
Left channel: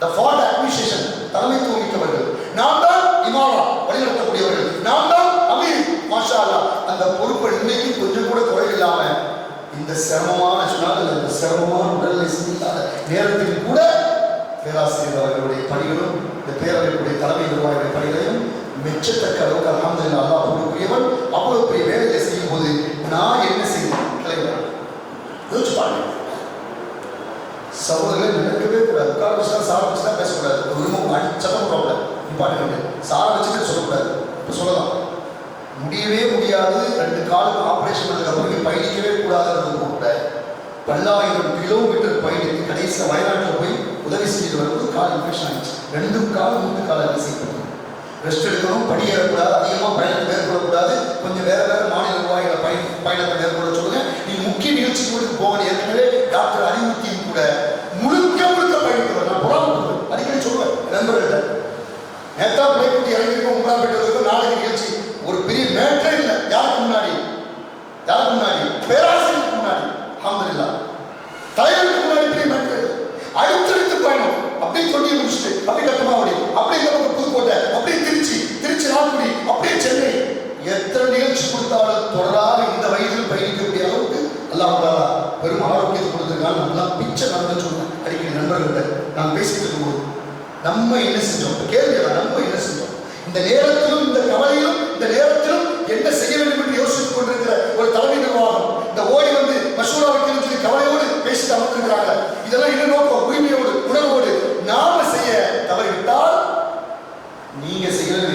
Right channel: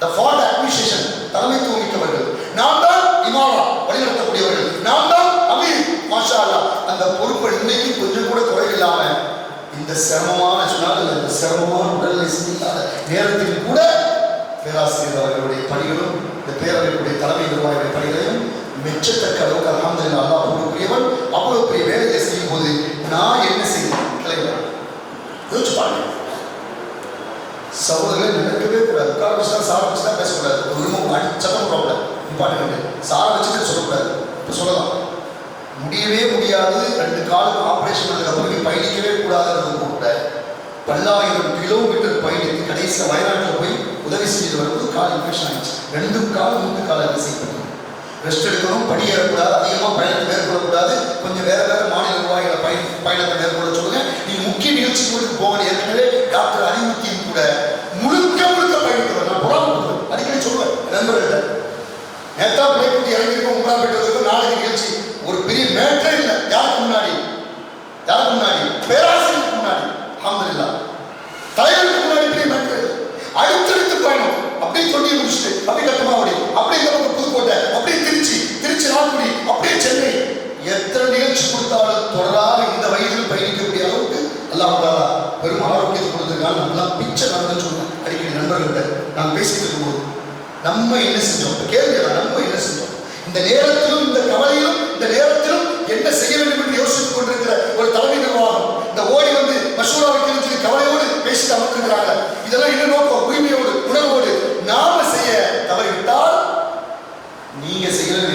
the fourth administration, தலைமைத்துவம் மிக்கவர்கள். நாம் தான் இமாமா வழிநடத்தக்கூடியவர்கள், நாம் தான் அமீர். மாஷா அல்லாஹ், அந்த பொறுப்பை இன்னைக்கு கொஞ்சம் கூட குறையில்லாம இந்த சிரமமான சொன்னால் இந்த சிரமமான உடல்நிலை சிந்திக்காத நேரத்தில் கூட பேராசிரியர் அவர்களுடைய பணிகளும் இந்த பேரவைகளுடைய தலைமை நிர்வாகிகளுடைய பணிகளையும் மெச்சத்தக்க அளவுக்கு அல்ஹம்துலில்லாஹ் அல்லாஹ் கொடுக்கக்கூடியவன். அவ்வளவு பெரிய வேலையை செய்யும் போது நான் என்ன செய்யணும் கிளைவர் யோசிச்சு பாருங்க. சகோதரர்கள் நினைக்கவே கூடாது. உட்கார வச்சு தான் சார வச்சு தான் பேசக்கூடாது. ஒரு விரும்பம் சத்தம் போடக்கூடாது. இம்பார்ட்டன் சார வச்சுட்டு சொல்லக்கூடாது. இப்போ சொல்லலாம், முடியவே முடியாது. 2 காலுக்கு ஆப்ரேஷன் பண்ணதுக்கு அப்புறம் பயணிக்கவே கூடாதுன்றது கூட பல்லாயிரம் கிலோமீட்டர் பயணித்து கடைசியில் வயநாட்டில் போய் உதவி செஞ்சுட்டு வரும்போது கால் இன்ஃபெக்ஷன் ஆகிடுச்சு. 2 கால் 3 கால் செய்யப்பட்டது. ரெஸ்ட் எடுக்கணும், படியேறக்கூடாது, அதிகமாக பயணத்தை மேற்கொள்ளக்கூடாது, கொஞ்சம் வேற வேற மாநில நிர்வாகிகளை பயணத்தை மேற்கொள்ள சொல்லுங்க. நீங்க முக்கிய நிகழ்ச்சிகளுக்கு போகணும். ஏற்கனவே டாக்டர் அறிவுத்தியும் கூட முழுக்க பயணித்தவர். நான் புறாமப்படுவேன், அடிக்கடி சொல்லுவேன் நண்பர்கள்ட்ட. நேத்தா பிள்ளைக்குட்டி இறங்கிருக்கோம், உங்களா போயிட்டு நாளைக்கு நிகழ்ச்சி ஒரு பெரிய மேட்டரே இல்லை. யாருக்கு முன்னாடி பேராசிரியருக்கு முன்னாடி, அல்ஹம்துலில்லாஹ் தலைவருக்கு முன்னாடி பெரிய மேட்டர். அடுத்தடுத்து பயணம் அப்படியே சொல்லி முடிச்சுட்டு அப்படியே கட்டமாவடி, அப்படியே இந்த பக்கம் புதுக்கோட்டை, அப்படியே திருச்சி நால்குடி, அப்படியே சென்னை. எத்தனை நிகழ்ச்சி கொடுத்தாலும் தொடராக இந்த வயதில் பயணிக்கக்கூடிய அளவுக்கு அல்லாஹ் தஆலா பெரும் ஆரோக்கியத்தை கொடுத்திருக்காங்க. நம்மளாம் பிச்சை நடந்து சொல்லுவேன் அடிக்கடி நண்பர்கள்ட்ட நான் பேசிட்டு இருக்கும்போது. நம்ம என்ன செஞ்சோம் கேள்வி, நம்ம என்ன செஞ்சோம் இந்த நேரத்திலும், இந்த கவலையிலும், இந்த நேரத்திலும் என்ன செய்ய வேண்டும் என்று யோசித்துக் கொண்டிருக்கிற ஒரு தலைமை நிர்வாகம் இந்த ஓடி வந்து மசூரா வைக்கணும்னு சொல்லி கவலையோடு பேசிட்டு அமர்ந்திருக்கிறாங்க. இதெல்லாம் என்ன நோக்கம்? உரிமையோடு உணர்வோடு நாம செய்ய தவறிவிட்டால் நீங்க செய்யறது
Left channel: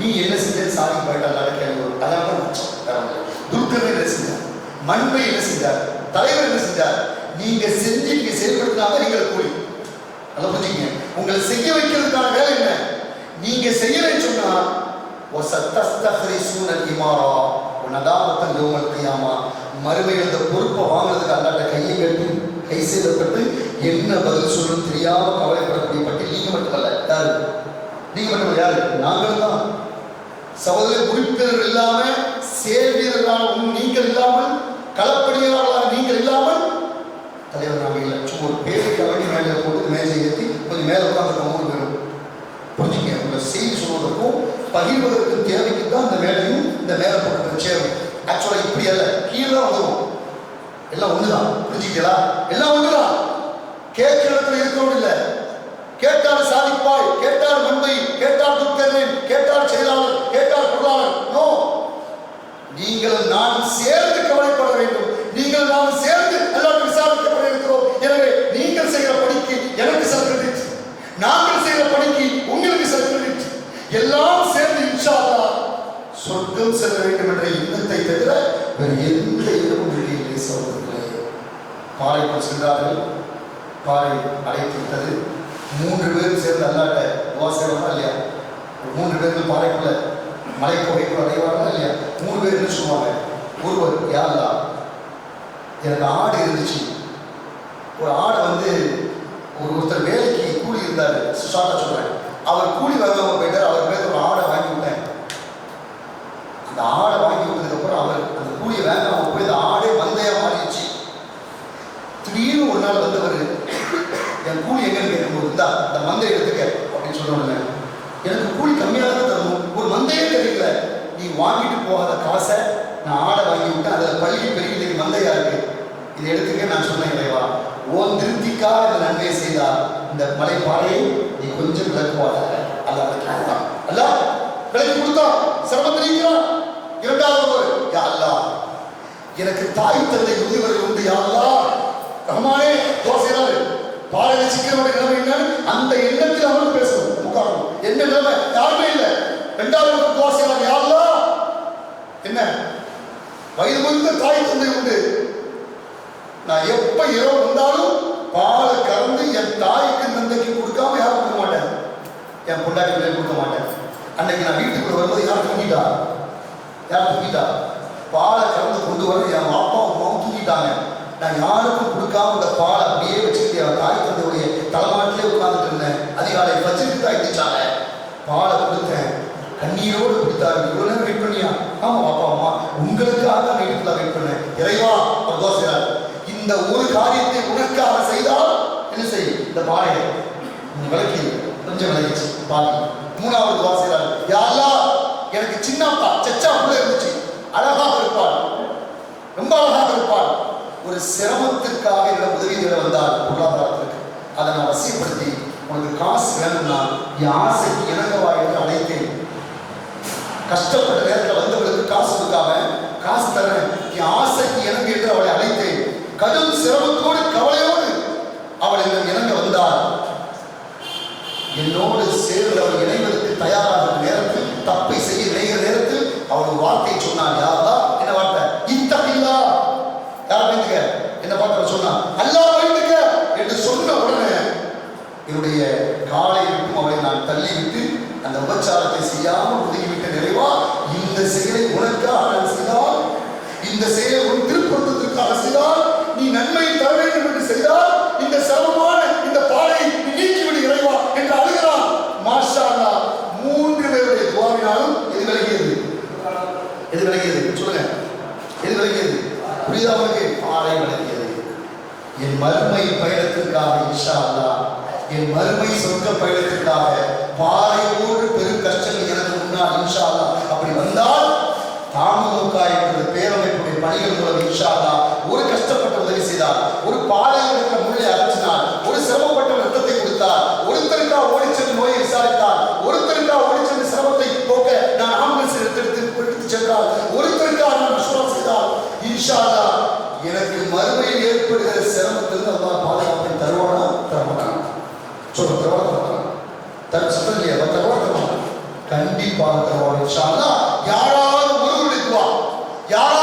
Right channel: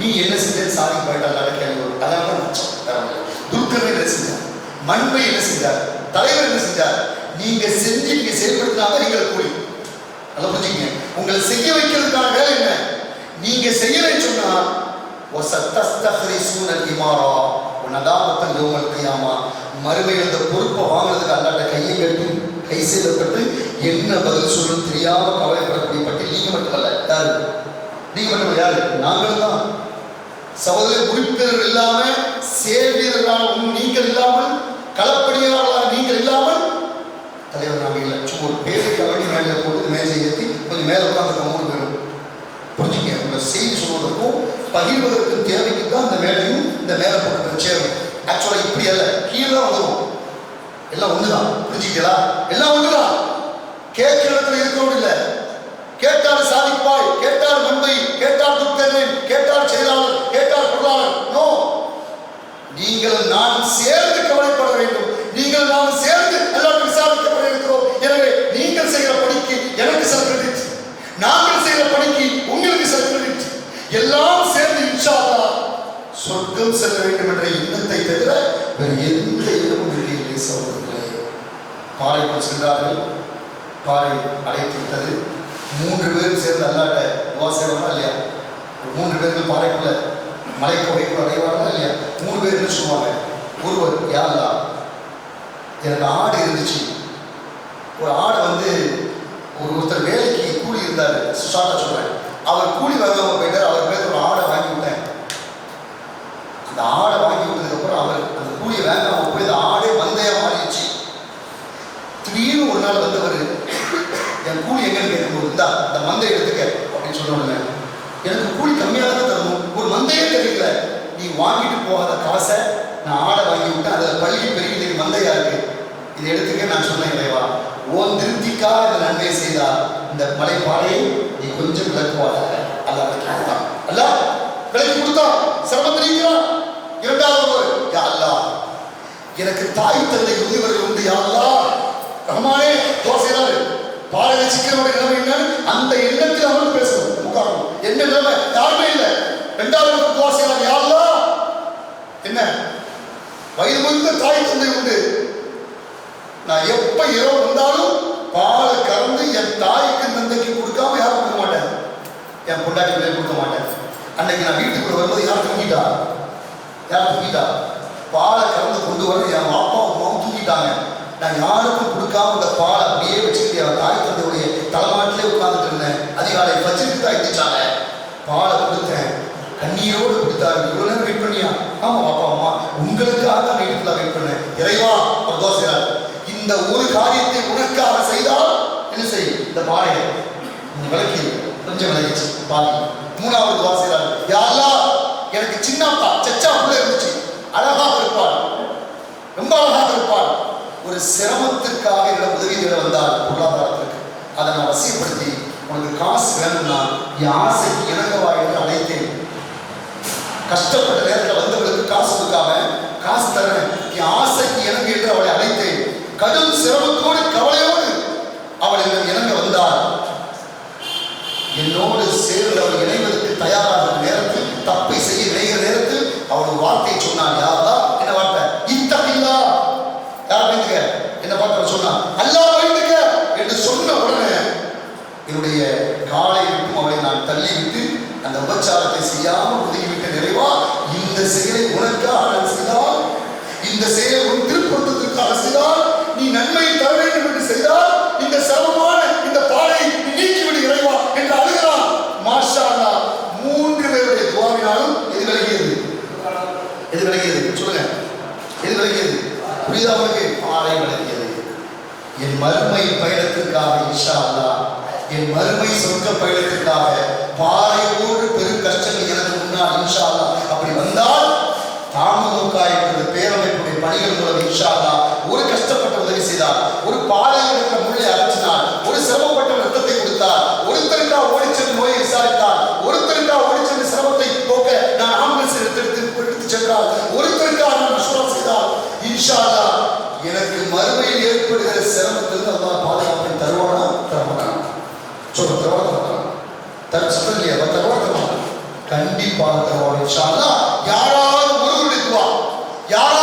நீ என்ன செஞ்ச சாதி போயிட்டால் கேள்வி வரும். அதான் மிச்சம். துர்க்கர் என்ன செஞ்சார், மண்பை என்ன செஞ்சார், தலைவர் என்ன செஞ்சார்? நீங்க செஞ்சு நீங்க செயல்படுத்தினாதான் நீங்கள் கூலி. நல்லா புரிஞ்சுங்க. உங்களை செய்ய வைக்கிறதுக்கான வேலை என்ன? நீங்க செய்யலைன்னு சொன்னா மறுமையில் இந்த பொறுப்பை வாங்குறதுக்கு அல்லாட்ட கையை கட்டி கை செய்யப்பட்டு என்ன பதில் சொல்லணும் தெரியாம கவலைப்படக்கூடிய பட்டியல் நீங்க மட்டுமல்ல. யாரு? நீங்க மட்டும் யாரு? நாங்களும் தான். சகோதர உறுப்பினர் இல்லாம, சேவியர்களாக நீங்கள் இல்லாமல், களப்பணியாளர்களாக நீங்கள் இல்லாமல் தலைவர் நாங்கள் இல்லை. சும்மா ஒரு பேருக்கு அவடி மேலே போட்டு மேஜை ஏற்றி கொஞ்சம் மேலே உட்காந்து 3 பேரும் புரிஞ்சுங்க. உங்களை செய்தி சொல்வதற்கும் பகிர்வதற்கும் தேவைக்கு தான் இந்த மேலையும் இந்த மேலே போட்டு சேரும். ஆக்சுவலாக இப்படி அல்ல, கீழே வந்துடும். எல்லாம் ஒண்ணுதான். புரிஞ்சுக்கிறா? எல்லாம் ஒண்ணுதான். கேட்கிற இடத்துல இருக்கிறோம் இல்லை. கேட்டால் சாதிப்பாய், கேட்டால் மண்பை, கேட்டால் துர்க்கர்ணன், கேட்டால் செயலாளர், கேட்டால் பொருளாளர். நோ, நீங்கள் நான் சேர்ந்து கவலைப்பட வேண்டும். நீங்கள் நாம் சேர்ந்து எல்லாரும் விசாரிக்கப்பட இருக்கிறோம். எனவே நீங்கள் செய்கிற பணிக்கு எனக்கு சில கிரெடிட், நாங்கள் செய்கிற பணிக்கு உங்களுக்கு சில வேறு எந்த இடமும் இல்லை சகோதரர்களே. பாறைக்குள் சென்றார்கள். பாறை அடைத்து விட்டது. 3 பேரும் சேர்ந்து அல்லாட்ட துவாசேவனா இல்லையா? 3 பேர்கள் பாறைக்குள்ள மலைக்கொகைக்குள்ள அடைவார்களா இல்லையா? 3 பேர் என்ன சொல்லுவாங்க? ஒருவர், யா அல்லாஹ், எனக்கு ஆடு இருந்துச்சு. ஒரு ஆடை வந்து ஒருத்தர் வேலைக்கு கூலி இருந்தார், ஷார்ட்டா சொல்றேன். அவர் கூலி வாங்காம போயிட்டார். அவர் பேர் ஒரு ஆடை வாங்கி விட்டேன். அந்த ஆடை வாங்கி விட்டதுக்கு அப்புறம் அவர் அந்த கூலியை வாங்காம போய் அந்த ஆடே மந்தையா மாறிடுச்சு. திடீர்னு ஒரு நாள் வந்தவர், என் கூலி எங்கன்னு கேட்கும்போது, இந்தா அந்த மந்தை எடுத்துக்க அப்படின்னு சொன்னோன்னு, எனக்கு கூலி கம்மியாக தான் தரணும், ஒரு மந்தையே கிடைக்கல, நீ வாங்கிட்டு போகாத காசை நான் ஆடை வாங்கி விட்டேன், அதில் பள்ளி பெருகி மந்தையா இருக்கு, இதை எடுத்துக்க. நான் சொன்னேன், இறைவா, ஓன் திருப்திக்காக இந்த நன்மையை செய்தால் இந்த மலைப்பாறையை நீ கொஞ்சம் விளக்குவாத. அல்ல கொடுத்தான், அல்ல விளக்கி கொடுத்தான், சிரமத்தில் இருக்கிறான். இரண்டாவது, யா அல்லாஹ், எனக்கு தாய் தந்தை முதியவர்கள் உண்டு, யா அல்லாஹ் ரஹ்மானே, தோசையாரு பாறையை சிக்கிறவருடைய நிலைமை என்னன்னு அந்த எண்ணத்தில் அவன் பேசணும். முக்காரணம் என்ன நிலைமை? யாருமே இல்லை. இரண்டாவது தோசையார், யா அல்லாஹ், என்ன வயது முதிர்ந்த தாய் தந்தை உண்டு, நான் எப்ப இரவு வந்தாலும் பாலை கறந்து என் தாய்க்கு தந்தைக்கு கொடுக்காம யாரும் கொடுக்க மாட்டேன், என் பொண்டாட்டி பிள்ளை கொடுக்க மாட்டேன். அன்னைக்கு நான் வீட்டுக்குள்ள வரும்போது யார் தூங்கிட்டா? பாலை கறந்து கொண்டு வர என் அப்பா அம்மாவும் தூங்கிட்டாங்க. நான் யாருக்கும் கொடுக்காம இந்த பாலை அப்படியே வச்சுக்கிட்டு என் தாய் தந்தையுடைய தலைமாட்டிலே உட்கார்ந்துட்டு இருந்தேன். அதிகாலை பச்சிட்டு தான் எடுத்துச்சாங்க, பாலை கொடுத்தேன், கண்ணீரோடு கொடுத்தாரு. இவ்வளவு நேரம் வெயிட் பண்ணியா? ஆமா அப்பா அம்மா, உங்களுக்காக தான் வெயிட் பண்ணேன். இறைவா, ஒரு தோசையார், இந்த ஒரு காரியத்தை உனக்காக செய்தால் என்ன செய்? இந்த பாறையை விளக்கி கொஞ்சம் விளக்கிச்சு பாருங்க. மூணாவது வாசிக்கிறார், யா அல்லாஹ், எனக்கு சின்னப்பா சச்சா புள்ள இருந்துச்சு, அழகாக இருப்பாள், ரொம்ப அழகாக இருப்பாள். ஒரு சிரமத்திற்காக என்னோட உதவி தேட வந்தால் பொருளாதாரத்திற்கு, அதை நான் வசியப்படுத்தி உனக்கு காசு வேணும்னா என் ஆசைக்கு இணங்கவா என்று அழைத்தேன். கஷ்டப்பட்ட நேரத்தில் வந்தவர்களுக்கு காசு கொடுக்காம காசு தரேன், என் ஆசைக்கு இணங்கு என்று அவளை அழைத்தேன். கடும் சிரமத்தோடு கவலையோடு அவள் இணங்க வந்தாள். என்னோடு சேர்ந்து அவள் இணைவதற்கு தயாராக நேரத்தில், தப்பை செய்ய இணைகிற நேரத்தில் அவள் வார்த்தை சொன்னான். யாரா? என்ன வார்த்தை? இத்தகில்லா. யார் பயந்துக்க? என்ன பார்த்து சொன்னான், அல்லாஹ் பயந்துக்க என்று சொன்ன உடனே என்னுடைய காலை விட்டும் அவளை நான் தள்ளிவிட்டு அந்த உபச்சாரத்தை செய்யாமல் ஒதுங்கிவிட்ட. நிறைவா, இந்த செயலை உனக்காக நான் செய்தால், இந்த செயலை உன் திருப்பொருத்தத்திற்காக செய்தால், நீ நன்மையை தர வேண்டும் என்று செய்தால், இந்த சிரமமான இந்த பாலை நீக்கிவிடு இறைவா என்று அழுகிறான். மாஷா அல்லாஹ், 3 பேருடைய துவாவினாலும் எது விலகியது? எது விலகியது? சொல்லுங்க, எது விலகியது? புரியுதா உங்களுக்கு? பாறை விலகியது. என் மறுமை பயணத்திற்காக இன்ஷா அல்லாஹ், என் மறுமை சொர்க்க பயணத்திற்காக பாறையோடு பெரும் கஷ்டங்கள் எனக்கு முன்னால் இன்ஷா அல்லாஹ் அப்படி வந்தால், தாமுக என்ற பேரமைப்புடைய பணிகள் மூலம் இன்ஷா அல்லாஹ் ஒரு கஷ்டப்பட்ட உதவி செய்தார், ஒரு பாலையில் இருக்கிற முள்ளை அரைச்சினார், ஒரு சிரமப்பட்ட ரத்தத்தை கொடுத்தார், ஒருத்தருக்கா ஓடிச்சென்று நோயை விசாரித்தார், ஒருத்தருக்கா ஓடிச்சென்று சிரமத்தை போக்க நான் ஆம்புலன்ஸ் எடுத்து சென்றார், ஒருத்தருக்கா நான் மசூரா செய்தார். இன்ஷா அல்லாஹ் எனக்கு மறுமையில் ஏற்படுகிற சிரமத்திலிருந்து அல்லாஹ் பாதுகாப்பை தருவானா தரமாட்டான்? சொல்ல தருவானா? தருவாங்க கண்டிப்பாக தருவான். இன்ஷா அல்லாஹ். யாராவது ஒருவருடைய துவா, யாராவது